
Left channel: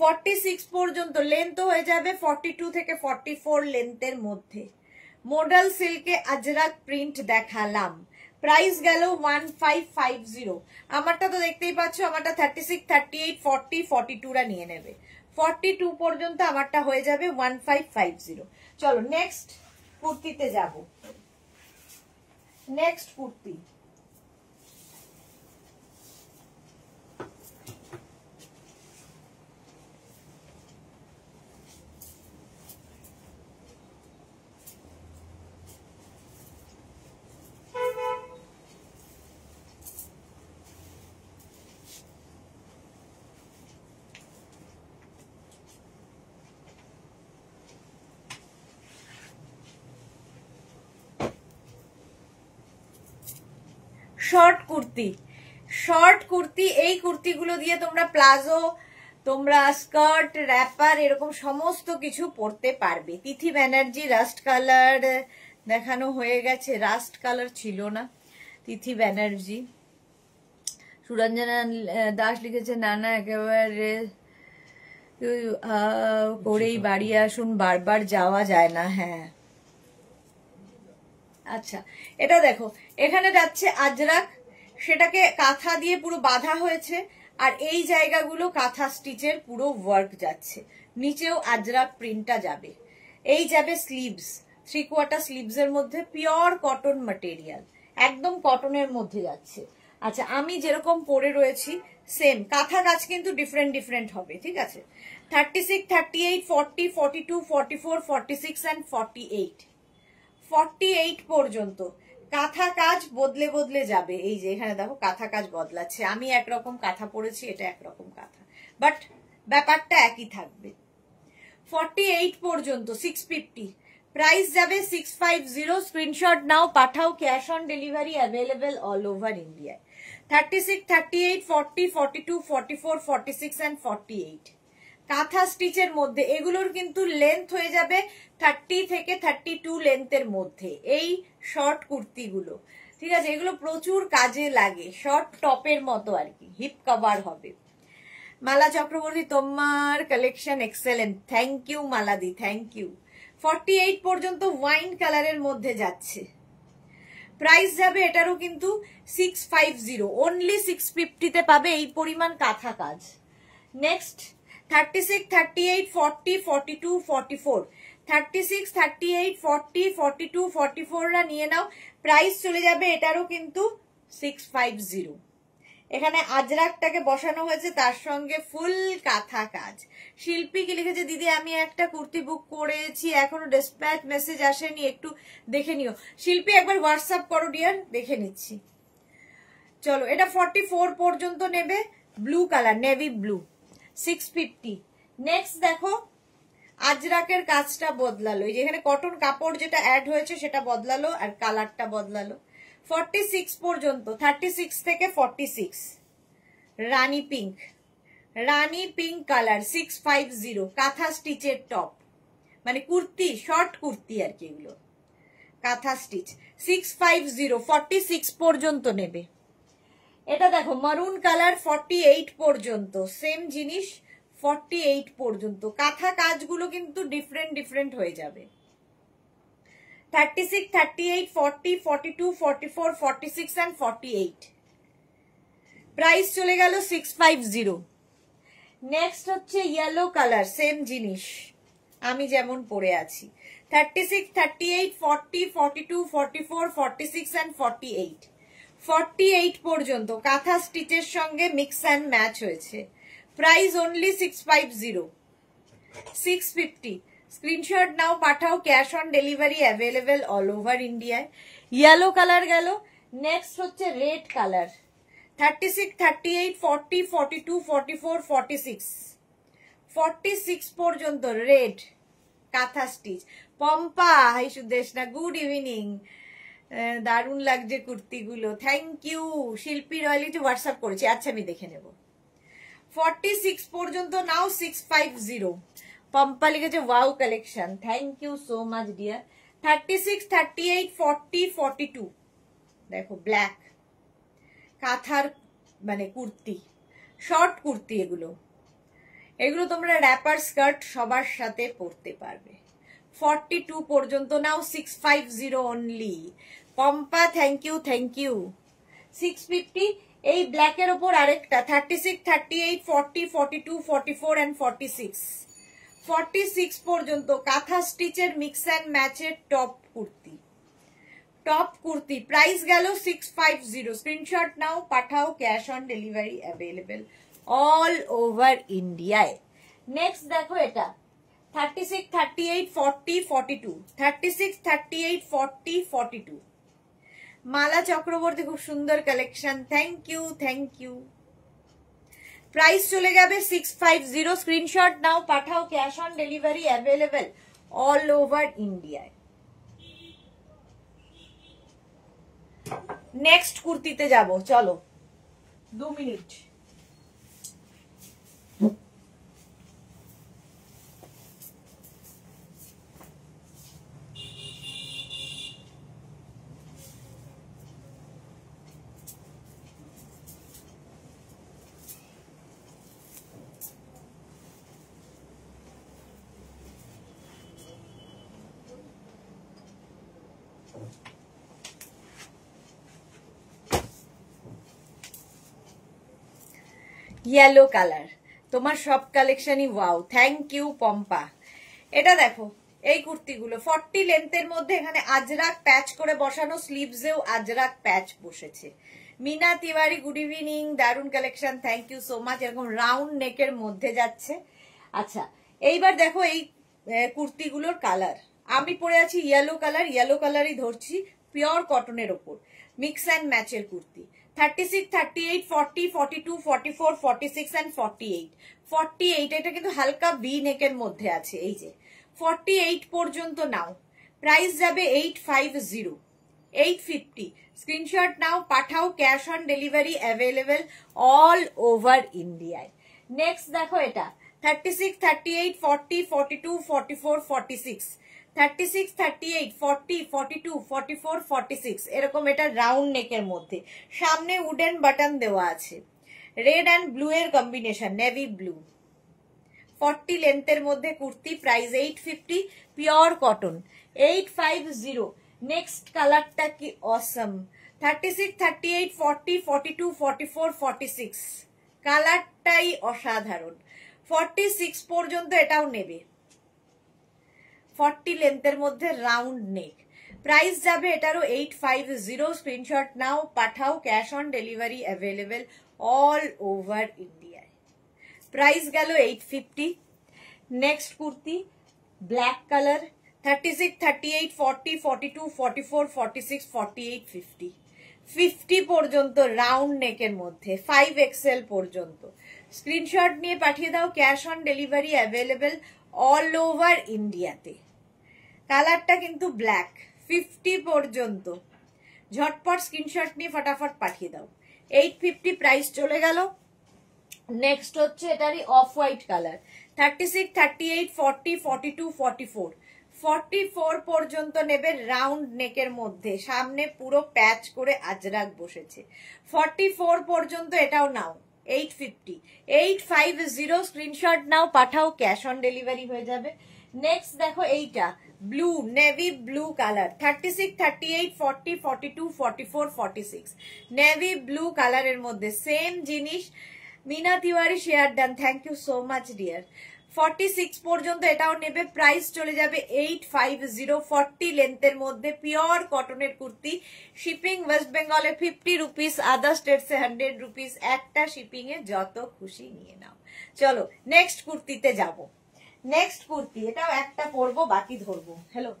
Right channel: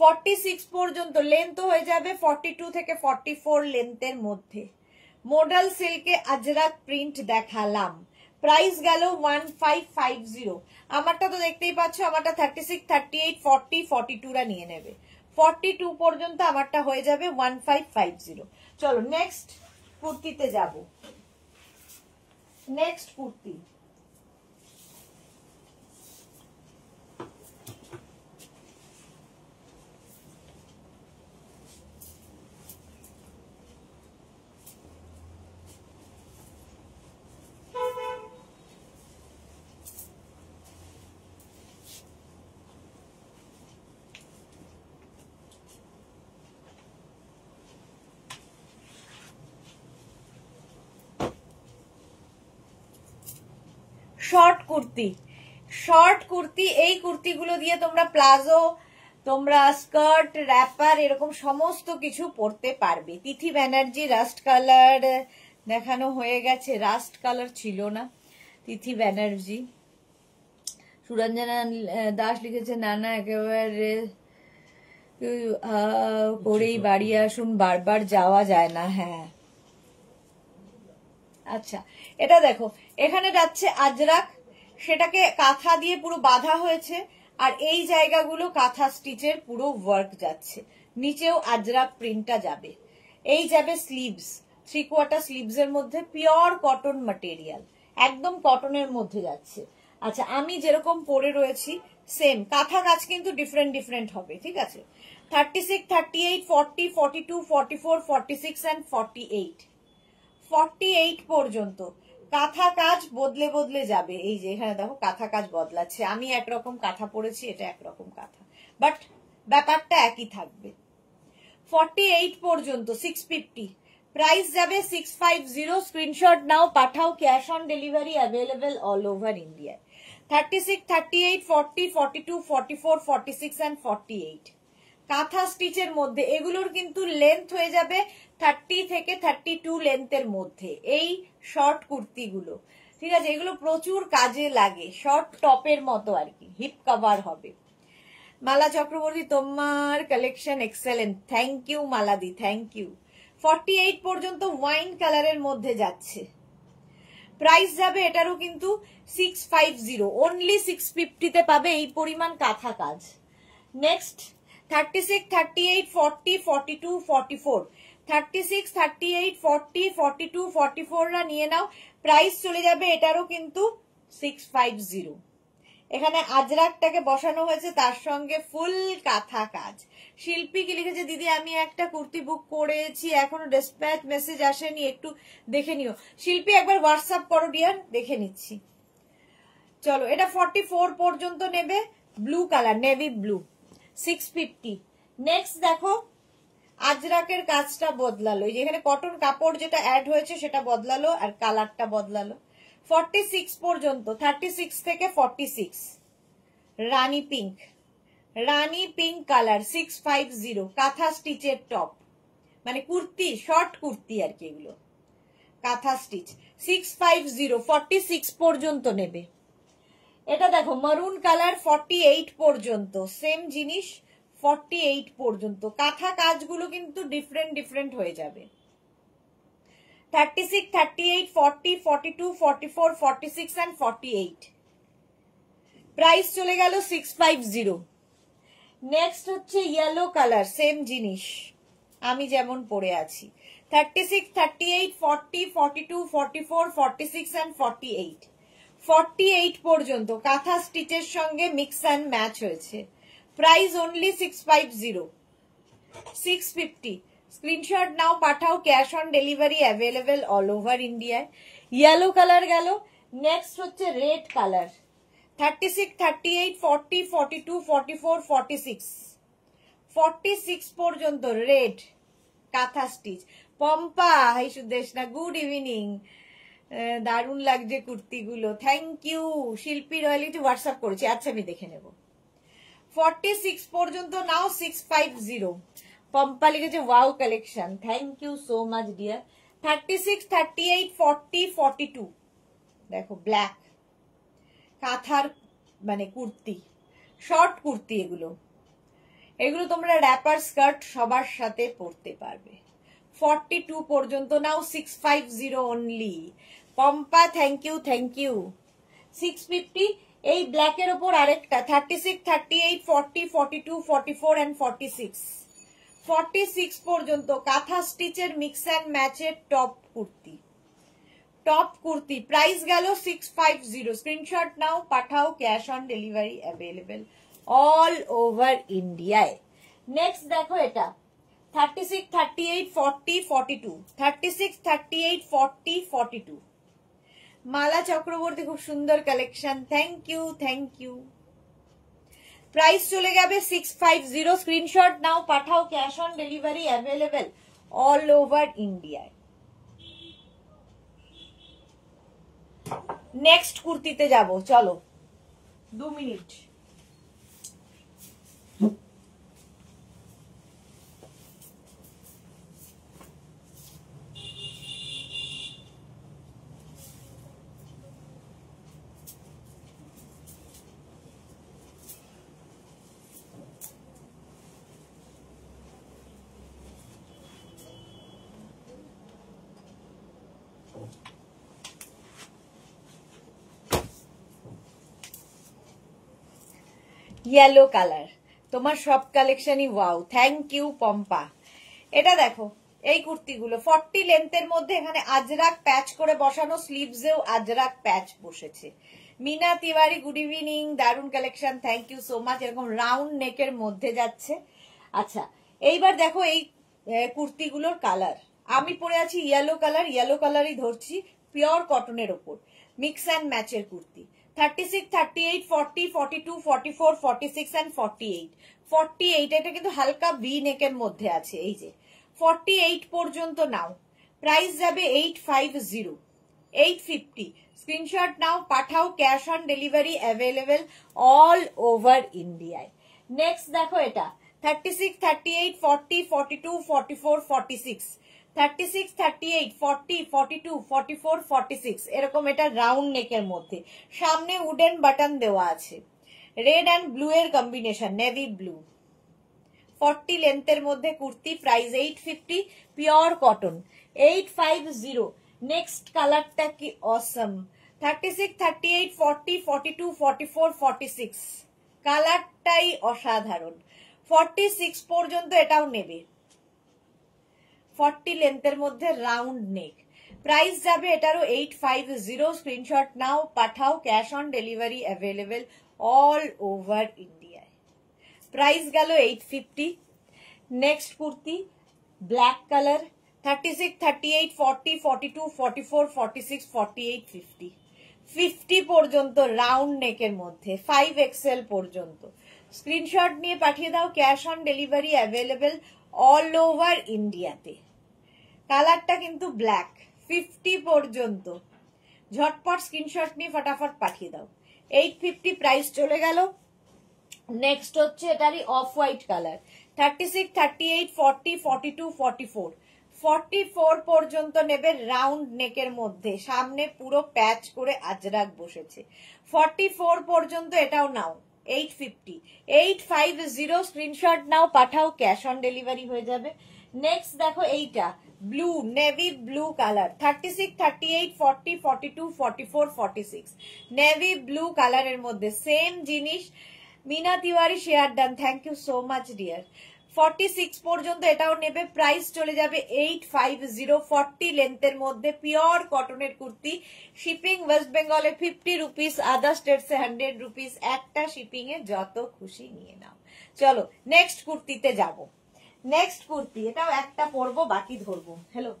46 পর্যন্ত লেন্থ হয়ে যাবে 42 থেকে 44 লেন্থের মধ্যে। মডাল সিল্কে আজরাক প্রিন্ট দেখালাম। প্রাইস গেল 1550। আমারটা তো দেখতেই পাচ্ছ, আমারটা 36, 38, 40, 42 রা নিয়ে নেবে। 42 পর্যন্ত আমারটা হয়ে যাবে 1550। চলো নেক্সট কুর্তিতে যাব। Next kurti, short kurti. Short kurti, এই কুর্তিগুলো দিয়ে তোমরা প্লাজো, তোমরা স্কার্ট, র্যাপার এরকম সমস্ত কিছু পরতে পারবে। তিথি ব্যানার্জি রাস্ট কালার দেখানো হয়ে গেছে, রাস্ট কালার ছিল না। তিথি ব্যানার্জি। সুরঞ্জনা দাস লিখেছে নানা একেবারে করেই বাড়ি আসুন, বারবার যাওয়া যায় না। হ্যাঁ, আচ্ছা এটা দেখো, এখানে যাচ্ছে আজরাক, সেটাকে কাঁথা দিয়ে পুরো বাঁধা হয়েছে, আর এই জায়গাগুলো কাঁথা স্টিচের পুরো ওয়ার্ক যাচ্ছে। নিচেও আজরাক প্রিন্টটা যাবে। এই যাবে স্লিভস, 3/4 স্লিভস এর মধ্যে পিওর কটন ম্যাটেরিয়াল, একদম কটনের মধ্যে যাচ্ছে। আচ্ছা, আমি যেরকম পরে রয়েছি সেম কাঁথা কাজ কিন্তু ডিফারেন্ট ডিফারেন্ট হবে, ঠিক আছে। 36, 38, 40, 42, 44, 46 and 48, 48 পর্যন্ত কাঁথা কাজ বদলে বদলে যাবে। এই যে এখানে দেখো কাঁথা কাজ বদলাচ্ছে, আমি একরকম কাঁথা পরেছি, এটা একরকম কাঁথা, বাট ব্যাপারটা একই থাকবে। 48 পর্যন্ত 650, প্রাইস যাবে 650। স্ক্রিনশট নাও, পাঠাও, cash on delivery available all over ইন্ডিয়ায়। 36, 38, 40, 42, 44, 46 and 48 কাঁথা স্টিচের মধ্যে। এগুলোর কিন্তু লেন্থ হয়ে যাবে 30 থেকে 32 লেন্থের মধ্যে, এই শর্ট কুর্তিগুলো, ঠিক আছে। এগুলো প্রচুর কাজে লাগে, শর্ট টপের মতো আর কি, হিপ কভার হবে। মালা চক্রবর্তী, তোমার কালেকশন এক্সেলেন্ট, থ্যাংক ইউ মালাদি, থ্যাংক ইউ। 48 পর্যন্ত ওয়াইন কালারের মধ্যে যাচ্ছে, প্রাইস যাবে এটারও কিন্তু 650, অনলি 650 তে পাবে এই পরিমাণ কাঁথা কাজ। নেক্সট 36, 38, 40, 42, 44, 36, 38, 40, 42, 44 রা নিয়ে নাও, প্রাইস চলে যাবে এটারও কিন্তু 650। এখানে আজরাকটাকে বসানো হয়েছে, তার সঙ্গে ফুল কাঁথা কাজ। শিল্পী কি লিখেছে, দিদি আমি একটা কুর্তি বুক করেছি, এখনো ডিসপ্যাচ মেসেজ আসেনি, একটু দেখে নিও। শিল্পী একবার হোয়াটসঅ্যাপ করো ডিয়ার, দেখে নিচ্ছি। চলো, এটা 44 পর্যন্ত নেবে, blue colour, navy blue, 650। Next দেখো আজরাকের কাজটা বদলালো, যেখানে কটন কাপড় যেটা অ্যাড হয়েছে সেটা বদলালো আর কালারটা বদলালো। 46 পর্যন্ত, 36 থেকে 46 রানী পিঙ্ক, রানী পিঙ্ক কালার, 650 কাঁথা স্টিচের টপ, মানে কুর্তি, শর্ট কুর্তি আর কি, এগুলো কাঁথা স্টিচ, 650, 46 পর্যন্ত নেবে। এটা দেখো মারুন কালার, 48 পর্যন্ত, সেম জিনিস 48 পর্যন্ত। কাঁথা কাজগুলো কিন্তু ডিফারেন্ট ডিফারেন্ট হয়ে যাবে। 36, 38, 40, 42, 44, 46 and 48 প্রাইস চলে গেল 650। নেক্সট হচ্ছে ইয়েলো কালার, সেম জিনিস আমি যেমন পরে আছি। 36, 38, 40, 42, 44, 46 and 48 48 পর্যন্ত কাঁথা স্টিচের সঙ্গে মিক্স অ্যান্ড ম্যাচ হয়েছে, প্রাইস অনলি 650, 650। স্ক্রিনশট নাও, পাঠাও, cash on delivery available all over ইন্ডিয়ায়। ইয়েলো কালার গেল। নেক্সট হচ্ছে রেড কালার, 36, 38, 40, 42, 44, 46 46 পর্যন্ত red kantha stitch. Pampa, hi Sudeshna, good evening, দারুণ লাগছে কুর্তিগুলো, thank you. Shilpi royalty WhatsApp করেছি, আচ্ছা আমি দেখে নেব। 46 পর্যন্ত নাও, 650। পম্পা লিখেছে wow collection, thank you so much dear. 36, 38, 40, 42 দেখো ব্ল্যাক কাঁথার মানে কুর্তি, শর্ট কুর্তি, এগুলো এগুলো তোমরা র্যাপার স্কার্ট সবার সাথে পরতে পারবে। 42 পর্যন্ত নাও, 650 only. Pampa thank you, thank you. 650। এই ব্ল্যাকের ওপর আরেকটা 36, 38, 40, 42, 44 and 46 46 পর্যন্ত কাঁথা স্টিচের মিক্স অ্যান্ড ম্যাচের top kurti, top kurti, price গেল 650। স্ক্রিনশট নাও, পাঠাও, cash on delivery available all over ইন্ডিয়ায়। নেক্সট দেখো এটা 36, 38, 40, 42 36, 38, 40, 42 মালা চক্রবর্তী, খুব সুন্দর collection, thank you, thank you. Price চলে যাবে 650। স্ক্রিনশট নাও, পাঠাও, cash on delivery available all over ইন্ডিয়ায়। নেক্সট কুর্তিতে যাব, চলো 2 মিনিট। ইয়েলো কালার, তোমার সব কালেকশনই ওয়াও, থ্যাংক ইউ পম্পা। এটা দেখো, এই কুর্তিগুলো 40 লেন্থের মধ্যে এখানে আজরাক প্যাচ করে বসানো, স্লিভসেও আজরাক প্যাচ বসেছে। মিনা তিওয়ারি গুড ইভিনিং, দারুন collection, thank you so much. এরকম রাউন্ড নেকের মধ্যে যাচ্ছে। আচ্ছা এইবার দেখো এই কুর্তিগুলোর কালার, আমি পরে আছি ইয়েলো কালার, ইয়েলো কালারই ধরছি, পিওর কটনের ওপর মিক্স অ্যান্ড ম্যাচের কুর্তি। 36, 38, 40, 42, 44, 46 and 48। 48 এটা কিন্তু হালকা ভি নেকের মধ্যে আছে, এই যে 48 পর্যন্ত নাও, প্রাইস যাবে 850, 850। স্ক্রিনশট নাও, পাঠাও, cash on delivery available all over ইন্ডিয়ায়। নেক্সট দেখো এটা 36, 38, 40, 42, 44, 46। 36, 38, 40, 42, 44, 46 এরকম এটা রাউন্ড নেকের মধ্যে, সামনে উডেন বাটন দেওয়া আছে, রেড অ্যান্ড ব্লু এর কম্বিনেশন, নেভি ব্লু। 40 লেন্থের মধ্যে kurti, price 850, pure cotton 850। Next কালারটা কি অসম, 36, 38, 40, 42, 44, 46 কালারটাই অসাধারণ। 46 পর্যন্ত এটাও নেবে, 40 লেন্থের মধ্যে রাউন্ড নেক, প্রাইস যাবে এটারও 850। স্ক্রিনশট নাও, পাঠাও, cash on delivery available all over ইন্ডিয়ায়। প্রাইস গেল 850। Next kurti black colour, 36, 38, 40, 42, 44, 46, 48, 50। 50 পর্যন্ত রাউন্ড নেকের মধ্যে 5XL পর্যন্ত। স্ক্রিনশট নিয়ে পাঠিয়ে দাও, cash on delivery available all over ইন্ডিয়াতে। কালারটা কিন্তু ব্ল্যাক, 50 পর্যন্ত, ঝটপট স্ক্রিনশট নিয়ে ফটাফট পাঠিয়ে দাও। 850 প্রাইস চলে গেল। নেক্সট হচ্ছে এটারই অফ হোয়াইট কালার, 36, 38, 40, 42, 44। 44 পর্যন্ত নেবে, রাউন্ড নেকের মধ্যে, সামনে পুরো প্যাচ করে আজরাক বসেছে। 44 পর্যন্ত এটাও নাও, 850, 850। স্ক্রিনশট নাও, পাঠাও, ক্যাশ অন ডেলিভারি হয়ে যাবে। নেক্সট দেখো এইটা blue, navy blue colour, 36, 38, 40, 42, 44, 46 navy blue কালারের মধ্যে, সেম জিনিস। Meena Tiwari share done, thank you so much dear. 46 পর্যন্ত এটাও নেবে, প্রাইস চলে যাবে 850। 40 লেন্থের মধ্যে পিওর কটনের কুর্তি, শিপিং ওয়েস্ট বেঙ্গলে 50 রুপিস, আদার স্টেটসে 100 রুপিস, একটা শিপিং এ যত খুশি নিয়ে নাও। চলো নেক্সট কুর্তিতে যাব। নেক্সট কুর্তি, এটাও একটা পরবো, বাকি ধরবো। হ্যালো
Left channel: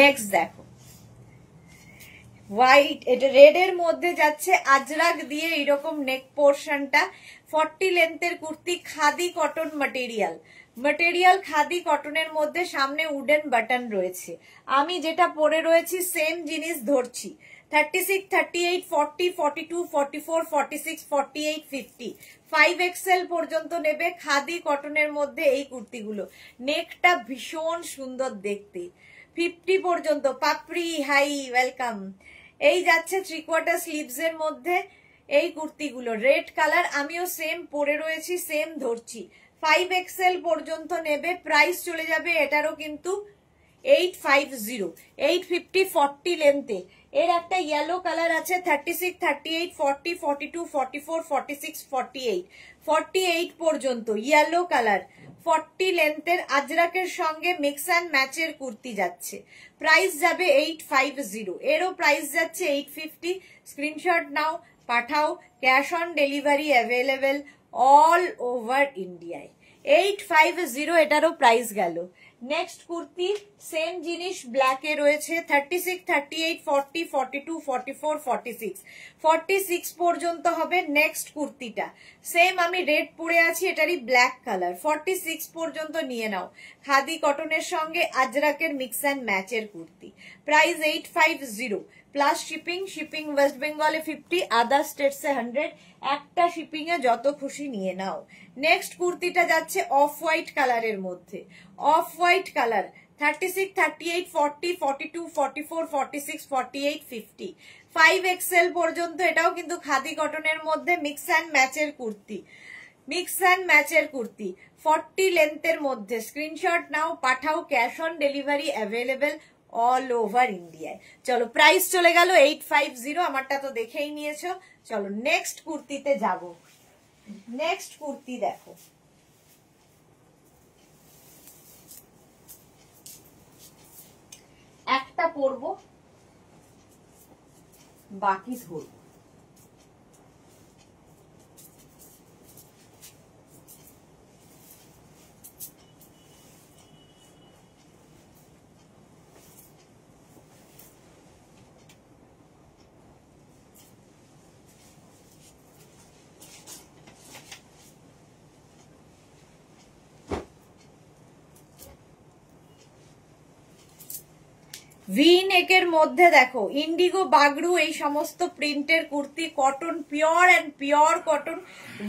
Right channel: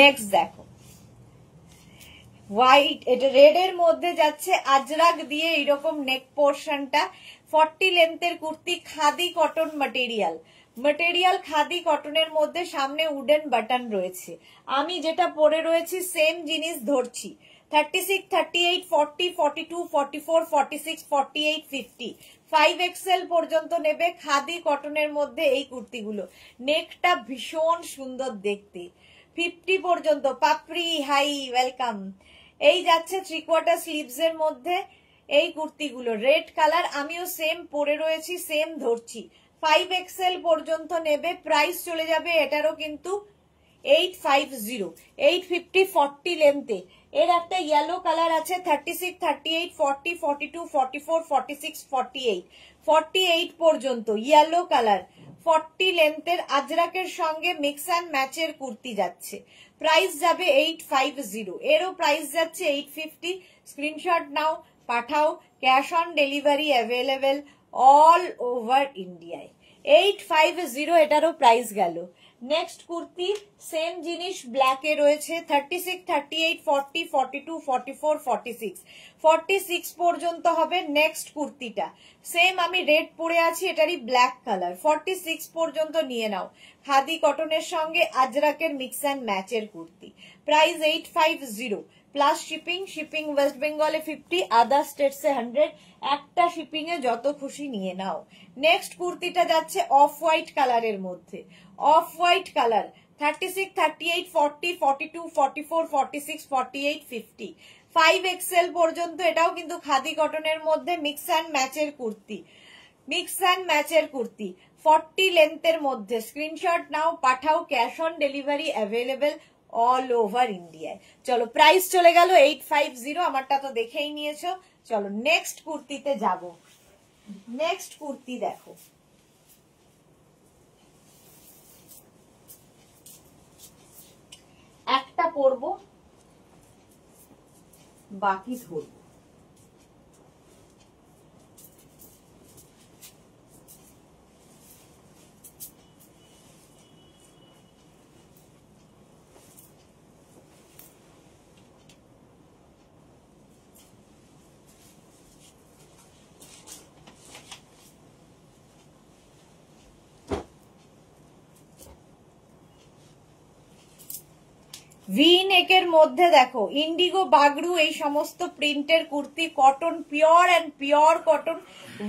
নেক্সট দেখো হোয়াইট, এটা রেড এর মধ্যে যাচ্ছে আজরাক দিয়ে এইরকম নেক পোর্শনটা। 40 লেন্থের কুর্তি, khadi cotton material, material khadi কটনের মধ্যে, সামনে উডেন বাটন রয়েছে। আমি যেটা পরে রয়েছি সেম জিনিস ধরছি। 36, 38, 40, 42, 44, 46, 48, 50 5XL পর্যন্ত নেবে, খাদি কটনের মধ্যে এই কুর্তিগুলো। নেকটা ভীষণ সুন্দর দেখতে। 50 পর্যন্ত, পাপড়ি হাই ওয়েলকাম। এই যাচ্ছে 3/4 স্লিভস এর মধ্যে এই কুর্তিগুলো, রেড কালার, আমিও সেম পরে রয়েছি, সেম ধরছি। 5XL পর্যন্ত নেবে, প্রাইস চলে যাবে এটারও কিন্তু 850, 850। 40 লেন্থে এর একটা ইয়েলো কালার আছে, 36, 38, 40, 42, 44, 46, 48 48 পর্যন্ত ইয়েলো কালার। 40 লেন্থের আজরাকের সঙ্গে মিক্স অ্যান্ড ম্যাচের কুর্তি যাচ্ছে, প্রাইস যাবে 850। এরও প্রাইস যাচ্ছে 850। স্ক্রিনশট নাও, পাঠাও, cash on delivery available all over ইন্ডিয়ায়। 850 এটারও প্রাইস গেল। নেক্সট কুর্তি সেম জিনিস, ব্ল্যাকে রয়েছে, 36, 38, 40, 42, 44, 46 46 পর্যন্ত হবে। নেক্সট কুর্তিটা সেম, আমি রেড পরে আছি, এটারই ব্ল্যাক কালার। 46 পর্যন্ত নিয়ে নাও, খাদি কটনের সঙ্গে আজরাকের মিক্স অ্যান্ড ম্যাচের kurti, price 850 plus shipping. Shipping West বেঙ্গলে 50, আদার স্টেটসে 100, একটা শিপিং এ যত খুশি নিয়ে নাও। নেক্সট কুর্তিটা যাচ্ছে অফ হোয়াইট কালারের মধ্যে, অফ হোয়াইট কালার, 36, 38, 40, 42, 44, 46, 48, 50 5XL পর্যন্ত, এটাও কিন্তু খাদি কটনের মধ্যে মিক্স অ্যান্ড ম্যাচের কুর্তি, মিক্স অ্যান্ড ম্যাচের কুর্তি 40 লেন্থের মধ্যে। স্ক্রিনশট নাও, পাঠাও, cash on delivery available all over ইন্ডিয়ায়। চলো প্রাইস চলে গেল 850, আমারটা তো দেখেই নিয়েছো। চলো নেক্সট কুর্তিতে যাব। নেক্সট কুর্তি দেখো, একটা পরবো বাকি ধরবো। ভি নেকের মধ্যে দেখো ইন্ডিগো, বাগড়ু, এই সমস্ত প্রিন্টের kurti, cotton, pure and pure cotton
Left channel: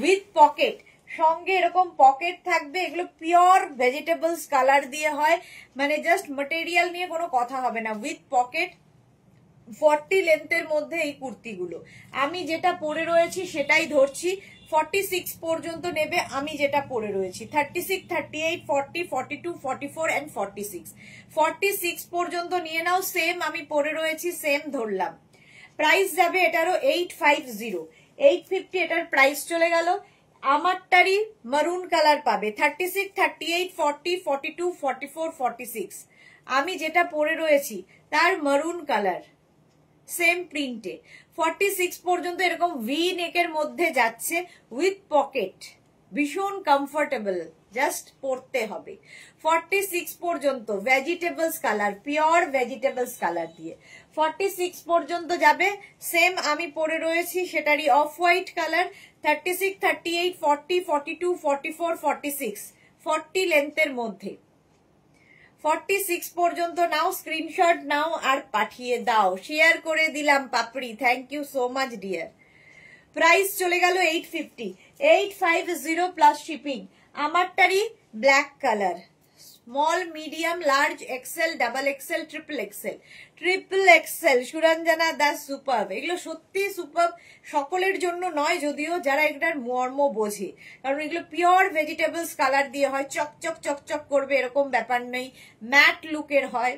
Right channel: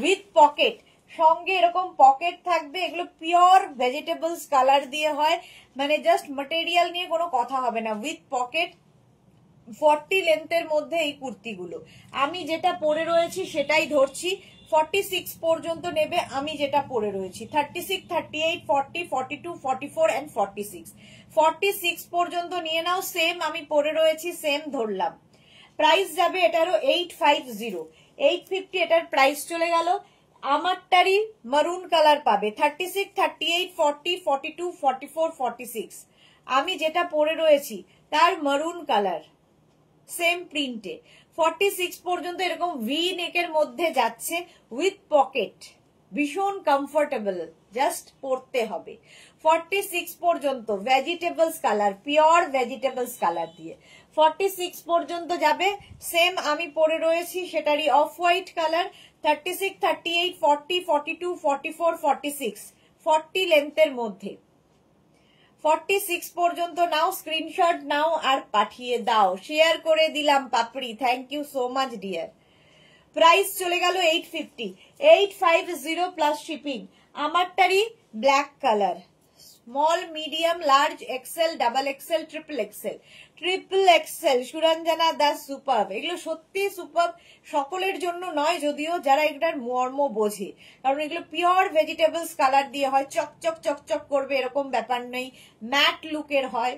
with pocket, সঙ্গে এরকম পকেট থাকবে। এগুলো পিওর ভেজিটেবলস কালার দিয়ে হয়, মানে জাস্ট ম্যাটেরিয়াল নিয়ে কোনো কথা হবে না, উইথ পকেট। 40 লেন্থের মধ্যে এই কুর্তিগুলো। আমি যেটা পরে রয়েছি সেটাই ধরছি, 46 পর্যন্ত নেবে। আমি যেটা পরে রয়েছি 36, 38, 40, 42, 44 and 46, 46 পর্যন্ত নিয়ে নাও। সেম আমি পরে রয়েছি, সেম ধরলাম। প্রাইস যাবে এটারও 850, 850 এটার প্রাইস চলে গেল। আমারটারই মারুন কালার পাবে 36, 38, 40, 42, 44, 46। আমি যেটা পরে রয়েছি তার মারুন কালার, সেম প্রিন্টে 46 পর্যন্ত এরকম ভি নেকের মধ্যে যাচ্ছে উইথ পকেট, ভীষণ কমফোর্টেবল, জাস্ট পরতে হবে। 46 পর্যন্ত vegetables colour, pure vegetables colour দিয়ে 46 পর্যন্ত যাবে। সেম আমি পরে রয়েছি সেটারই অফ হোয়াইট কালার, 36, 38, 40, 42, 44, 46, 40 লেন্থের মধ্যে। 46 পর্যন্ত নাও, স্ক্রিনশট নাও আর পাঠিয়ে দাও। শেয়ার করে দিলাম Papri, thank you so much dear. Price চলে গেল 850, 850 প্লাস শিপিং। আমারটারই black colour, small, medium, large, XL, double XL, triple XL, triple XL. Suranjana Das superb, এগুলো সত্যি সুপারব। সকলের জন্য নয় যদিও, যারা এটার মর্ম বোঝে, কারণ এগুলো পিওর ভেজিটেবলস কালার দিয়ে হয়, চকচক চকচক করবে এরকম ব্যাপার নেই, ম্যাট লুকের হয়,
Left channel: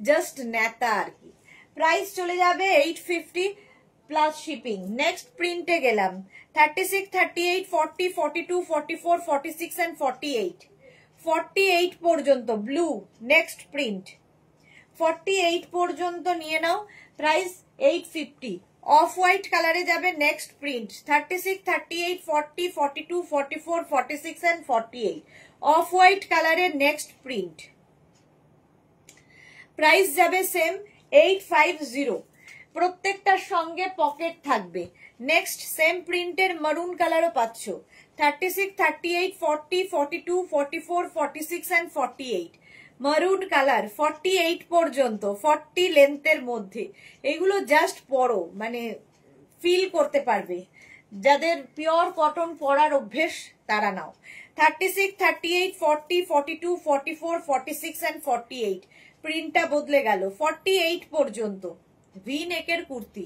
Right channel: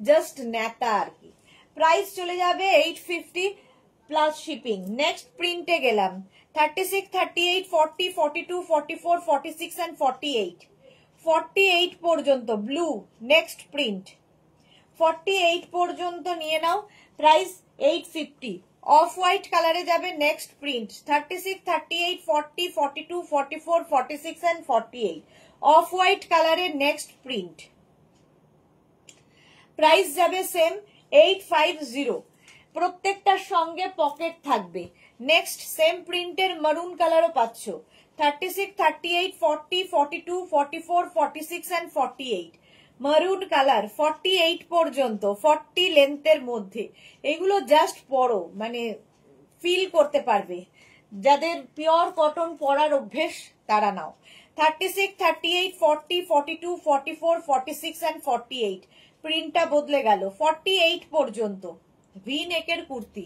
জাস্ট নেতা আর কি। প্রাইস চলে যাবে 850 প্লাস শিপিং। নেক্সট প্রিন্টে গেলাম, 36, 38, 40, 42, 44, 46 and 48, 48 পর্যন্ত ব্লু। নেক্সট প্রিন্ট 48 পর্যন্ত নিয়ে নাও, প্রাইস 850। অফ হোয়াইট কালারে যাবে next print, 36, 38, 40, 42, 44, 46 and 48, of white কালারের নেক্সট প্রিন্ট। প্রাইস যাবে সেম 850, প্রত্যেকটার সঙ্গে পকেট থাকবে। নেক্সট সেম প্রিন্টের মারুন কালারও পাচ্ছ, 36, 38, 40, 42, 44, 46 and 48, মারুন কালার 48 পর্যন্ত, 40 লেন্থের মধ্যে। এগুলো জাস্ট পরো, মানে ফিল করতে পারবে। যাদের পিওর কটন পরার অভ্যেস তারা নাও। 36, 38, 40, 42, 44, 46 and 48, প্রিন্টটা বদলে গেল। 48 পর্যন্ত ভি নেকের কুর্তি,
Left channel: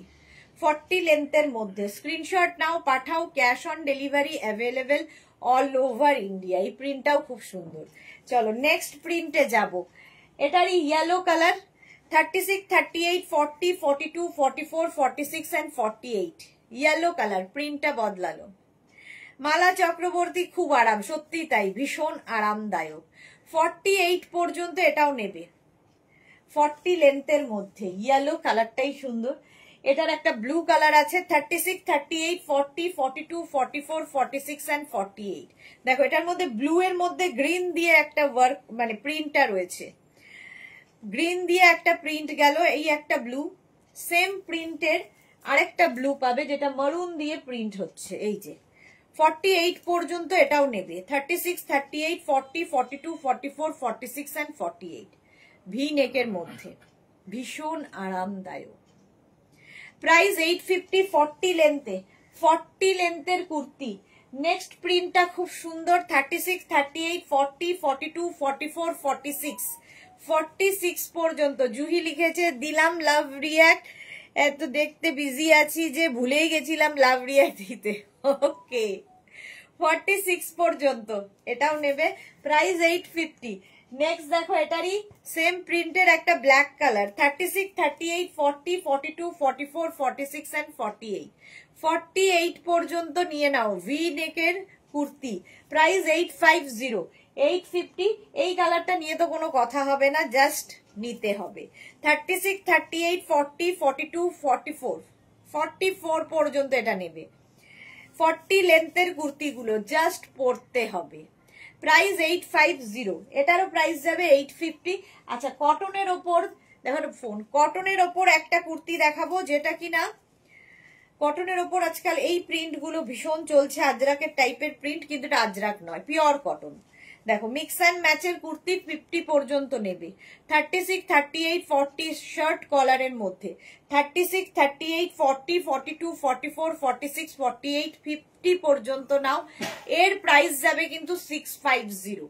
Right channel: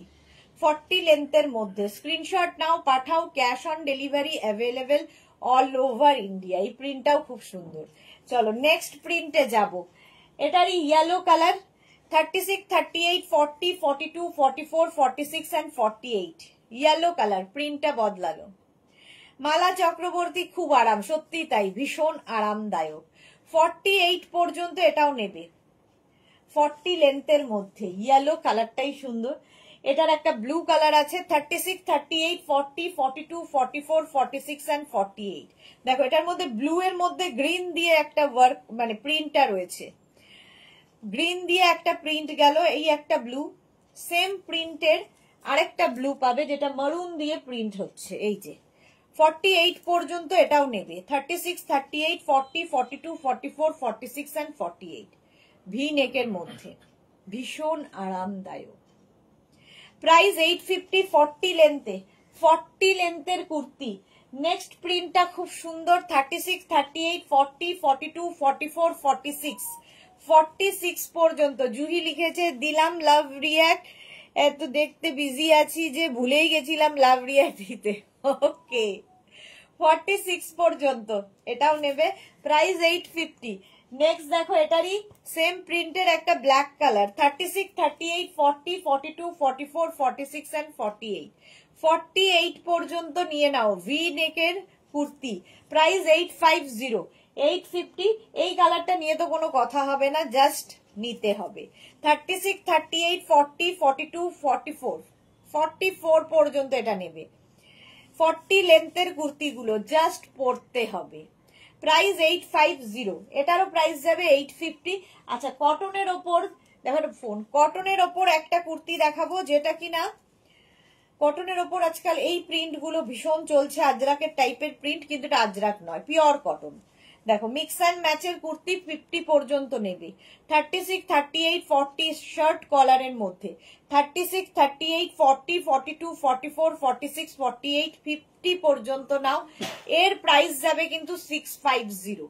40 লেন্থের মধ্যে। স্ক্রিনশট নাও, পাঠাও, cash on delivery available all over India. এই প্রিন্টটাও খুব সুন্দর। চলো নেক্সট প্রিন্টে যাব। এটারই yellow colour, 36, 38, 40, 42, 44, 46 and 48, yellow colour, প্রিন্টটা বদলালো। মালা চক্রবর্তী, খুব আরাম, সত্যি তাই, ভীষণ আরামদায়ক। 48 পর্যন্ত এটাও নেবে, 40 লেন্থের মধ্যে। ইয়েলো কালারটাই সুন্দর। এটার একটা ব্লু কালার আছে, 36, 38, 40, 42, 44, 46 and 48। দেখো এটার মধ্যে ব্লু এর মধ্যে গ্রিন দিয়ে একটা ওয়ার্ক, মানে প্রিন্টটা রয়েছে, গ্রিন দিয়ে একটা প্রিন্ট গেল, এই একটা ব্লু। সেম প্রিন্টের আরেকটা ব্লু পাবে যেটা মারুন দিয়ে প্রিন্ট হচ্ছে, এই যে। 48 পর্যন্ত এটাও নেবে, 36, 38, 40, 42, 44, 46 and 48, ভি নেকের মধ্যে, ভীষণ আরামদায়ক। প্রাইস 850, 40 লেন্থে, 40 লেন্থের কুর্তি। নেক্সট প্রিন্টটা খুব সুন্দর, 36, 38, 40, 42, 44, 46, 46 পর্যন্ত। জুহি লিখেছে দিলাম লাভ রিয়াক্ট, এত দেখতে বিজি আছি যে ভুলেই গেছিলাম লাভ রিয়া দিতে। ওকে 46 পর্যন্ত এটাও নেবে, প্রাইস 850। নেক্সট দেখো এটারই সেম প্রিন্টের একটা ব্ল্যাক কালার, 36, 38, 40, 42, 44, 46 এন্ড 48। 48 পর্যন্ত নিয়ে নাও, ভি নেকের কুর্তি, প্রাইস 850, 850। এই কালারটা নিয়ে তো কোনো কথা হবে না, জাস্ট নিতে হবে। 36, 38, 40, 42, 44, 44 পর্যন্ত এটা নেবে। 40 লেন্থের কুর্তিগুলো জাস্ট পরতে হবে, প্রাইস 850। এটারও প্রাইস যাবে 850। আচ্ছা কটনের ওপর দেখো ফোন, কটনের ওপর একটা কুর্তি দেখাবো যেটা কিনা কটনের ওপর আজকাল এই প্রিন্ট গুলো ভীষণ চলছে, আজরাকের টাইপের প্রিন্ট, কিন্তু এটা আজরাক নয়, পিওর কটন। দেখো মিক্স অ্যান্ড ম্যাচের কুর্তি 50 পর্যন্ত নেবে। 36, 38, 40 শার্ট কলারের মধ্যে, 36, 38, 40, 42, 44, 46, 48, 50 পর্যন্ত নাও। এর প্রাইস যাবে কিন্তু 650,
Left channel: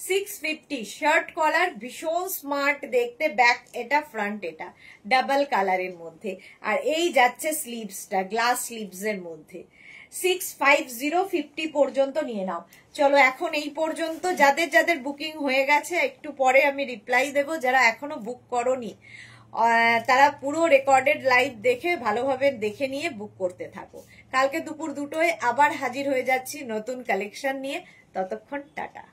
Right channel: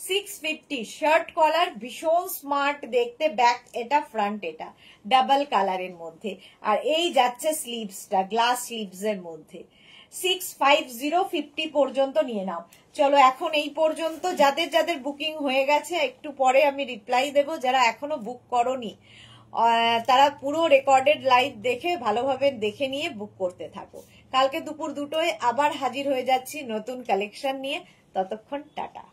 650। শার্ট কলার ভীষণ স্মার্ট দেখতে, ব্যাক এটা ফ্রন্ট এটা ডাবল কালারের মধ্যে, আর এই যাচ্ছে স্লিভসটা গ্লাস স্লিভস এর মধ্যে। 650, 50 পর্যন্ত নিয়ে নাও। চলো এখন এই পর্যন্ত, যাদের যাদের বুকিং হয়ে গেছে একটু পরে আমি রিপ্লাই দেব, যারা এখনো বুক করোনি তারা পুরো রেকর্ডেড লাইভ দেখে ভালোভাবে দেখে নিয়ে বুক করতে থাকো। কালকে দুপুর 2টোয় আবার হাজির হয়ে যাচ্ছি নতুন কালেকশন নিয়ে, ততক্ষণ টাটা।